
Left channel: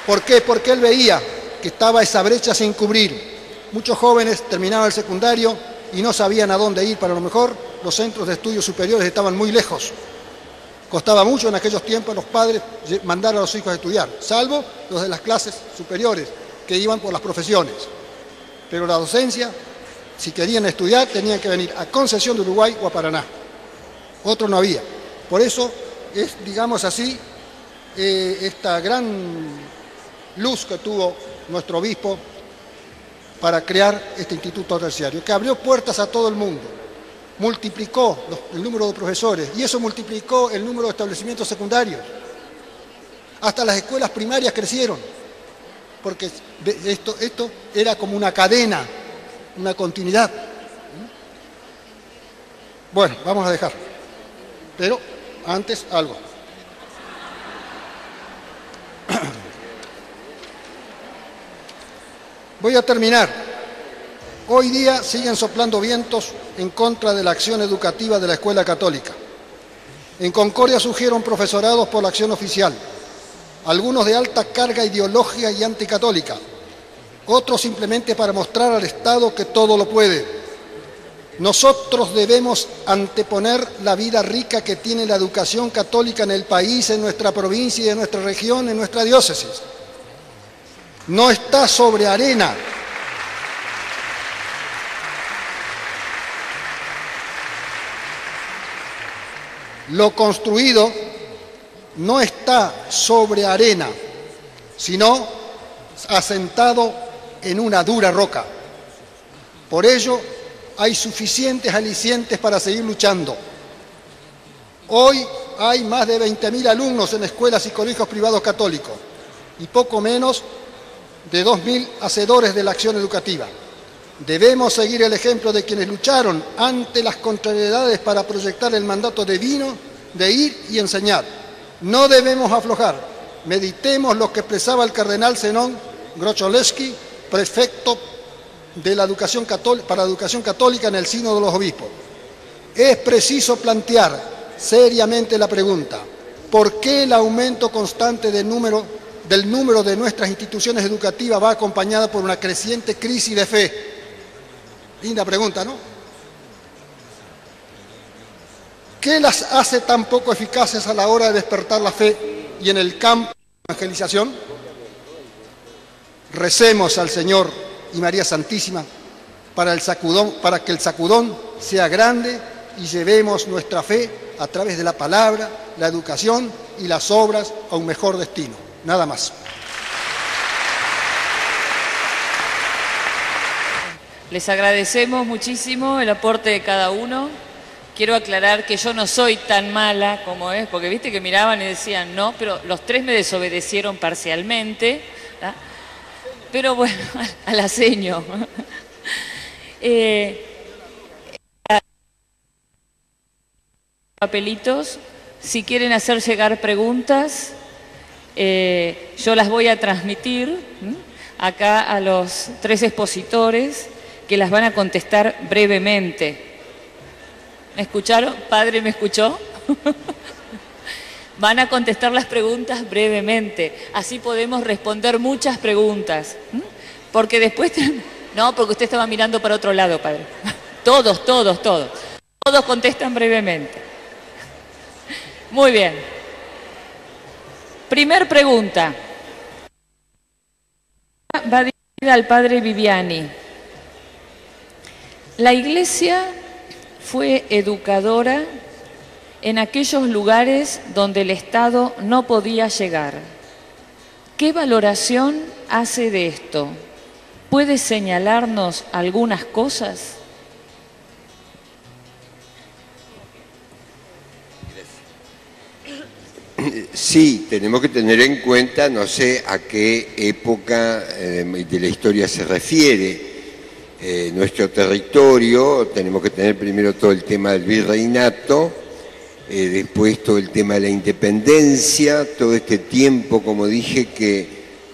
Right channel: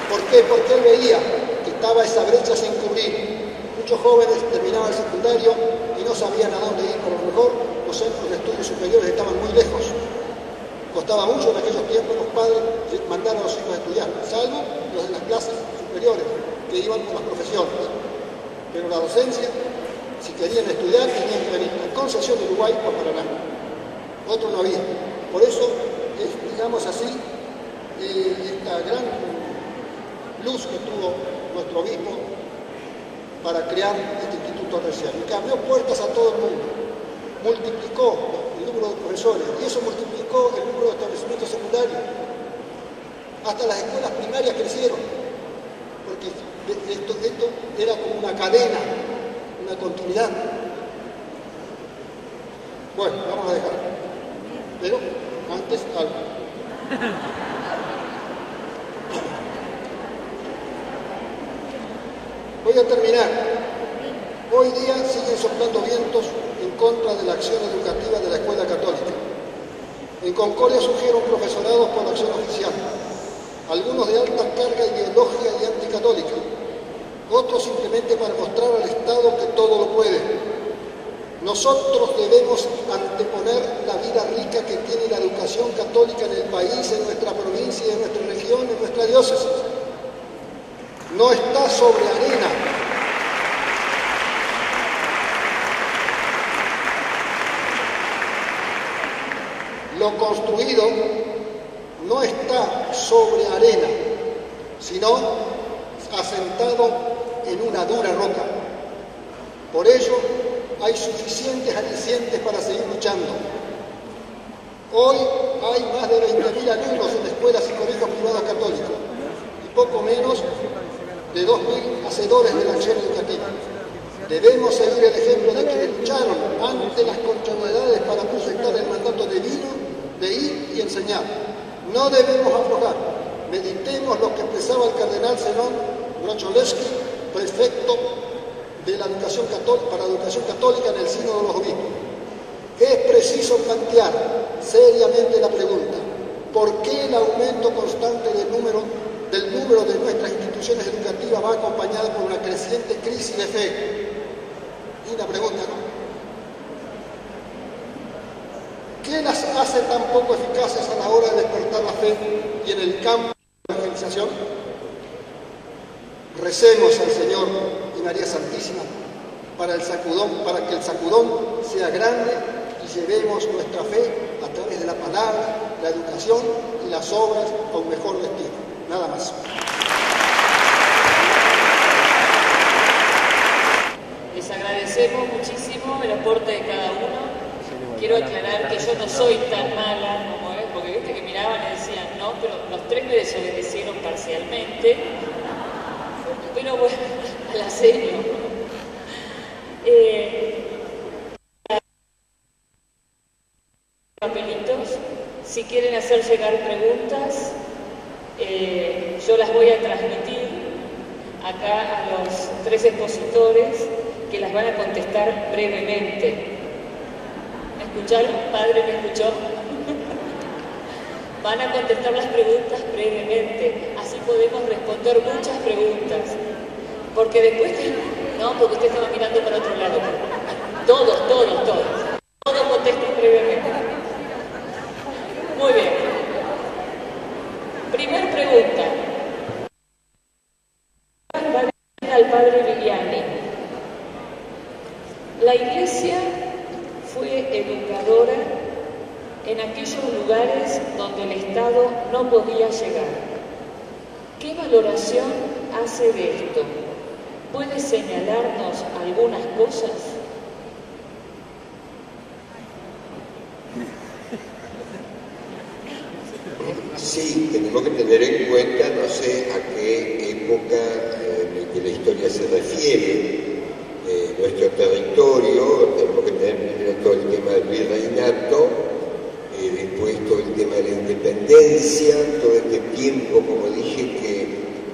¿Por qué? Porque él veía que estaba esa brecha sin cubrir. Muchos jóvenes terminaban el secundario y no sabían a dónde ir. Para lo mejor los centros de estudios superiores estaban muy lejos. Costaba mucho en aquellos tiempos a los padres mandar a los hijos a estudiar, salvo los de las clases superiores que iban por las profesiones. Pero la docencia, si querían estudiar, tenían que venir a Concepción de Uruguay o a Paraná. Otro no había. Por eso es, digamos así, esta gran luz que tuvo nuestro obispo para crear este instituto terciario, que abrió puertas a todo el mundo, multiplicó el número de profesores y eso multiplicó el número de establecimientos secundarios. Hasta las escuelas primarias crecieron, porque esto era como una cadena, una continuidad. Bueno, vamos a dejar, pero antes algo. Voy a terminar. Hoy día siguen soplando vientos en contra de la acción educativa de la escuela católica. En Concordia surgieron profesorados por la acción oficial, algunos de alta carga ideológica y anticatólica, otros simplemente para mostrar al Estado que todo lo puede. Nosotros debemos anteponer la vida rica que tiene la educación católica en el país, en nuestra provincia y en nuestra región, en nuestra diócesis. No está sobre arena. Lo construido no está sobre arena, sino asentado en una dura roca. Por ello, hay suficientes alicientes para seguir luchando. Hoy hay más de 20.000 alumnos en escuelas y colegios privados católicos y poco menos de 2.000 hacedores de la acción educativa. Debemos seguir el ejemplo de quienes lucharon ante las contrariedades para proyectar el mandato divino de ir y enseñar. No debemos aflojar. Meditemos lo que expresaba el cardenal Zenón Grocholewski prefecto de la educación católica, para la educación católica en el Sínodo de los Obispos. Es preciso plantear seriamente la pregunta: ¿por qué el aumento constante del número de nuestras instituciones educativas va acompañada por una creciente crisis de fe? Linda pregunta, ¿no? ¿Qué las hace tan poco eficaces a la hora de despertar la fe y en el campo de evangelización? Recemos al Señor y María Santísima para que el sacudón sea grande y llevemos nuestra fe a través de la palabra, la educación y las obras a un mejor destino. Nada más. Les agradecemos muchísimo el aporte de cada uno. Quiero aclarar que yo no soy tan mala como es, porque viste que miraban y decían no, pero los tres me desobedecieron parcialmente, ¿no? Pero bueno, a la seño. Papelitos, si quieren hacer llegar preguntas, yo las voy a transmitir acá a los tres expositores, que las van a contestar brevemente. ¿Me escucharon? ¿Padre me escuchó? Van a contestar las preguntas brevemente, así podemos responder muchas preguntas. Porque después... No, porque usted estaba mirando para otro lado, padre. Todos. Todos contestan brevemente. Muy bien. Primer pregunta. Va dirigida al padre Viviani. La Iglesia fue educadora en aquellos lugares donde el Estado no podía llegar. ¿Qué valoración hace de esto? ¿Puede señalarnos algunas cosas? Sí, tenemos que tener en cuenta, no sé a qué época de la historia se refiere. Nuestro territorio, tenemos que tener primero todo el tema del virreinato, después todo el tema de la independencia, todo este tiempo, como dije, que,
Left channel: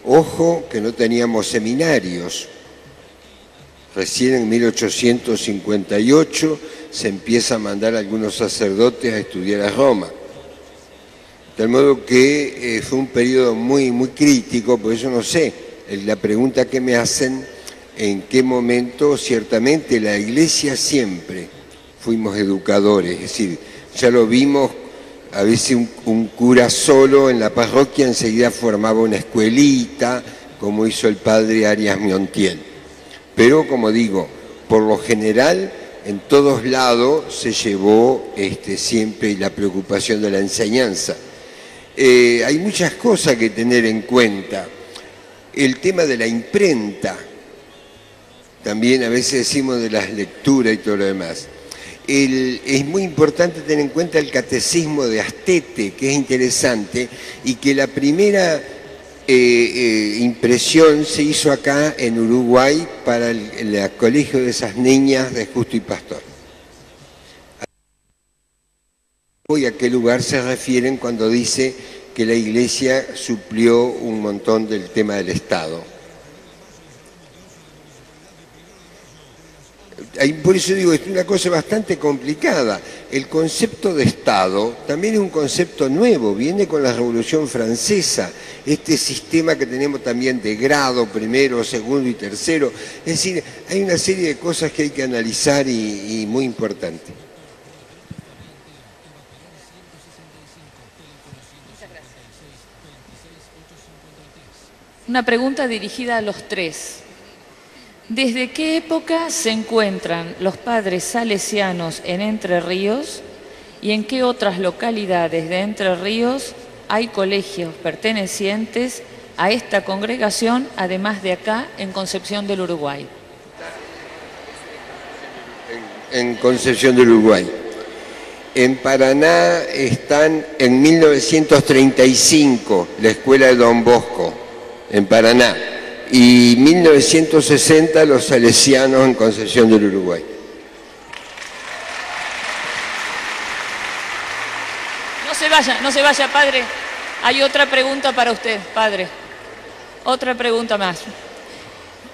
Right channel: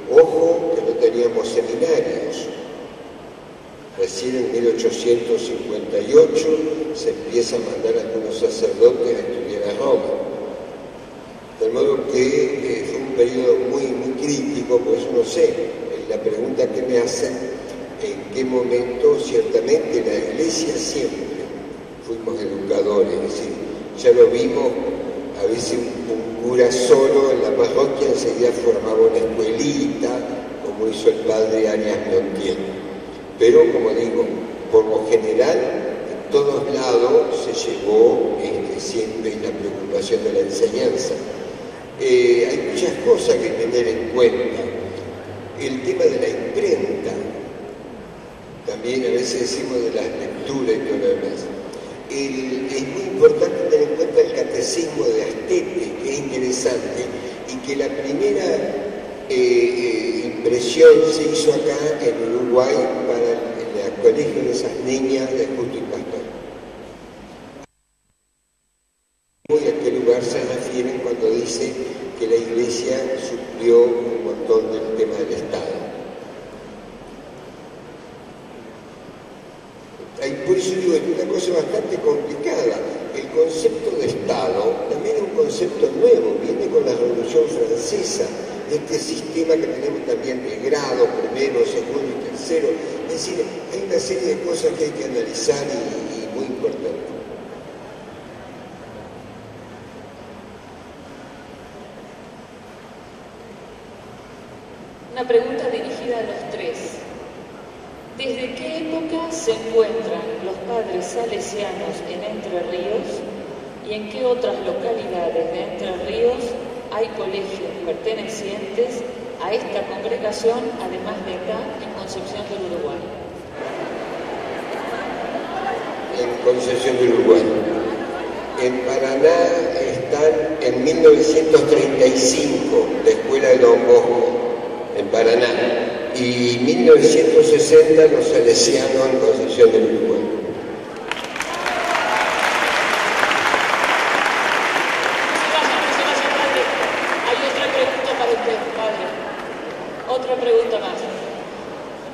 ojo, que no teníamos seminarios. Recién en 1858 se empieza a mandar a algunos sacerdotes a estudiar a Roma. De modo que fue un periodo muy crítico, por eso no sé, la pregunta que me hacen, en qué momento, ciertamente la Iglesia siempre fuimos educadores, es decir, ya lo vimos, a veces un cura solo en la parroquia enseguida formaba una escuelita, como hizo el padre Arias Miontiel. Pero, como digo, por lo general, en todos lados se llevó siempre la preocupación de la enseñanza. Hay muchas cosas que tener en cuenta. El tema de la imprenta, también a veces decimos de las lecturas y todo lo demás. Es muy importante tener en cuenta el catecismo de Astete, que es interesante, y que la primera impresión se hizo acá en Uruguay para el colegio de esas niñas de Justo y Pastor. ¿Y a qué lugar se refieren cuando dice que la Iglesia suplió un montón del tema del Estado? Por eso digo, es una cosa bastante complicada. El concepto de Estado también es un concepto nuevo, viene con la Revolución Francesa, este sistema que tenemos también de grado, primero, segundo y tercero. Es decir, hay una serie de cosas que hay que analizar y muy importantes. Una pregunta dirigida a los tres. ¿Desde qué época se encuentran los padres salesianos en Entre Ríos y en qué otras localidades de Entre Ríos hay colegios pertenecientes a esta congregación, además de acá en Concepción del Uruguay? En Concepción del Uruguay. En Paraná están en 1935 la escuela de Don Bosco, en Paraná. Y 1960 los salesianos en Concepción del Uruguay. No se vaya, padre. Hay otra pregunta para usted, padre. Otra pregunta más.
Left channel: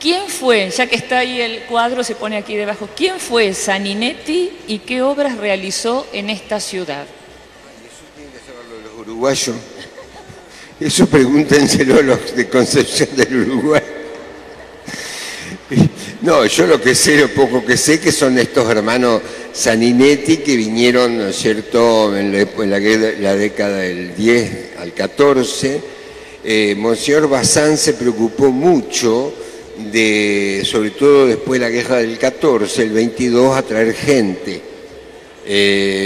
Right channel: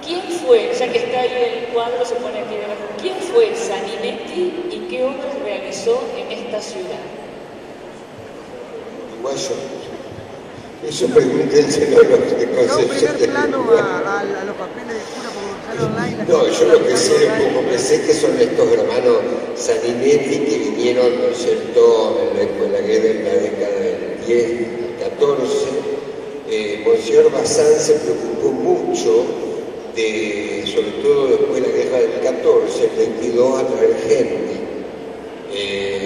¿Quién fue, ya que está ahí el cuadro, se pone aquí debajo, quién fue Saninetti y qué obras realizó en esta ciudad? Uruguayo. Eso pregúntenselo los de Concepción del Uruguay. No, yo lo que sé, lo poco que sé, que son estos hermanos Saninetti que vinieron, ¿no es cierto?, en la década del 10 al 14. Monseñor Bazán se preocupó mucho sobre todo después de la guerra del 14, el 22, a traer gente.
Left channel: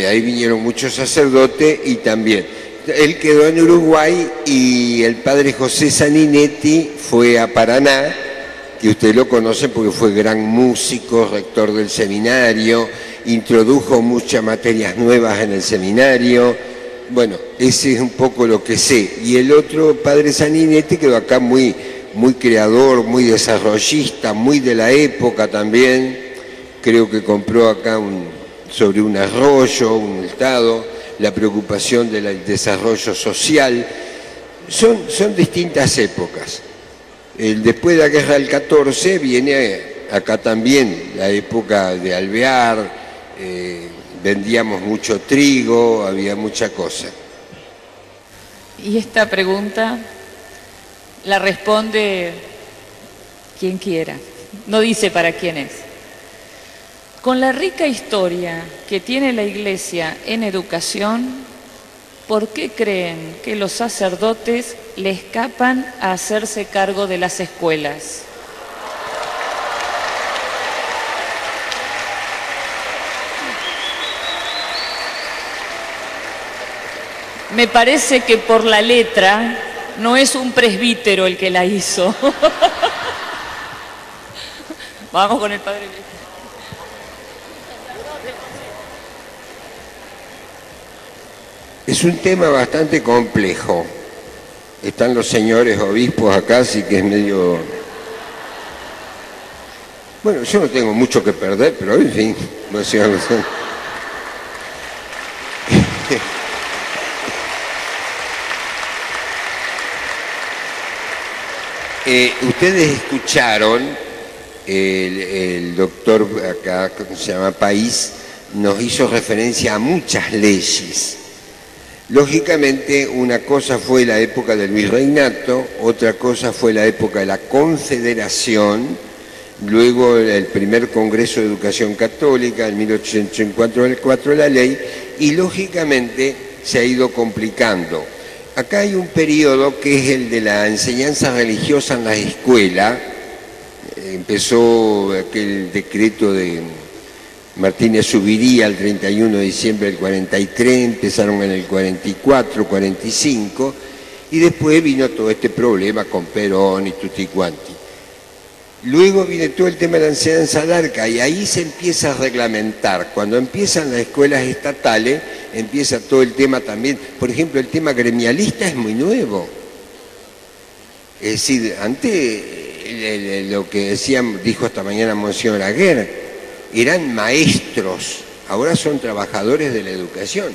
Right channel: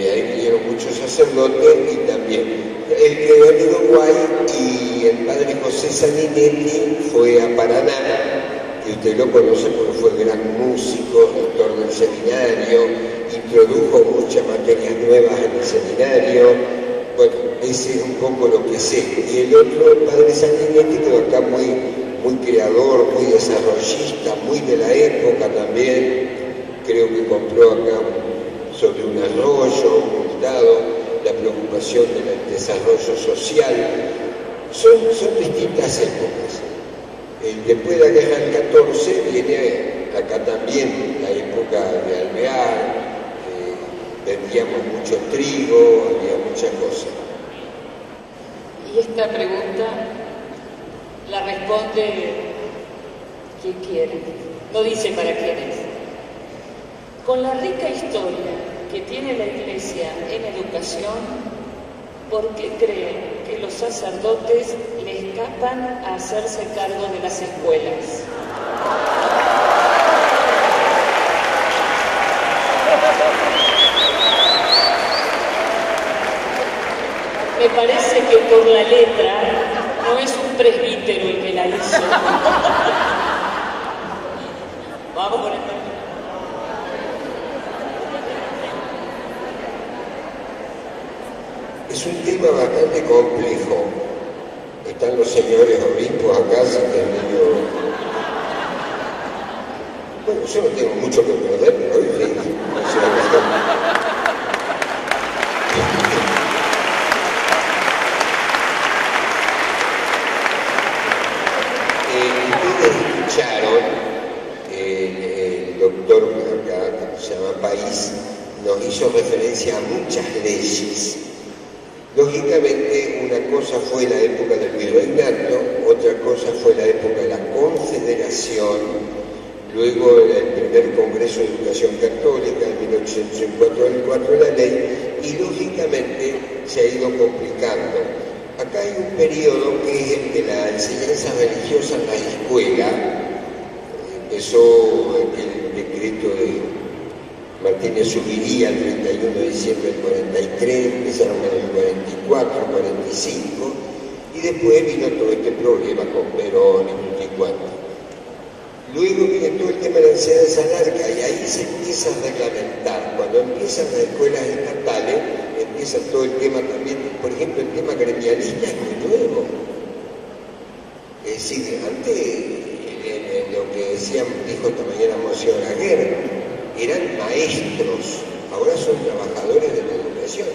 Ahí vinieron muchos sacerdotes y también. Él quedó en Uruguay y el padre José Saninetti fue a Paraná, que usted lo conoce porque fue gran músico, rector del seminario, introdujo muchas materias nuevas en el seminario. Bueno, ese es un poco lo que sé. Y el otro, el padre Saninetti, quedó acá muy creador, muy desarrollista, muy de la época también. Creo que compró acá sobre un arroyo, un estado, la preocupación del desarrollo social. Son distintas épocas. Después de la guerra del 14 viene acá también la época de Alvear, vendíamos mucho trigo, había mucha cosa. Y esta pregunta la responde quien quiera, no dice para quién es. Con la rica historia que tiene la Iglesia en educación, ¿por qué creen que los sacerdotes le escapan a hacerse cargo de las escuelas? Me parece que por la letra no es un presbítero el que la hizo. Vamos con el padre. Es un tema bastante complejo. Están los señores obispos acá, así que es medio... Bueno, yo no tengo mucho que perder, pero en fin, no sé. Ustedes escucharon, el doctor acá, ¿cómo se llama? País, nos hizo referencia a muchas leyes. Lógicamente, una cosa fue la época del virreinato, otra cosa fue la época de la Confederación, luego el primer Congreso de Educación Católica, en 1854 la ley, y lógicamente se ha ido complicando. Acá hay un periodo que es el de la enseñanza religiosa en la escuela. Empezó aquel decreto de Martínez Zubiría el 31 de diciembre del 43, empezaron en el 44, 45, y después vino todo este problema con Perón y tutti quanti. Luego viene todo el tema de la enseñanza laica y ahí se empieza a reglamentar. Cuando empiezan las escuelas estatales, empieza todo el tema también. Por ejemplo, el tema gremialista es muy nuevo. Es decir, antes lo que dijo esta mañana Monseñor Aguer, eran maestros, ahora son trabajadores de la educación.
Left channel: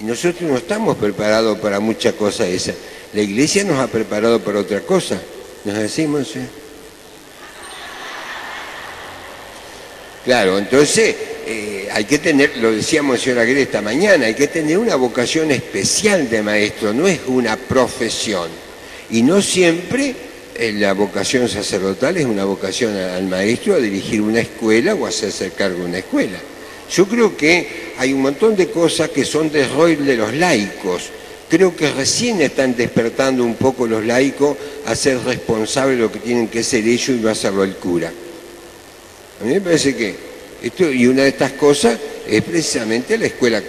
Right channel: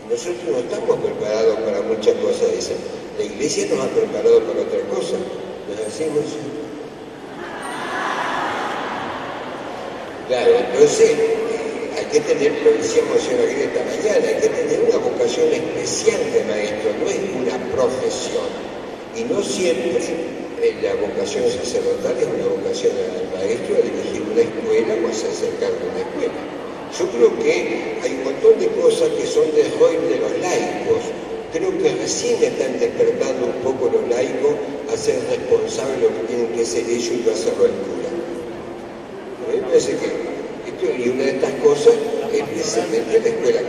Y nosotros no estamos preparados para muchas cosas esas. La Iglesia nos ha preparado para otra cosa. ¿Nos decimos? Claro, entonces hay que tener, lo decía Monseñor Aguirre esta mañana, hay que tener una vocación especial de maestro, no es una profesión. Y no siempre la vocación sacerdotal es una vocación al maestro a dirigir una escuela o a hacerse cargo de una escuela. Yo creo que hay un montón de cosas que son del rol de los laicos. Creo que recién están despertando un poco los laicos a ser responsables de lo que tienen que ser ellos y va a hacerlo el cura. A mí me parece que y una de estas cosas es precisamente la escuela,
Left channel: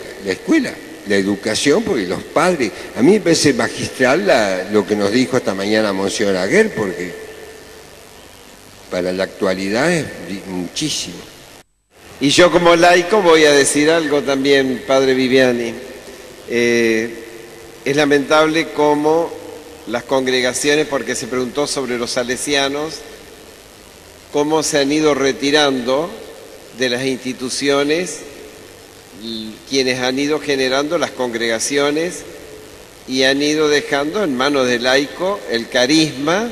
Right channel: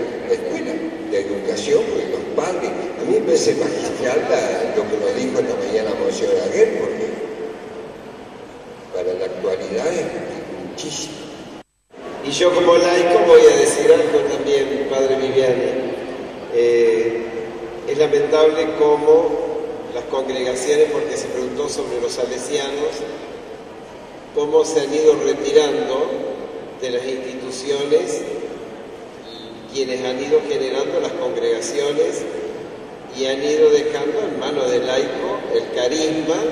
la educación, porque los padres, a mí me parece magistral lo que nos dijo esta mañana Monseñor Aguer, porque para la actualidad es muchísimo. Y yo como laico voy a decir algo también, padre Viviani. Es lamentable cómo las congregaciones, porque se preguntó sobre los salesianos, cómo se han ido retirando de las instituciones quienes han ido generando las congregaciones y han ido dejando en manos del laico el carisma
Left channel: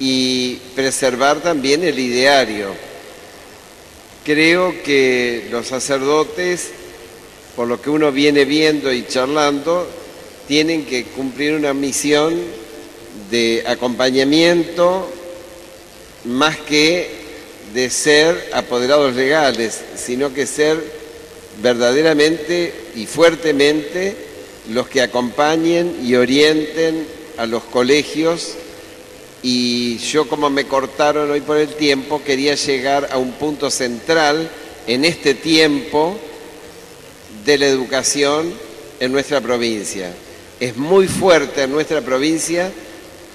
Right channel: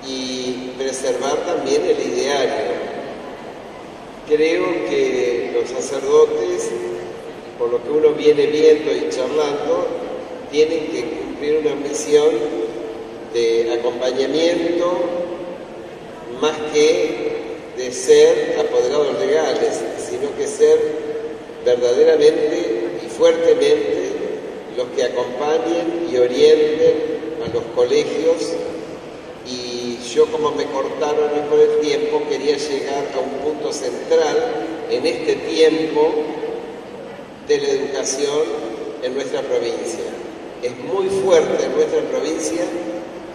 y preservar también el ideario. Creo que los sacerdotes, por lo que uno viene viendo y charlando, tienen que cumplir una misión de acompañamiento más que de ser apoderados legales, sino que ser verdaderamente y fuertemente los que acompañen y orienten a los colegios. Y yo, como me cortaron hoy por el tiempo, quería llegar a un punto central en este tiempo de la educación en nuestra provincia. Es muy fuerte en nuestra provincia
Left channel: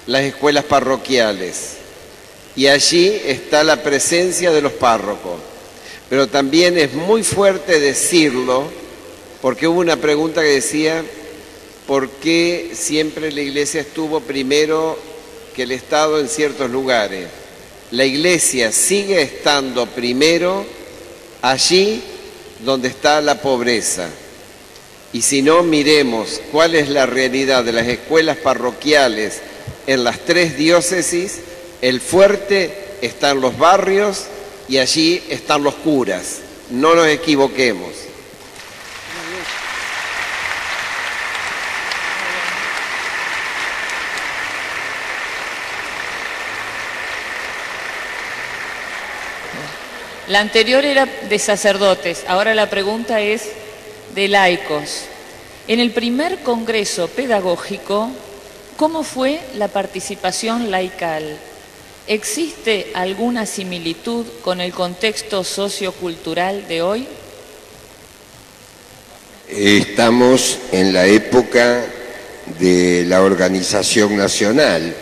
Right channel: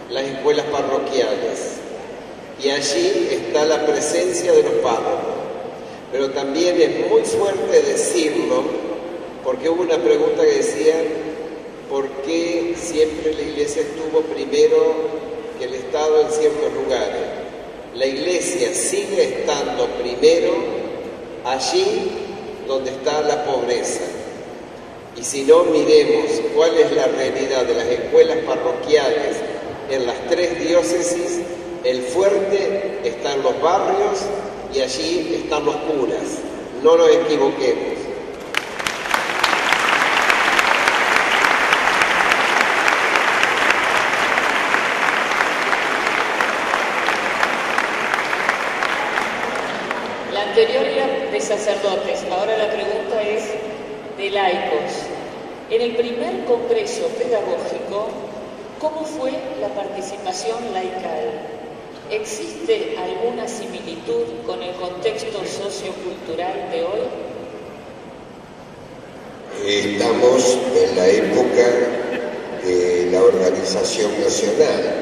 las escuelas parroquiales y allí está la presencia de los párrocos. Pero también es muy fuerte decirlo, porque hubo una pregunta que decía ¿por qué siempre la Iglesia estuvo primero que el Estado en ciertos lugares? La Iglesia sigue estando primero allí donde está la pobreza. Y si no, miremos cuál es la realidad de las escuelas parroquiales en las 3 diócesis. El fuerte está en los barrios y allí están los curas. No nos equivoquemos. La anterior era de sacerdotes, ahora la pregunta es de laicos. En el primer congreso pedagógico, ¿cómo fue la participación laical? ¿Existe alguna similitud con el contexto sociocultural de hoy? Estamos en la época de la organización nacional.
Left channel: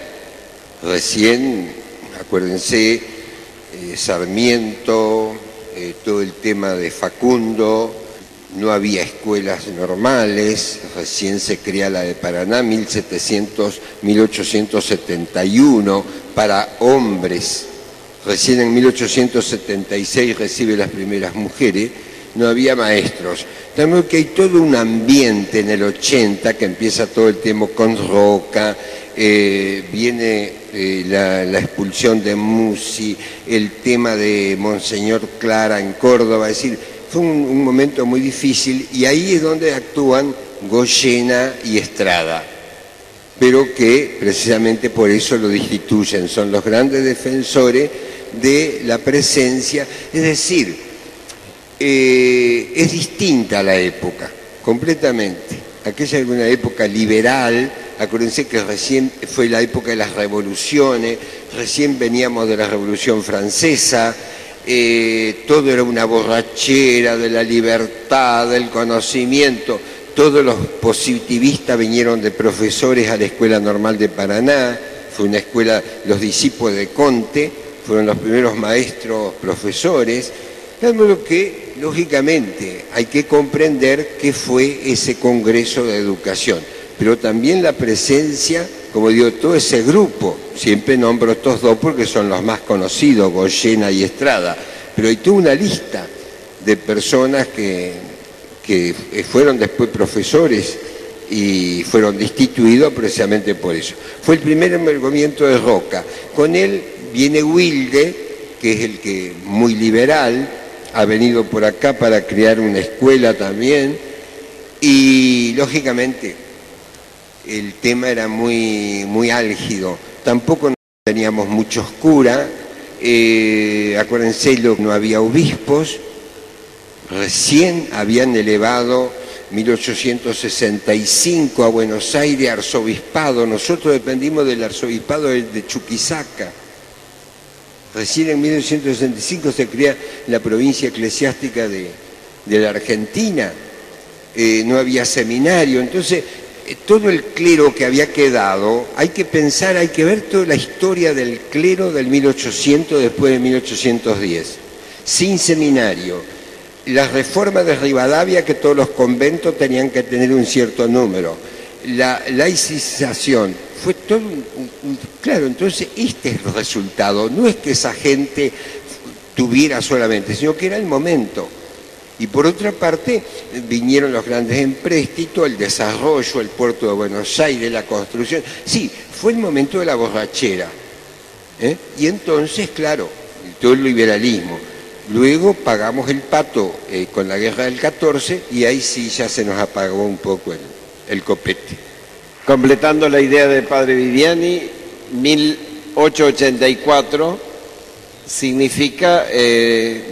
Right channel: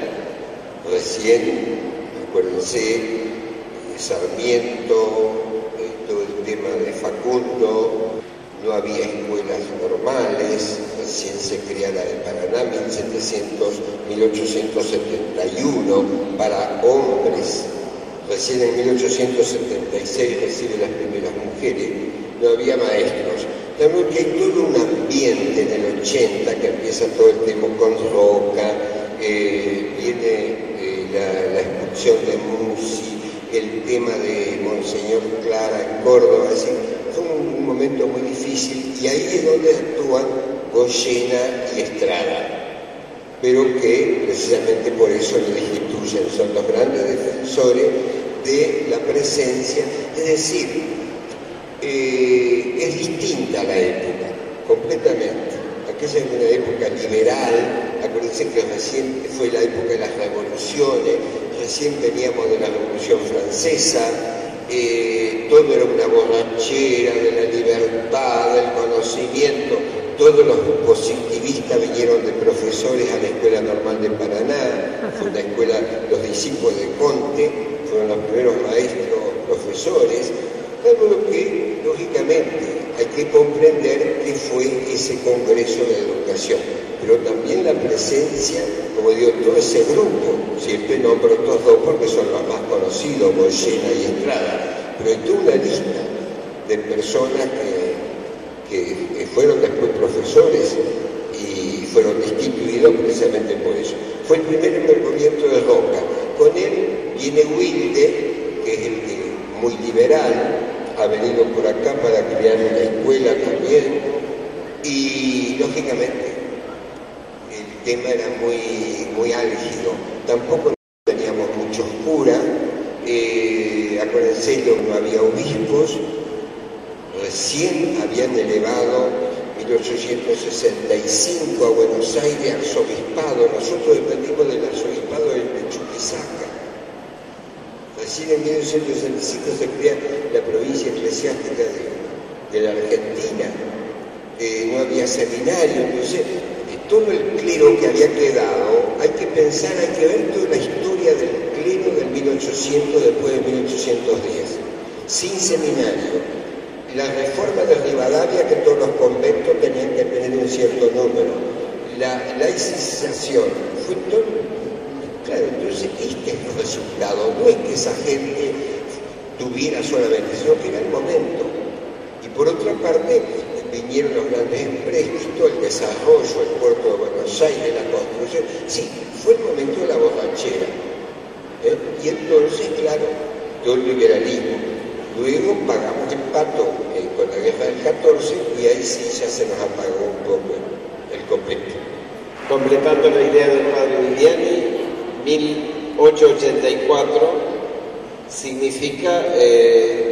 Recién, acuérdense, Sarmiento, todo el tema de Facundo, no había escuelas normales, recién se crea la de Paraná, 1871, para hombres. Recién en 1876 recibe las primeras mujeres, no había maestros. También que hay todo un ambiente en el 80 que empieza todo el tema con Roca, viene la expulsión de Musi, el tema de Monseñor Clara en Córdoba, es decir, fue un momento muy difícil y ahí es donde actúan Goyena y Estrada, pero que precisamente por eso lo destituyen, son los grandes defensores de la presencia, es decir, es distinta la época, completamente. Aquella era una época liberal, acuérdense que recién fue la época de las revoluciones, recién veníamos de la Revolución Francesa, todo era una borrachera de la libertad, del conocimiento, todos los positivistas vinieron de profesores a la Escuela Normal de Paraná, fue una escuela, los discípulos de Conte, fueron los primeros maestros profesores, claro, lo que lógicamente hay que comprender qué fue ese Congreso de Educación, pero también la presencia, como digo, todo ese grupo, siempre nombro estos dos porque son los más conocidos, Goyena y Estrada, pero hay toda una lista de personas que fueron después profesores y fueron destituidos precisamente por eso. Fue el primer movimiento de Roca, con él viene Wilde, que es el que muy liberal, ha venido por acá para crear una escuela también, y lógicamente el tema era muy álgido, tampoco teníamos muchos curas, acuérdense, no había obispos, recién habían elevado 1865 a Buenos Aires arzobispado, nosotros dependimos del arzobispado de Chuquisaca. Recién en 1865 se crea la provincia eclesiástica de la Argentina, no había seminario, entonces todo el clero que había quedado, hay que pensar, hay que ver toda la historia del clero del 1800 después de 1810, sin seminario. La reforma de Rivadavia, que todos los conventos tenían que tener un cierto número, la laicización, fue todo. Claro, entonces este es el resultado, no es que esa gente tuviera solamente, sino que era el momento. Y por otra parte, vinieron los grandes empréstitos, el desarrollo, el puerto de Buenos Aires, la construcción. Sí, fue el momento de la borrachera. Y entonces, claro, todo el liberalismo. Luego pagamos el pato con la guerra del 14 y ahí sí ya se nos apagó un poco el copete. Completando la idea del padre Viviani, 1884 significa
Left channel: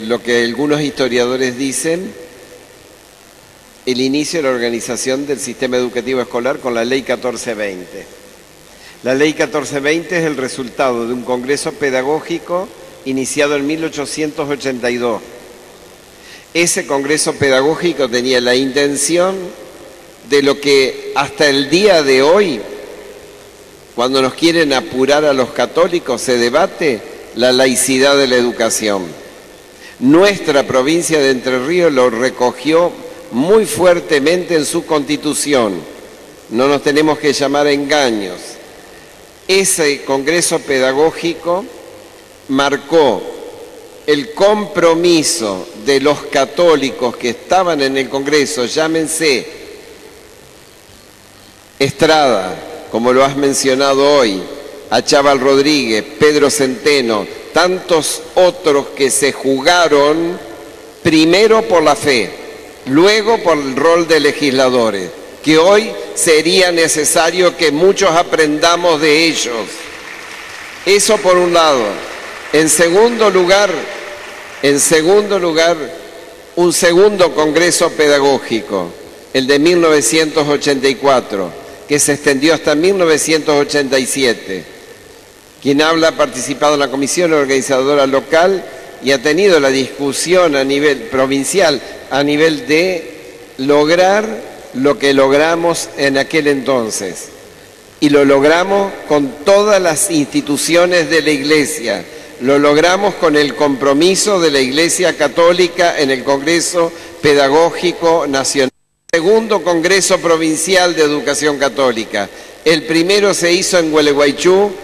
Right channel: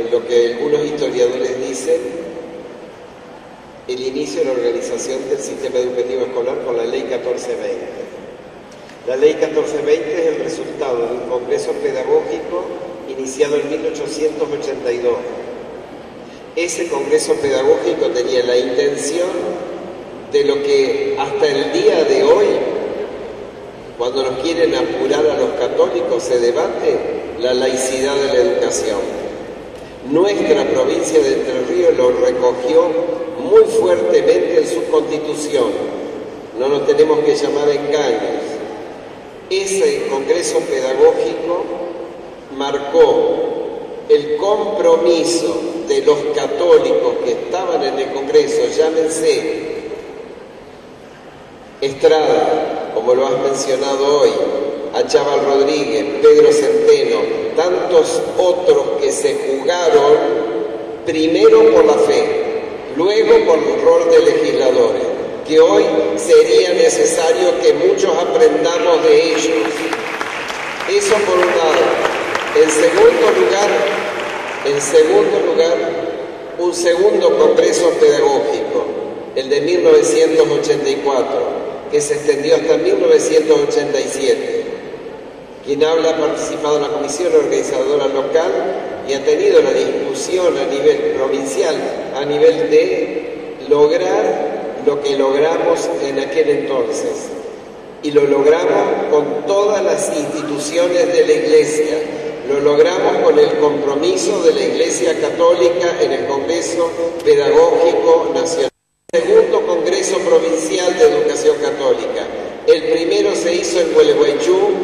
lo que algunos historiadores dicen, el inicio de la organización del sistema educativo escolar con la Ley 1420. La Ley 1420 es el resultado de un congreso pedagógico iniciado en 1882. Ese congreso pedagógico tenía la intención de lo que hasta el día de hoy, cuando nos quieren apurar a los católicos, se debate la laicidad de la educación. Nuestra provincia de Entre Ríos lo recogió muy fuertemente en su constitución. No nos tenemos que llamar a engaños. Ese congreso pedagógico marcó el compromiso de los católicos que estaban en el congreso, llámense Estrada, como lo has mencionado hoy, Achával Rodríguez, Pedro Centeno, tantos otros que se jugaron primero por la fe, luego por el rol de legisladores, que hoy sería necesario que muchos aprendamos de ellos. Eso por un lado. En segundo lugar, un segundo congreso pedagógico, el de 1984, que se extendió hasta 1987. Quien habla ha participado en la comisión organizadora local y ha tenido la discusión a nivel provincial, a nivel de lograr lo que logramos en aquel entonces. Y lo logramos con todas las instituciones de la Iglesia. Lo logramos con el compromiso de la Iglesia Católica en el Congreso Pedagógico Nacional. Segundo Congreso Provincial de Educación Católica. El primero se hizo en Gualeguaychú,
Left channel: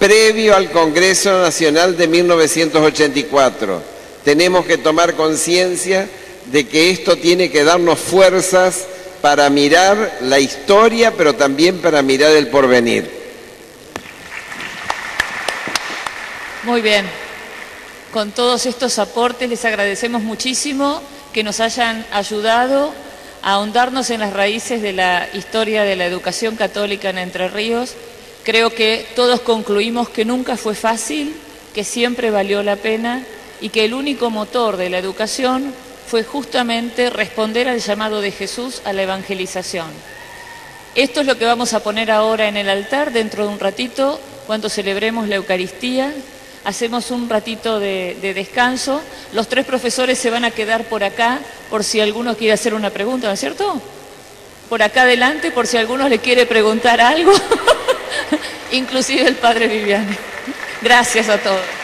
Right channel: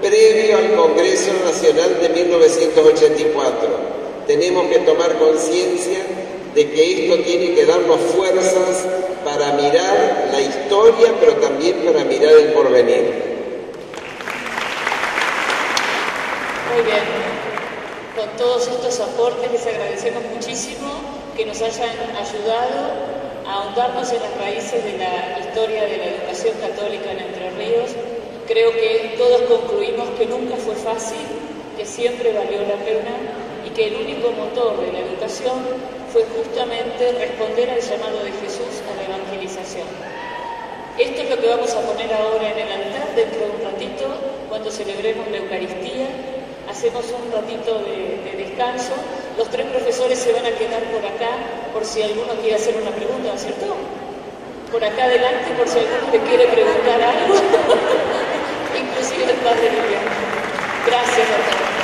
previo al Congreso Nacional de 1984. Tenemos que tomar conciencia de que esto tiene que darnos fuerzas para mirar la historia, pero también para mirar el porvenir. Muy bien. Con todos estos aportes les agradecemos muchísimo que nos hayan ayudado a ahondarnos en las raíces de la historia de la educación católica en Entre Ríos. Creo que todos concluimos que nunca fue fácil, que siempre valió la pena y que el único motor de la educación fue justamente responder al llamado de Jesús a la evangelización. Esto es lo que vamos a poner ahora en el altar dentro de un ratito, cuando celebremos la Eucaristía. Hacemos un ratito de descanso. Los tres profesores se van a quedar por acá, por si alguno quiere hacer una pregunta, ¿no es cierto? Por acá adelante, por si alguno le quiere preguntar algo. Inclusive el padre Viviani. Gracias a todos.